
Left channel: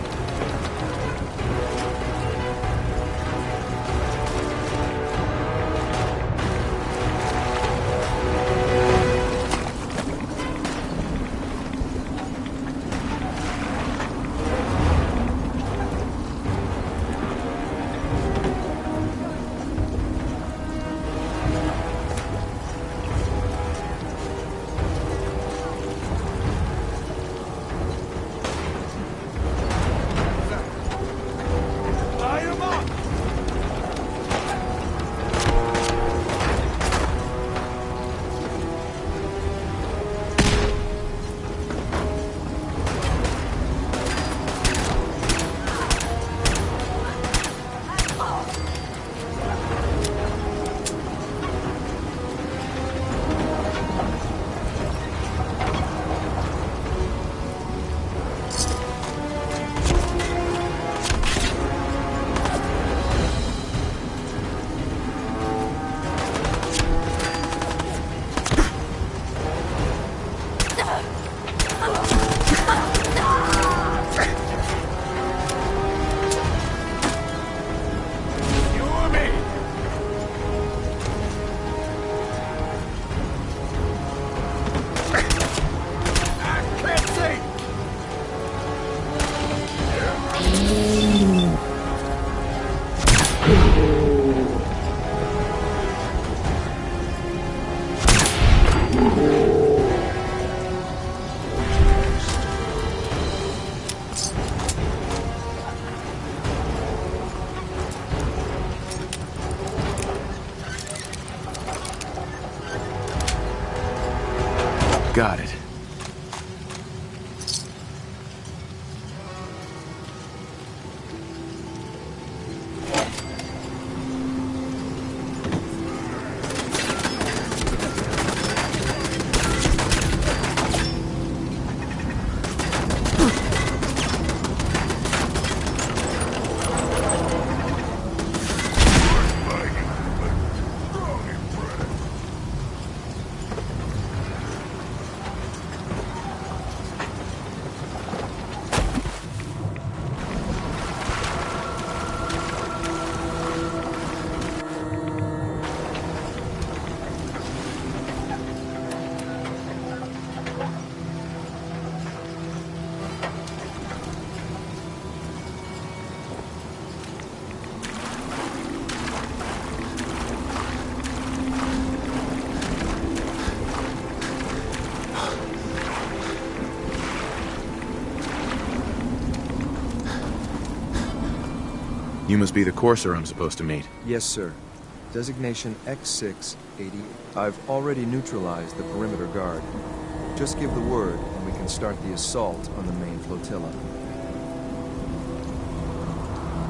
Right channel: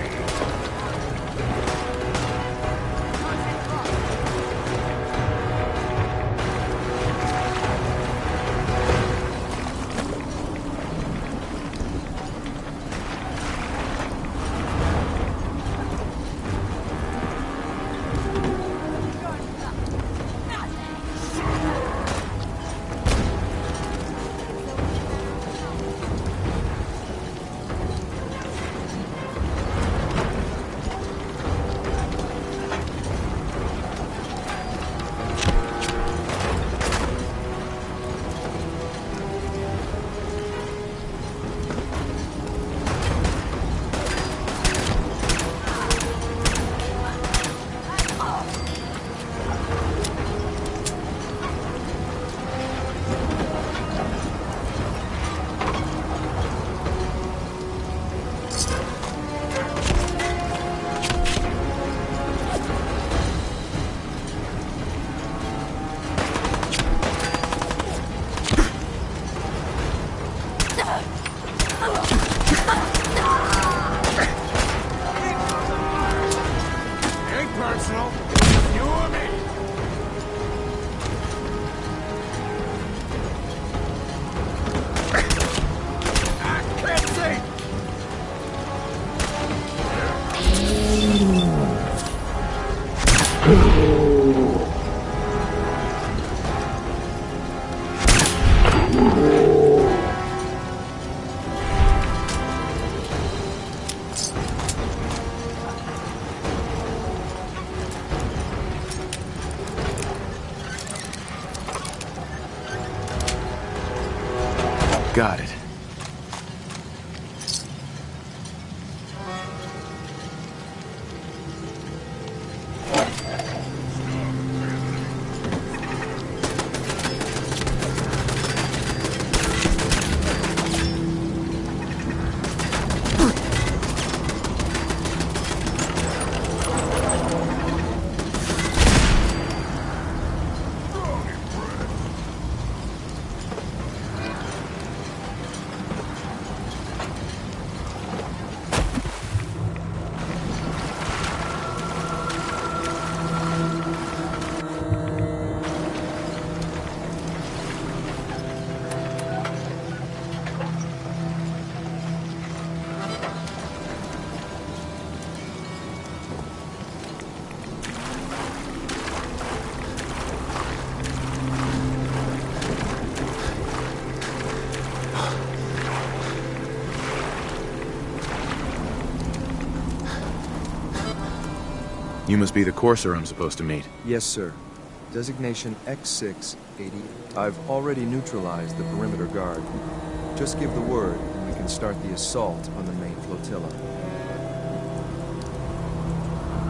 Got it. You must be the courser I'm supposed to meet. Yes, sir. Designation X680. I've already neutralized the perimeter guard. Just give the word, and we can start the assault on the main flotilla.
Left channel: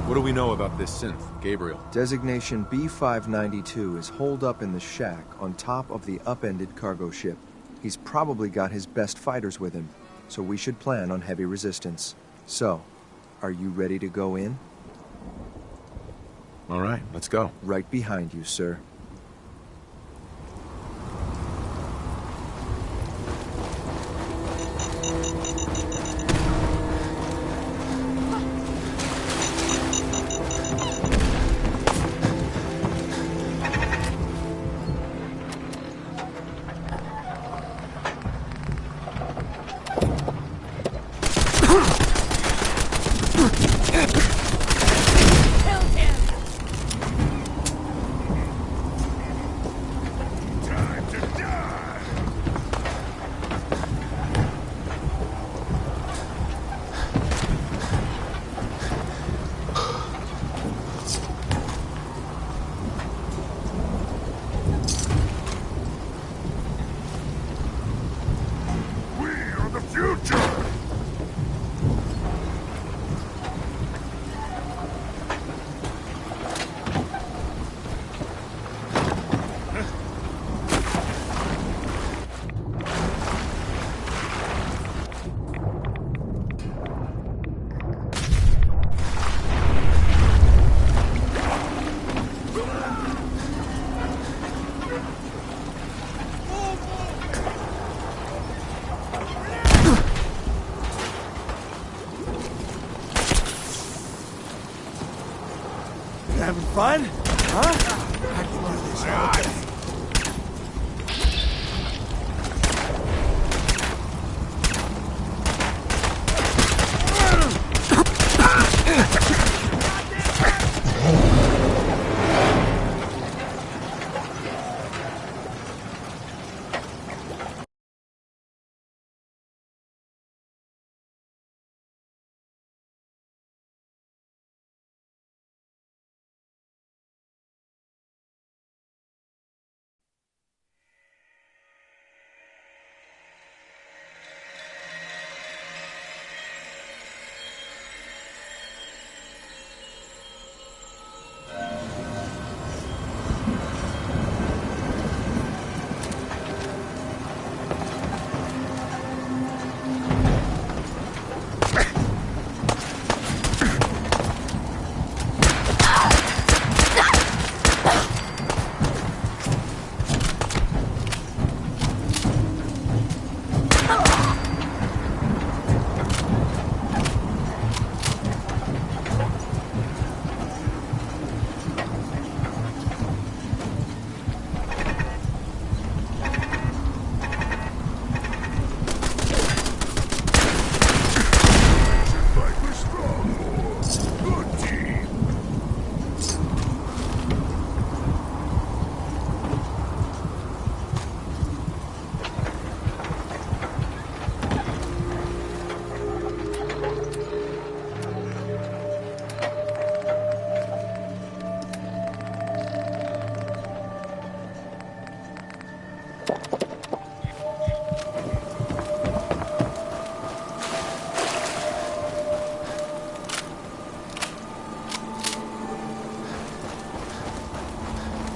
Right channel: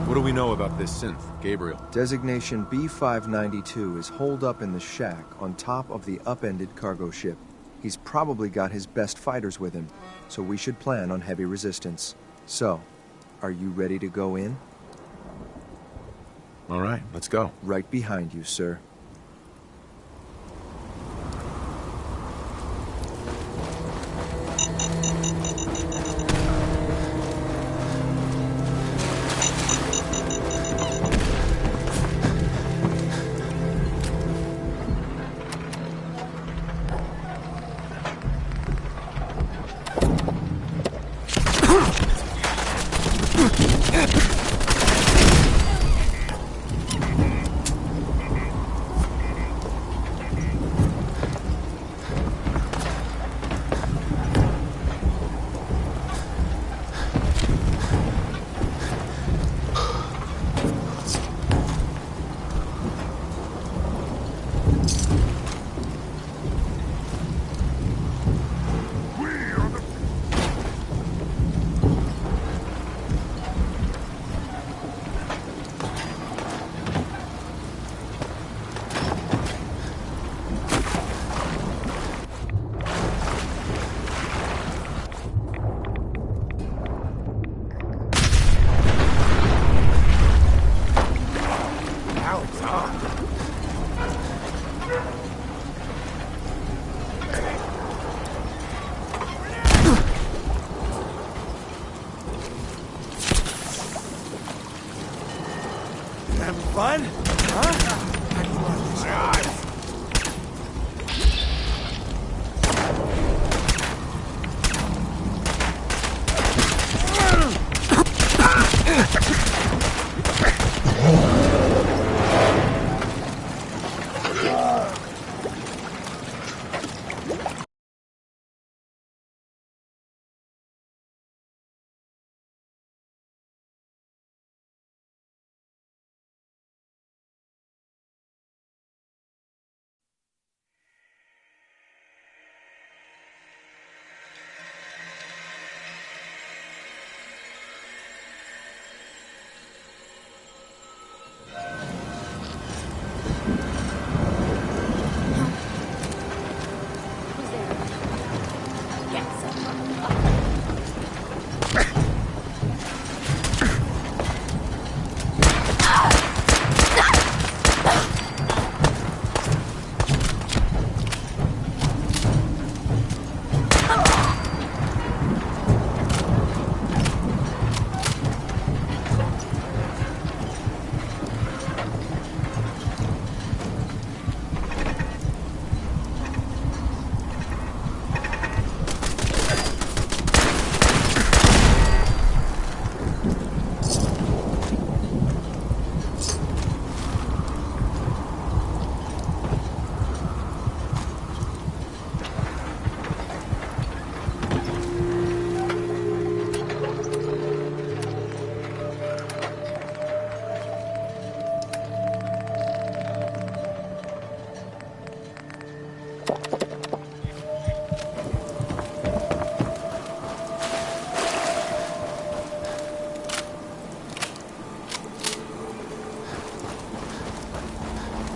What do we know about this synth, Gabriel? Designation B592 is holed up in the shack on top of the upended cargo ship. He's probably got his best fighters with him, so we should plan on heavy resistance. So, are you ready to go in? All right, let's go. Right behind you, sir. Having fun? Huh?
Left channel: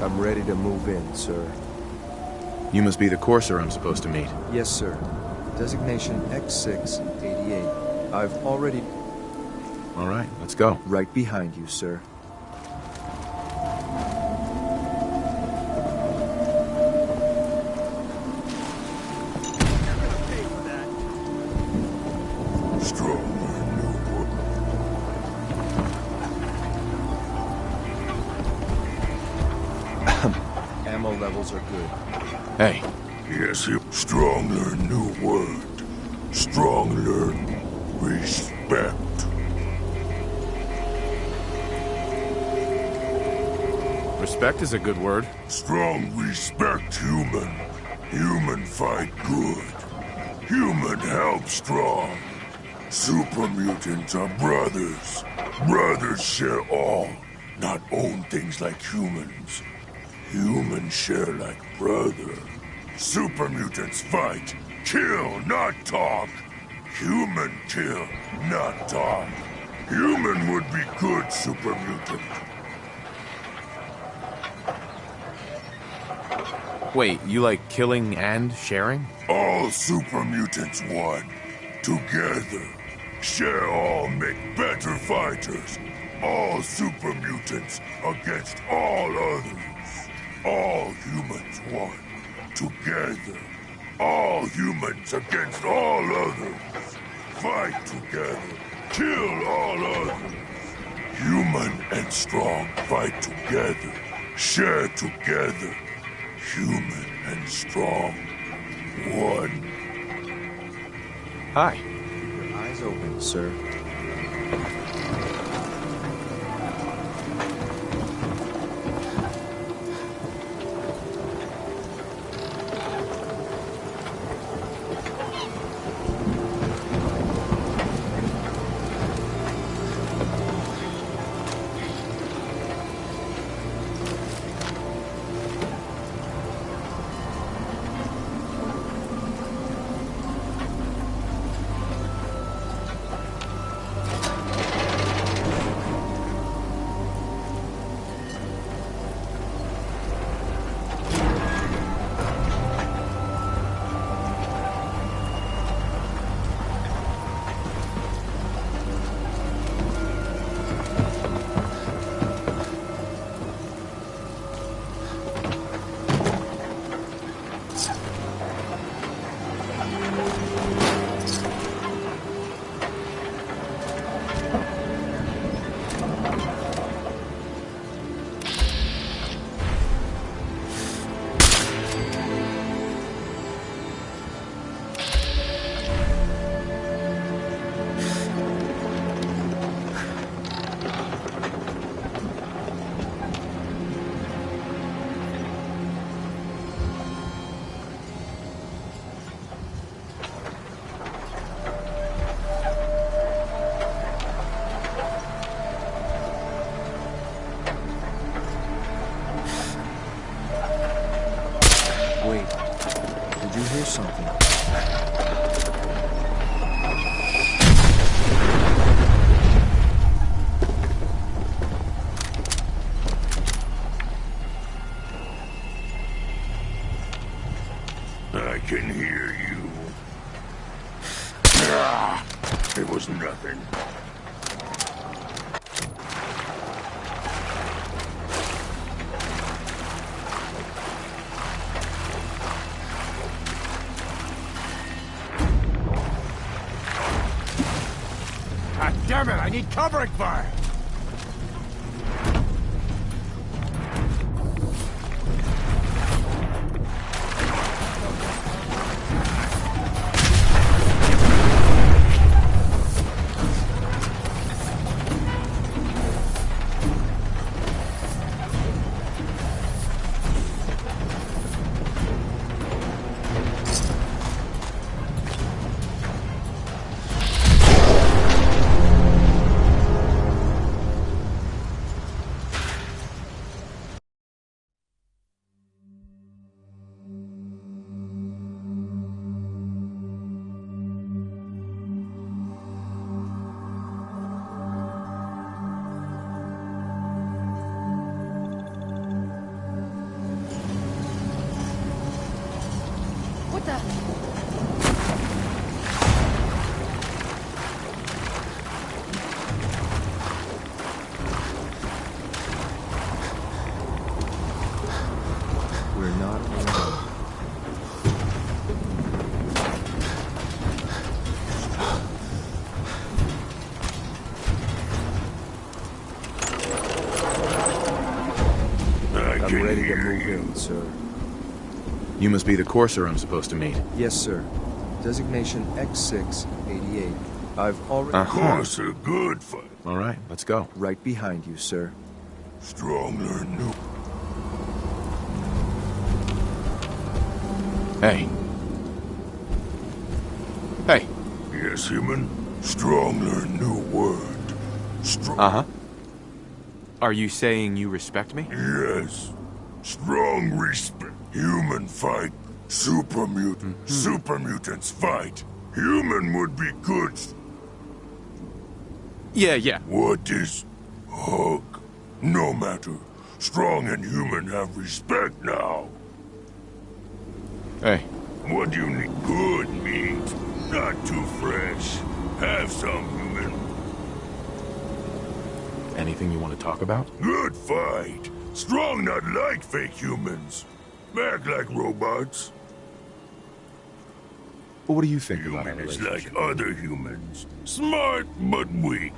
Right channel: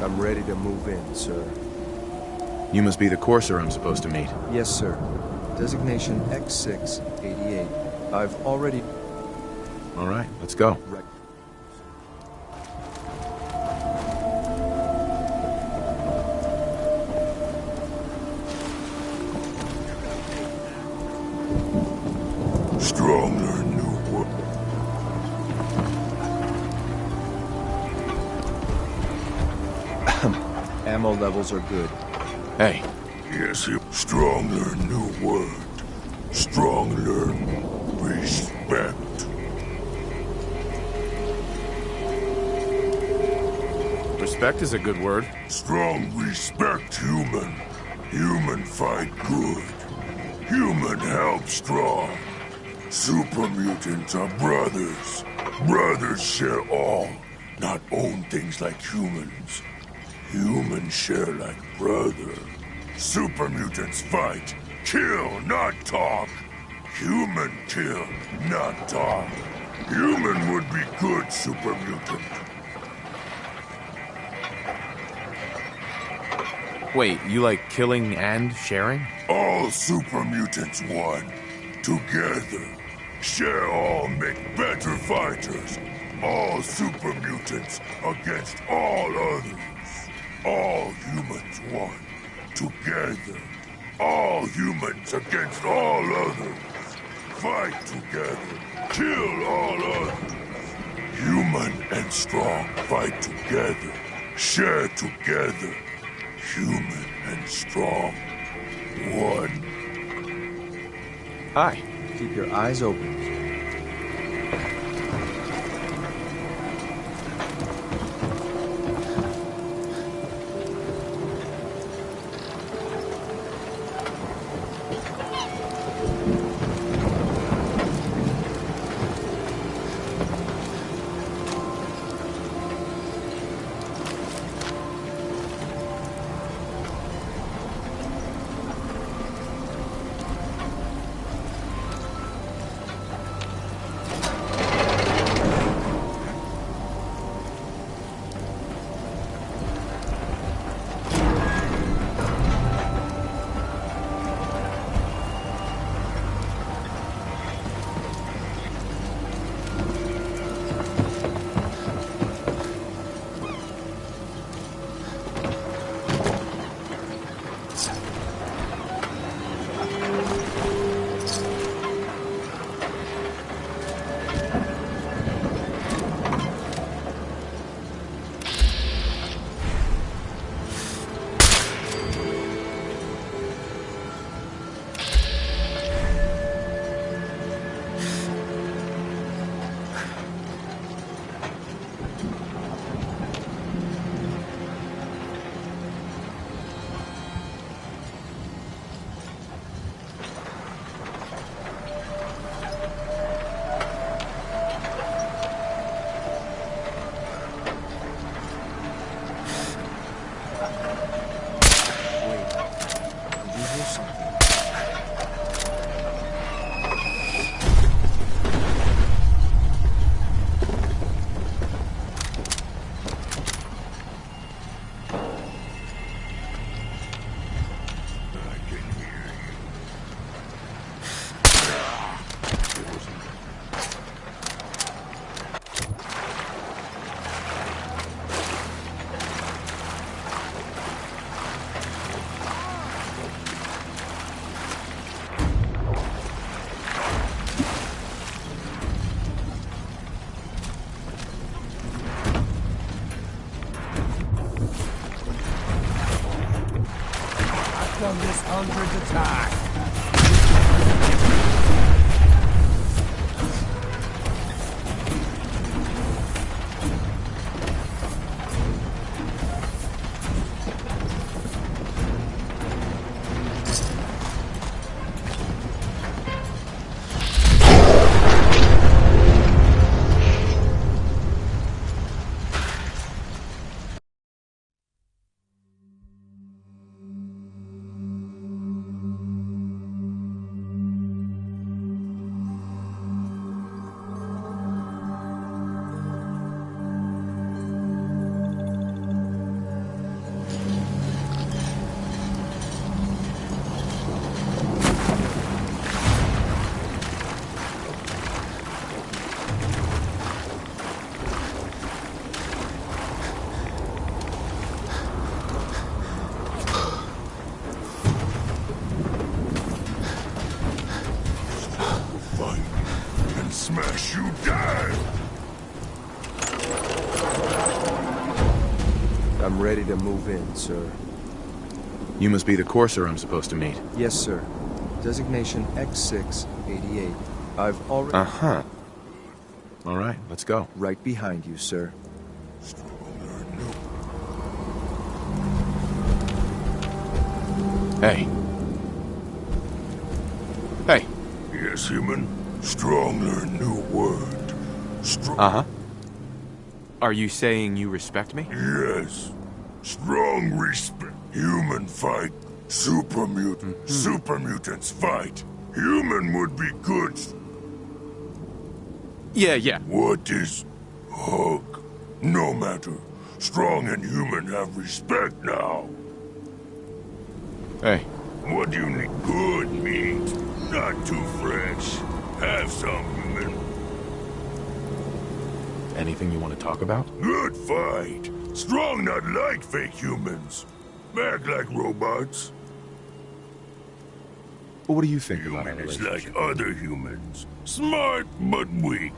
I'm ready to move in, sir. You must be the courser I'm supposed to meet. Yes, sir. Designation X688. I've already... All right, let's go. Right behind you, sir. Stronger new world. Ammo levels are good. Hey. Yes, you. Stronger new word. Stronger respect. Respect is a good word. Strong respect human. Human fight good. Human help strong. Super mutants are brothers. Brothers share all, not own things like humans. Humans share like brother. Super mutants fight. Kill, not talk. Human kill, not talk. Human would be good super mutant. Wait, you like killing and sharing? All super mutants one. Together. Share all make better fighters. All super mutants against all others. All humans one. Together. All humans against all others. Fight together. Kill all others. Human and strong fight together. Share together. Human and strong. One. Hi. Keep your eyes open, sir. Wait, did you hear something? I can hear you. It was nothing. Damn it, I need covering fire! Done this hundreds of times. I'm ready to move in, sir. You must be the courser I'm supposed to meet. Yes, sir. Designation X688. I've already... Courser, good fight. All right, let's go. Right behind you, sir. Strong learn new. Hey. Hey. Yes, human. Strong learn new word. Strong. Uh-huh. Are you saying you respect me? Yes. Strong respect. Human fight. Super mutant. Super mutants fight. Human would be good. Yeah. What is hug? No matter. Strong and human have respect now. Hey. What do you need? Good meat. Not too fresh. Have some, human. Anything you want to talk about? Good fight. Strong not like fake humans. Act like robots. Well, what do you think about our Human is relationship? like other humans. Smart but weak.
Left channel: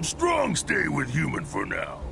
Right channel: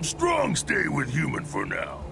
Strong stay with human for now.